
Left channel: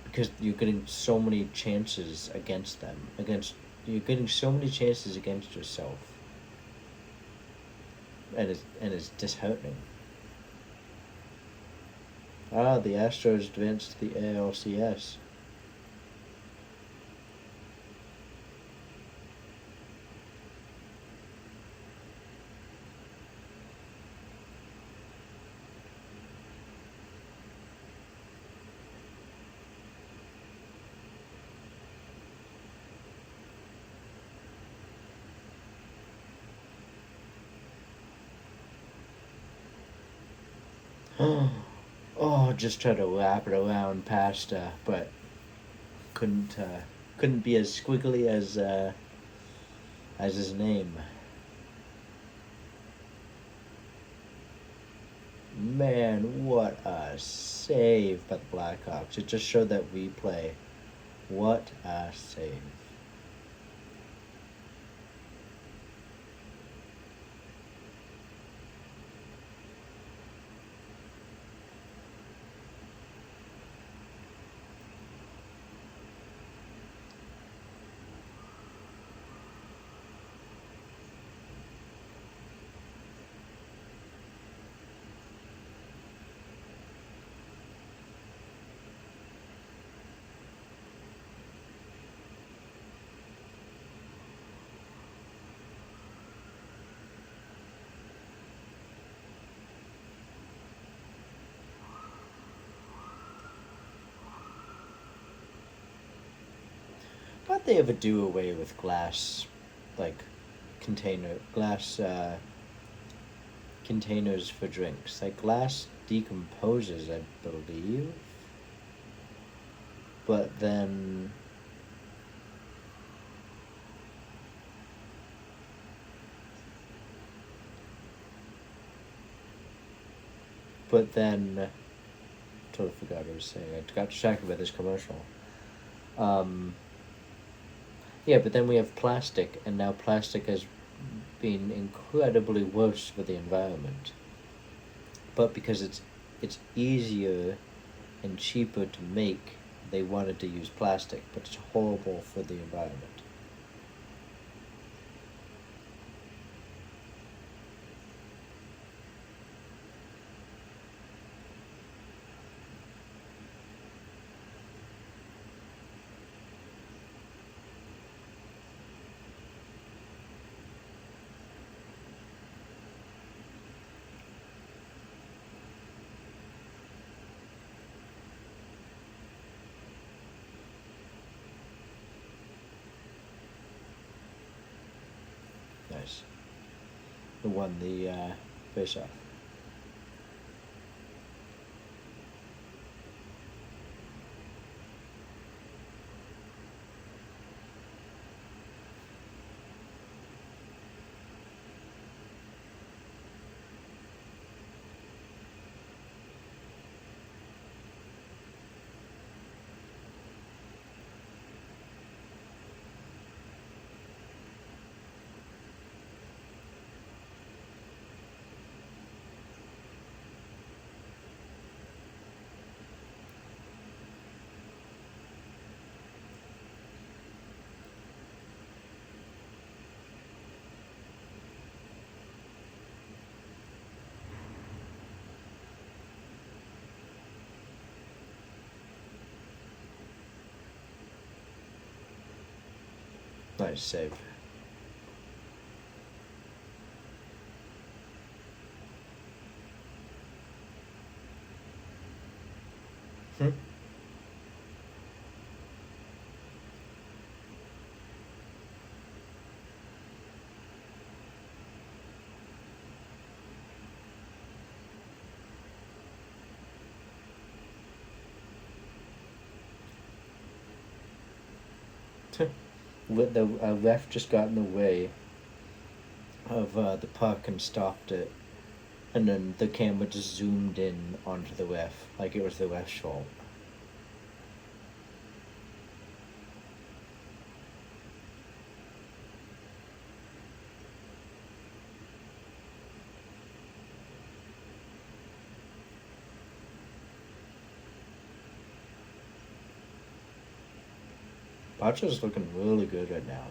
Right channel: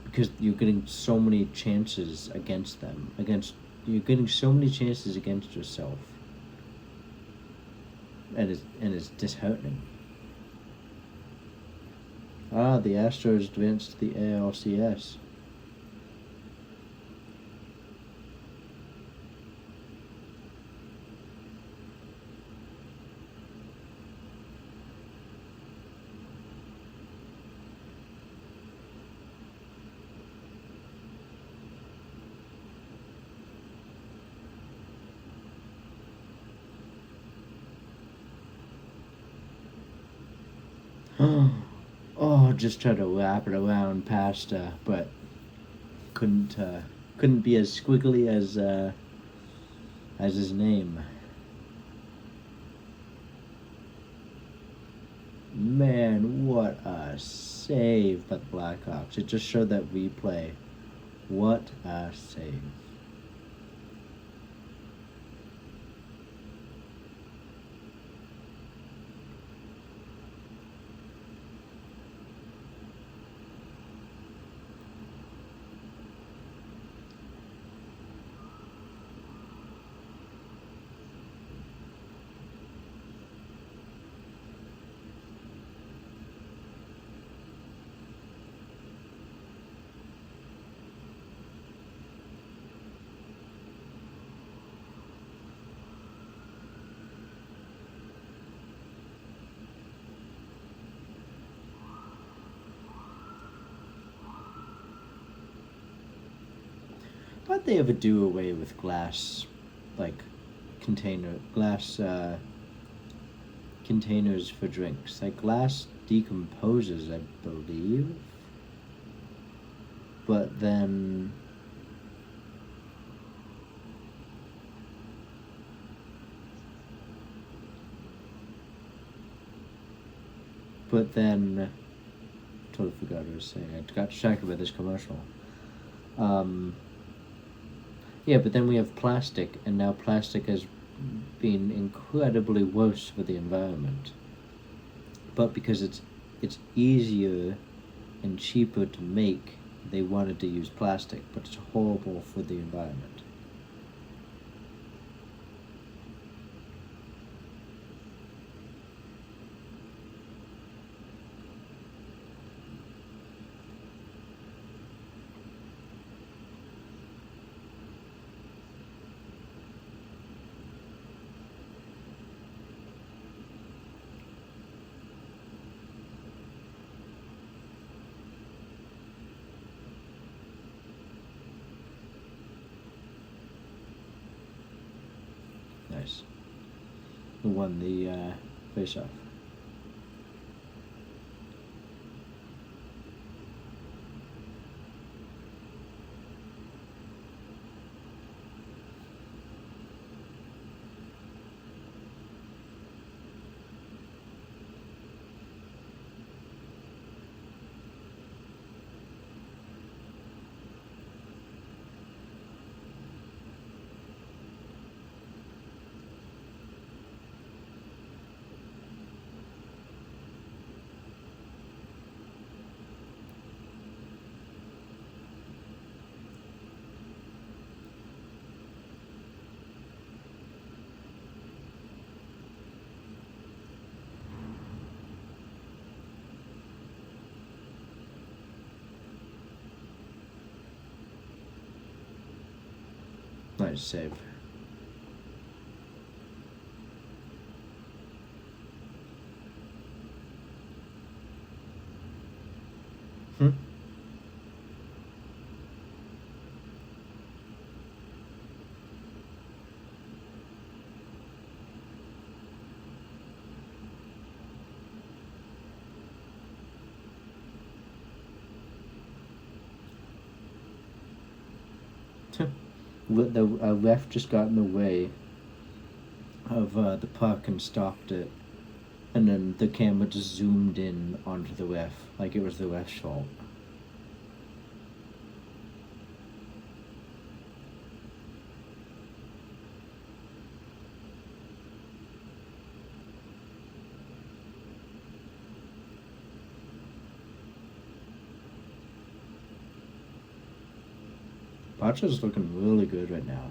Because you're getting so many chances against them. You're getting so many chances against yourself. And it's disheartening. The Astros advanced to the ALCS. Oh, just tried to wrap it around past, but couldn't be as squiggly as his name. Man, what a save by the Blackhawks! It just showed that replay. What a save! Why'd they ever do away with glass, like glass containers for drinks? Like glass decomposes, I believe. But then totally forgot what I was saying. I got distracted by this commercial. Yeah, but then we have plastic, and now plastic has been incredibly worse for the environment. But because it's easier and cheaper to make, they wanted to use plastic, but it's horrible for the environment. Nice. Who won the face-off? Nice save. Hmm. The ref just got in the way of the puck and stopped it, and then the camera just zoomed in onto the ref like it was the ref's fault. Pacha's looking really good right now.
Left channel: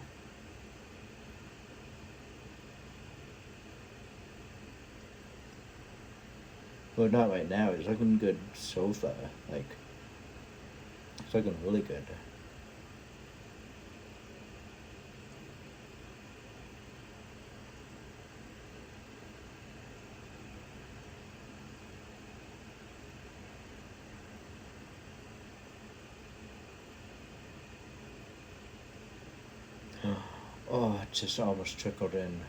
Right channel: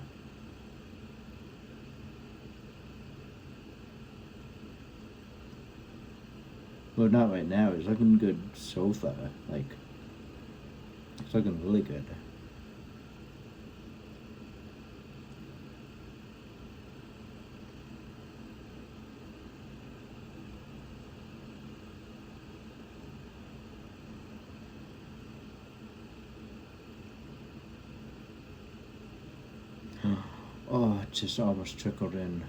Well, not right now. He's looking good so far. Like, he's looking really good. Oh, it just almost trickled in.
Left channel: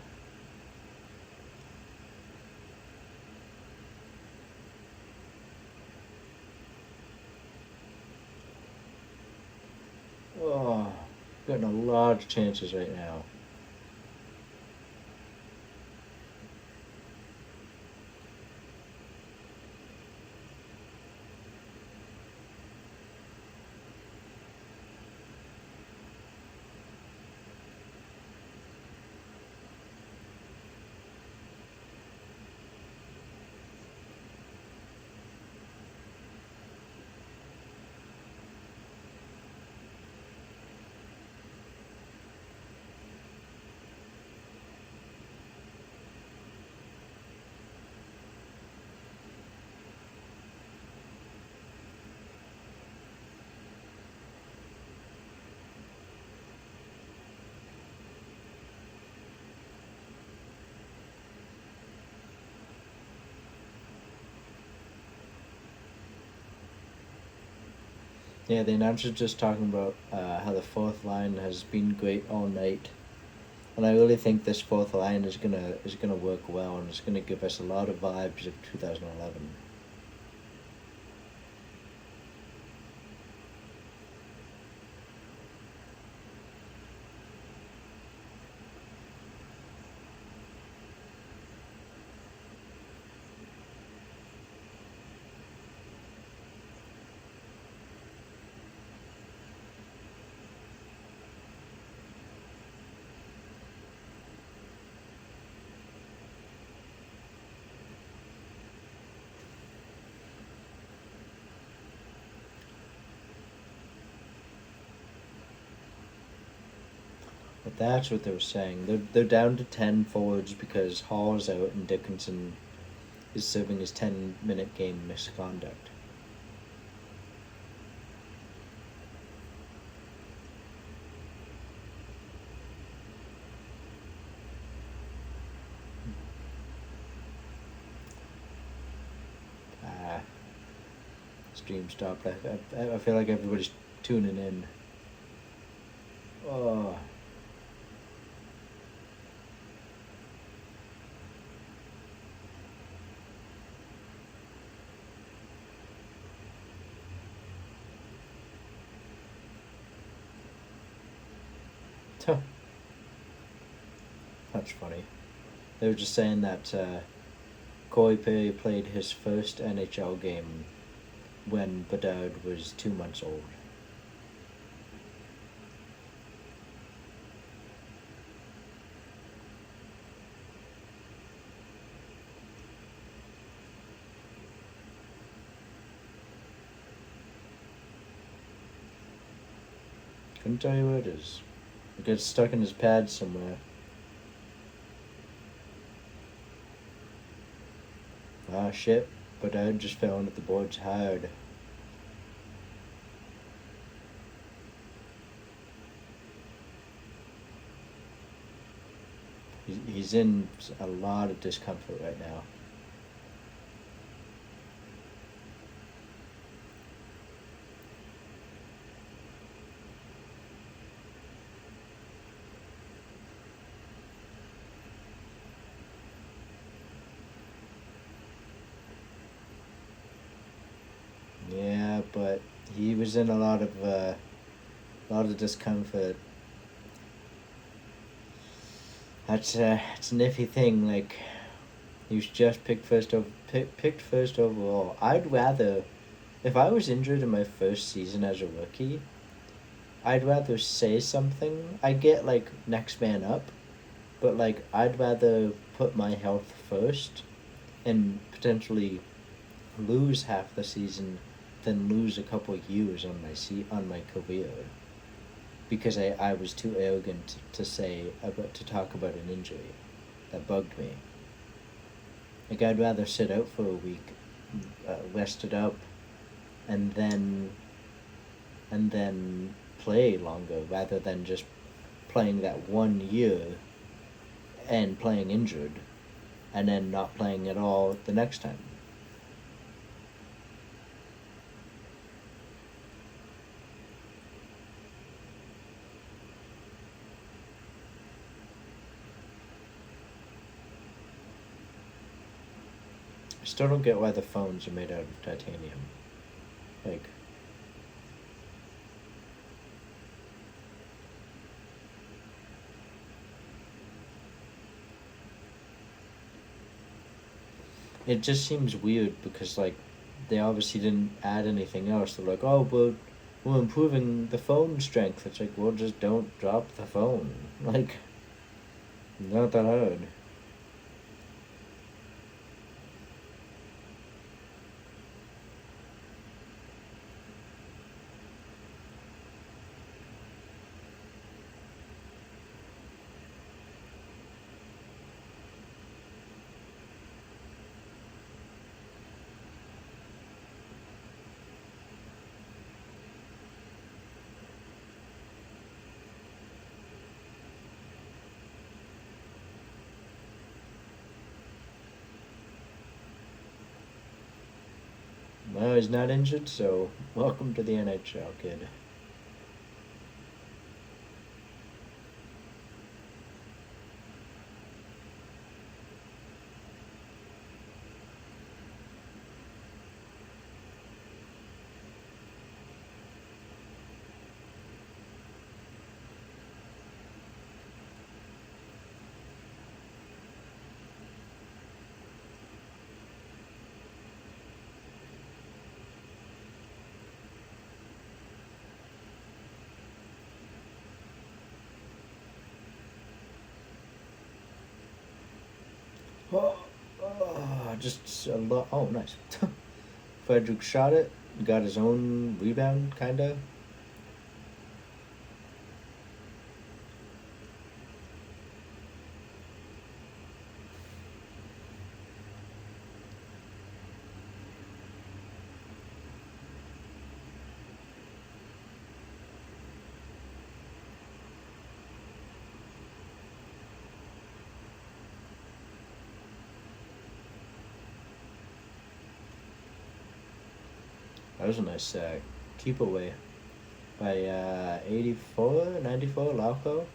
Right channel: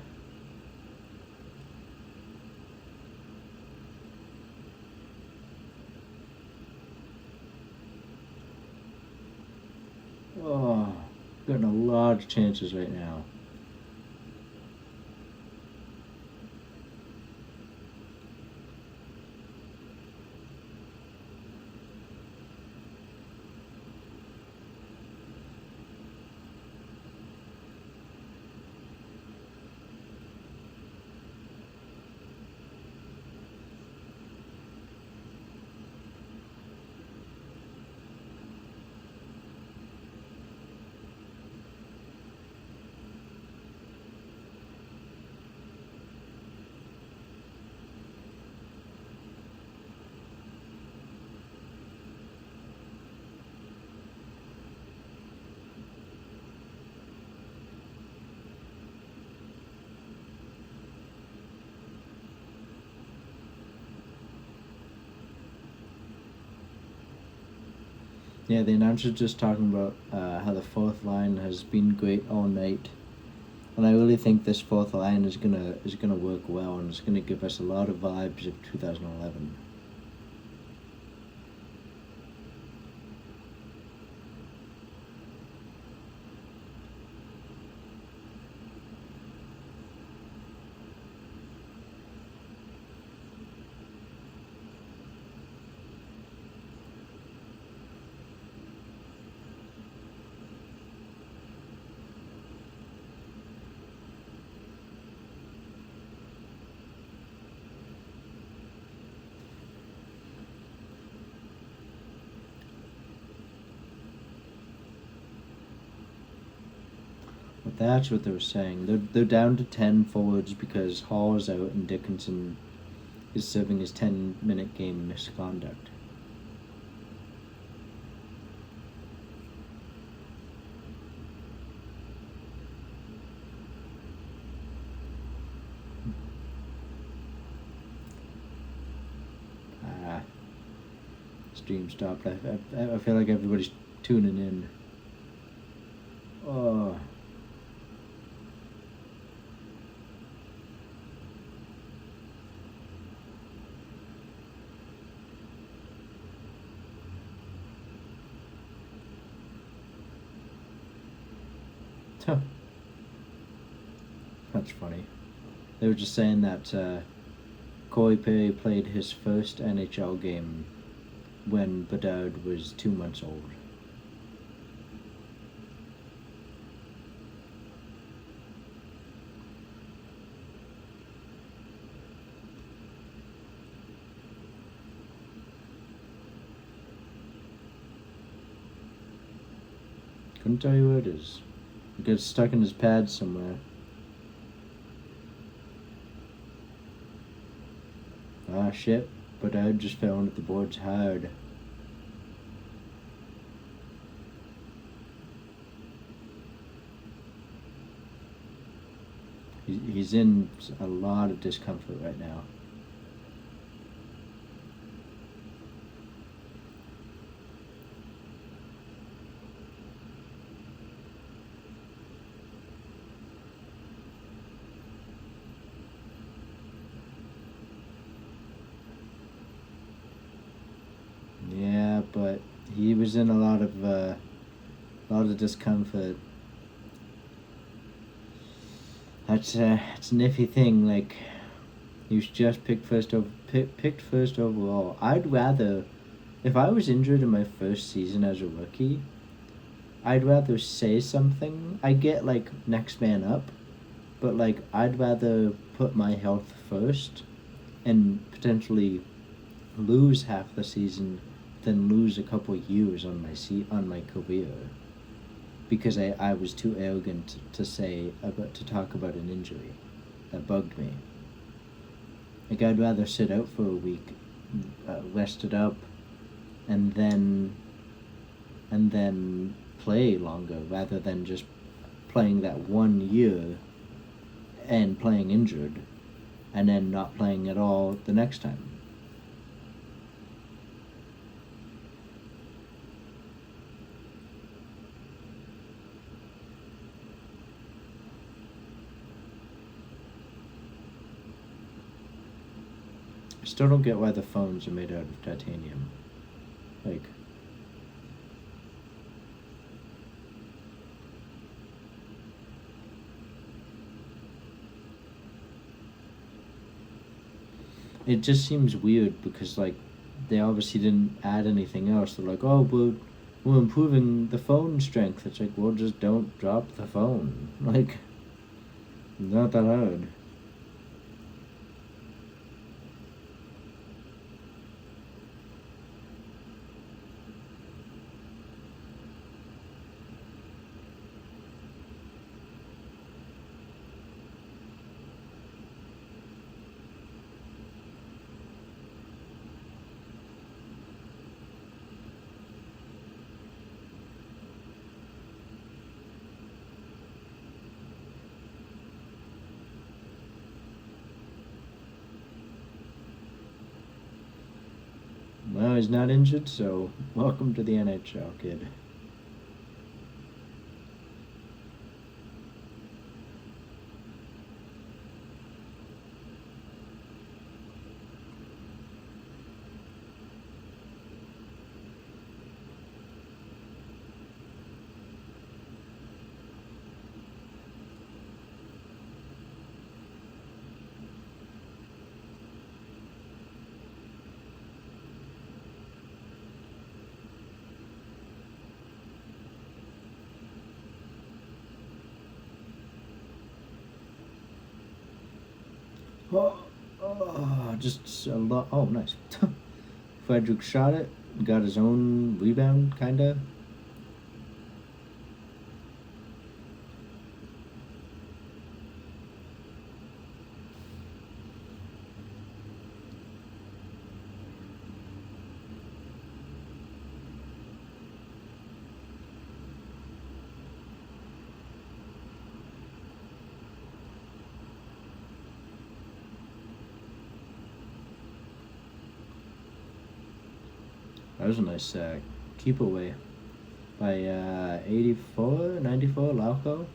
Oh, getting a lot of chances right now. Yeah, the announcer's just talking about how the fourth line has been great all night, and I really think this fourth line is gonna work well, and it's gonna give us a lot of vibes of 2011. But that's what they were saying. They're down to 10 forwards because Hall is out and Dickinson is serving his 10-minute game misconduct. Stream stopped. I feel like everybody's tuning in. Oh. That's funny. They were just saying that Corey Perry played his first NHL game when Bedard was 2 months old. Couldn't tell you where it is. It gets stuck in his pad somewhere. Ah, shit. Bedard just fell into the boards hard. He's in a lot of discomfort right now. Yeah, but he was in a lot of discomfort. It's an iffy thing. Like he was just picked first overall. I'd rather, if I was injured in my first season as a rookie, I'd rather say something. I get like next man up, but like I'd rather put my health first and potentially lose half the season than lose a couple years on my career because I was too arrogant to say about to talk about an injury that bugged me. Like I'd rather sit out for a week, rest it up, and then play longer rather than just playing that 1 year and playing injured and then not playing at all the next time. I still don't get why the phones are made out of titanium. Like, it just seems weird because, like, they obviously didn't add anything else. They're like, oh, we're improving the phone strength. It's like, well, just don't drop the phone. Like, not that hard. Well, he's not injured, so welcome to the NHL, kid. Oh, just a lot. Oh, nice. Frederick shot it, got his own rebound, kinda. That was a nice keep away by 84, 94, Lauco.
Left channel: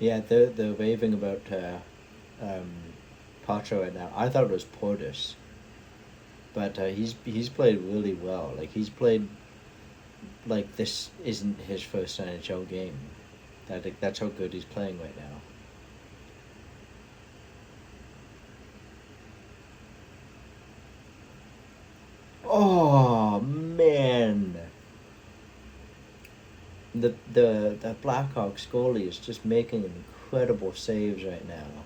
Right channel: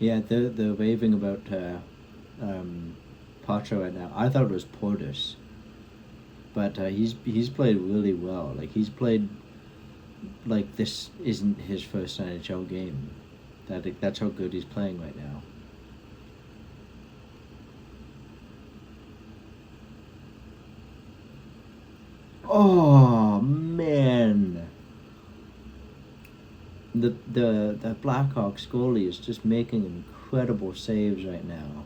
Yeah, they're raving about um, Pacho right now. I thought it was Portis, but he's played really well. Like he's played like this isn't his first NHL game. That's how good he's playing right now. Oh man, the Blackhawks goalie is just making incredible saves right now.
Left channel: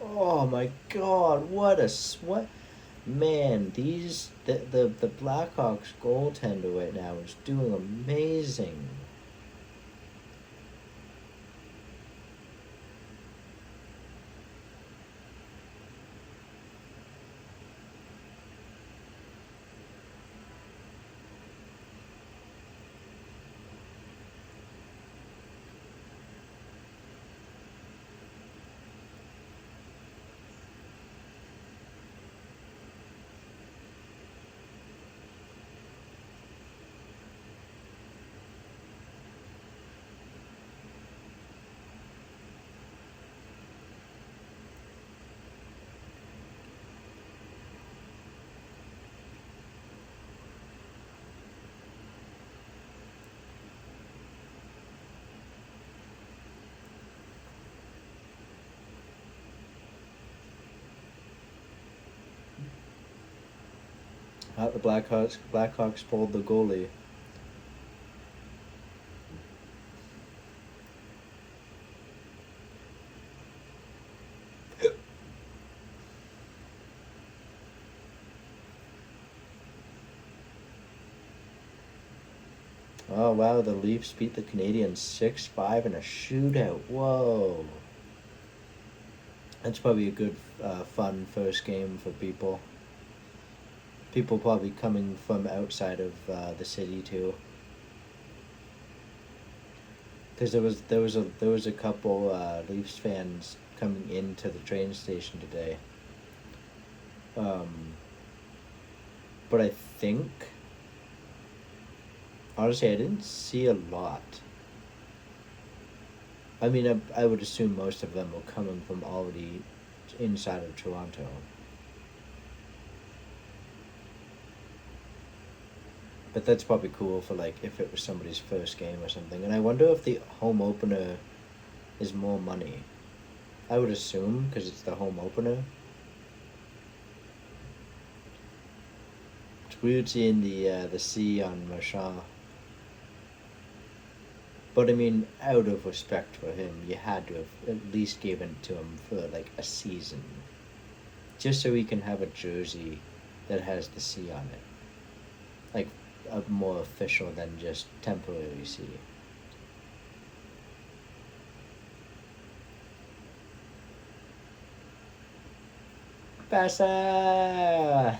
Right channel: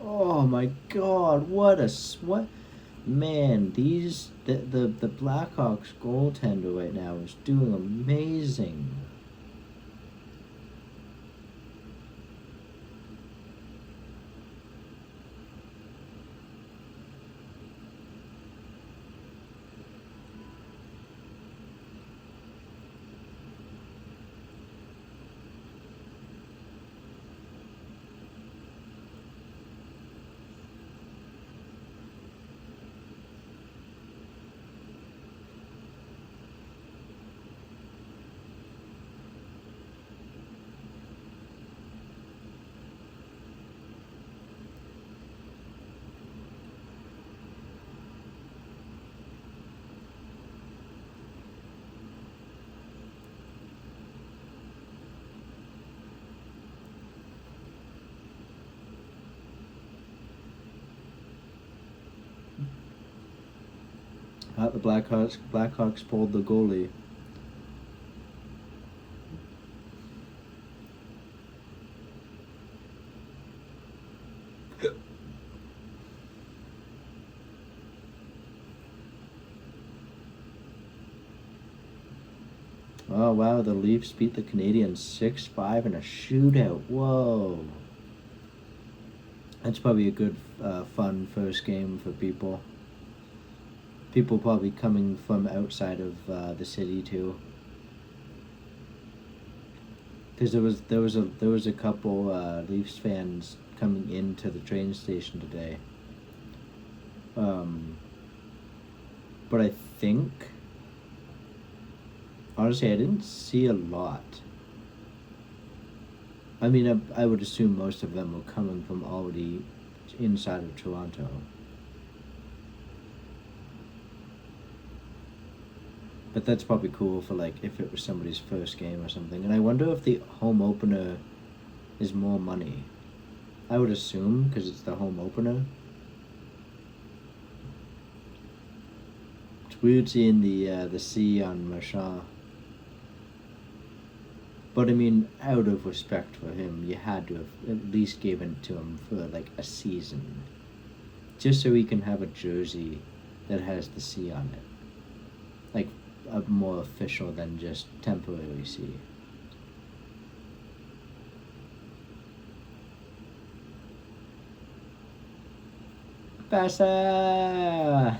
Oh my God, what man? The Blackhawks goaltender right now is doing amazing. The Blackhawks pulled the goalie. Oh wow, the Leafs beat the Canadiens 6-5 in a shootout. Whoa. That's probably a good, fun first game for people. People probably coming from outside of the city too. Because there was a couple Leafs fans coming into the train station today. Um, but I think honestly I didn't see a lot. I mean, I would assume most of them were coming from already inside of Toronto. But that's probably cool for like if it was somebody's first game or something. And I wonder if the home opener is more money. I would assume because it's the home opener. It's weird seeing the C on Marchand. But I mean, out of respect for him, you had to have at least given it to him for like a season, just so he can have a jersey that has the C on it, like a more official than just temporary C. Pasta!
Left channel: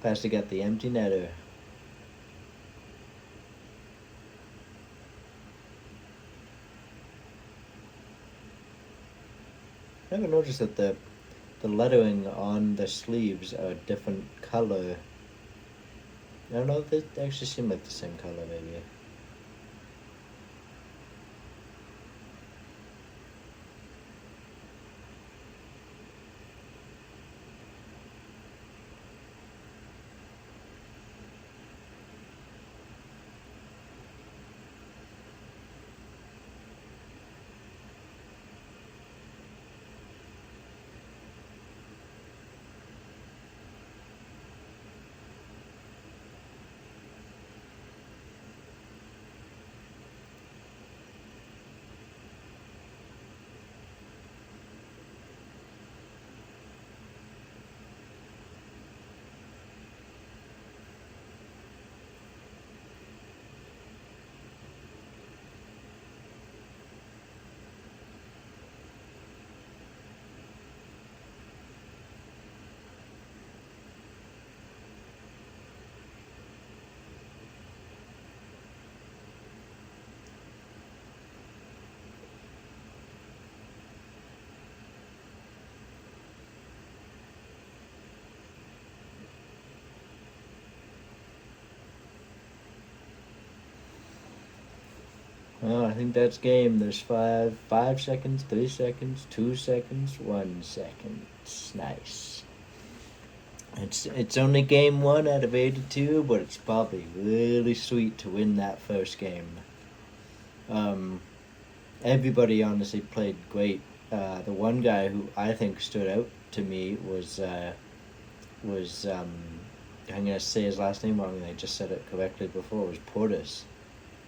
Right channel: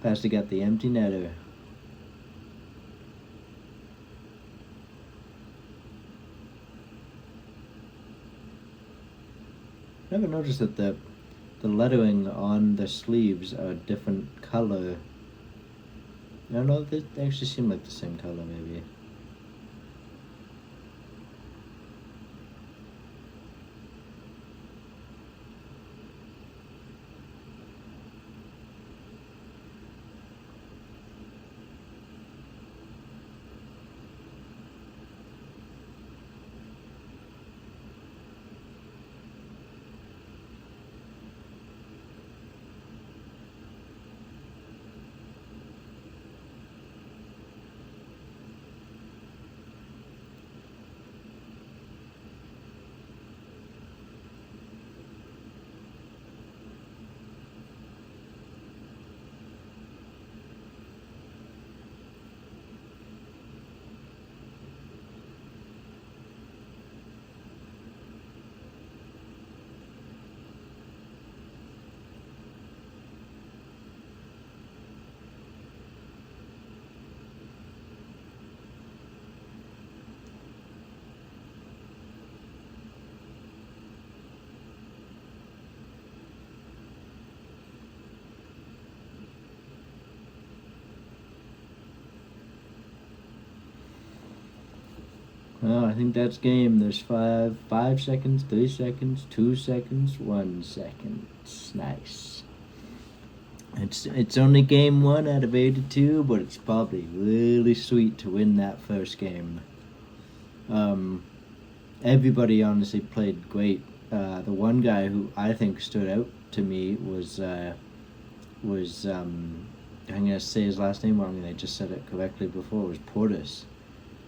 Pasta got the empty netter. Never noticed that the lettering on the sleeves are a different color. I don't know, they actually seem like the same color maybe. Well, I think that's game. There's 5 seconds, 3 seconds, 2 seconds, 1 second. Nice. It's only game 1 out of 82, but it's probably really sweet to win that first game. Everybody honestly played great. The one guy who I think stood out to me was I'm gonna say his last name wrong, and I just said it correctly before. Was Portis.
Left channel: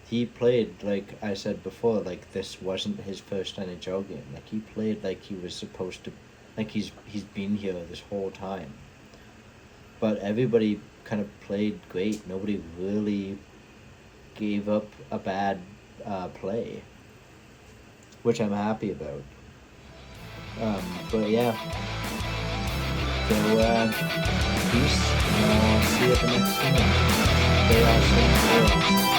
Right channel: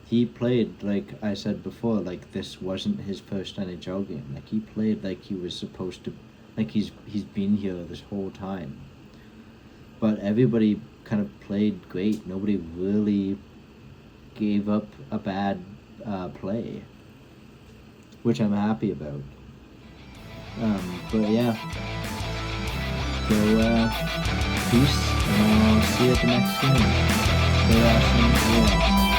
He played, like I said before, like this wasn't his first NHL game. Like he played like he was supposed to, like he's been here this whole time. But everybody kind of played great. Nobody really gave up a bad play, which I'm happy about. But yeah, so peace, and I'll see you at the next game. Stay awesome.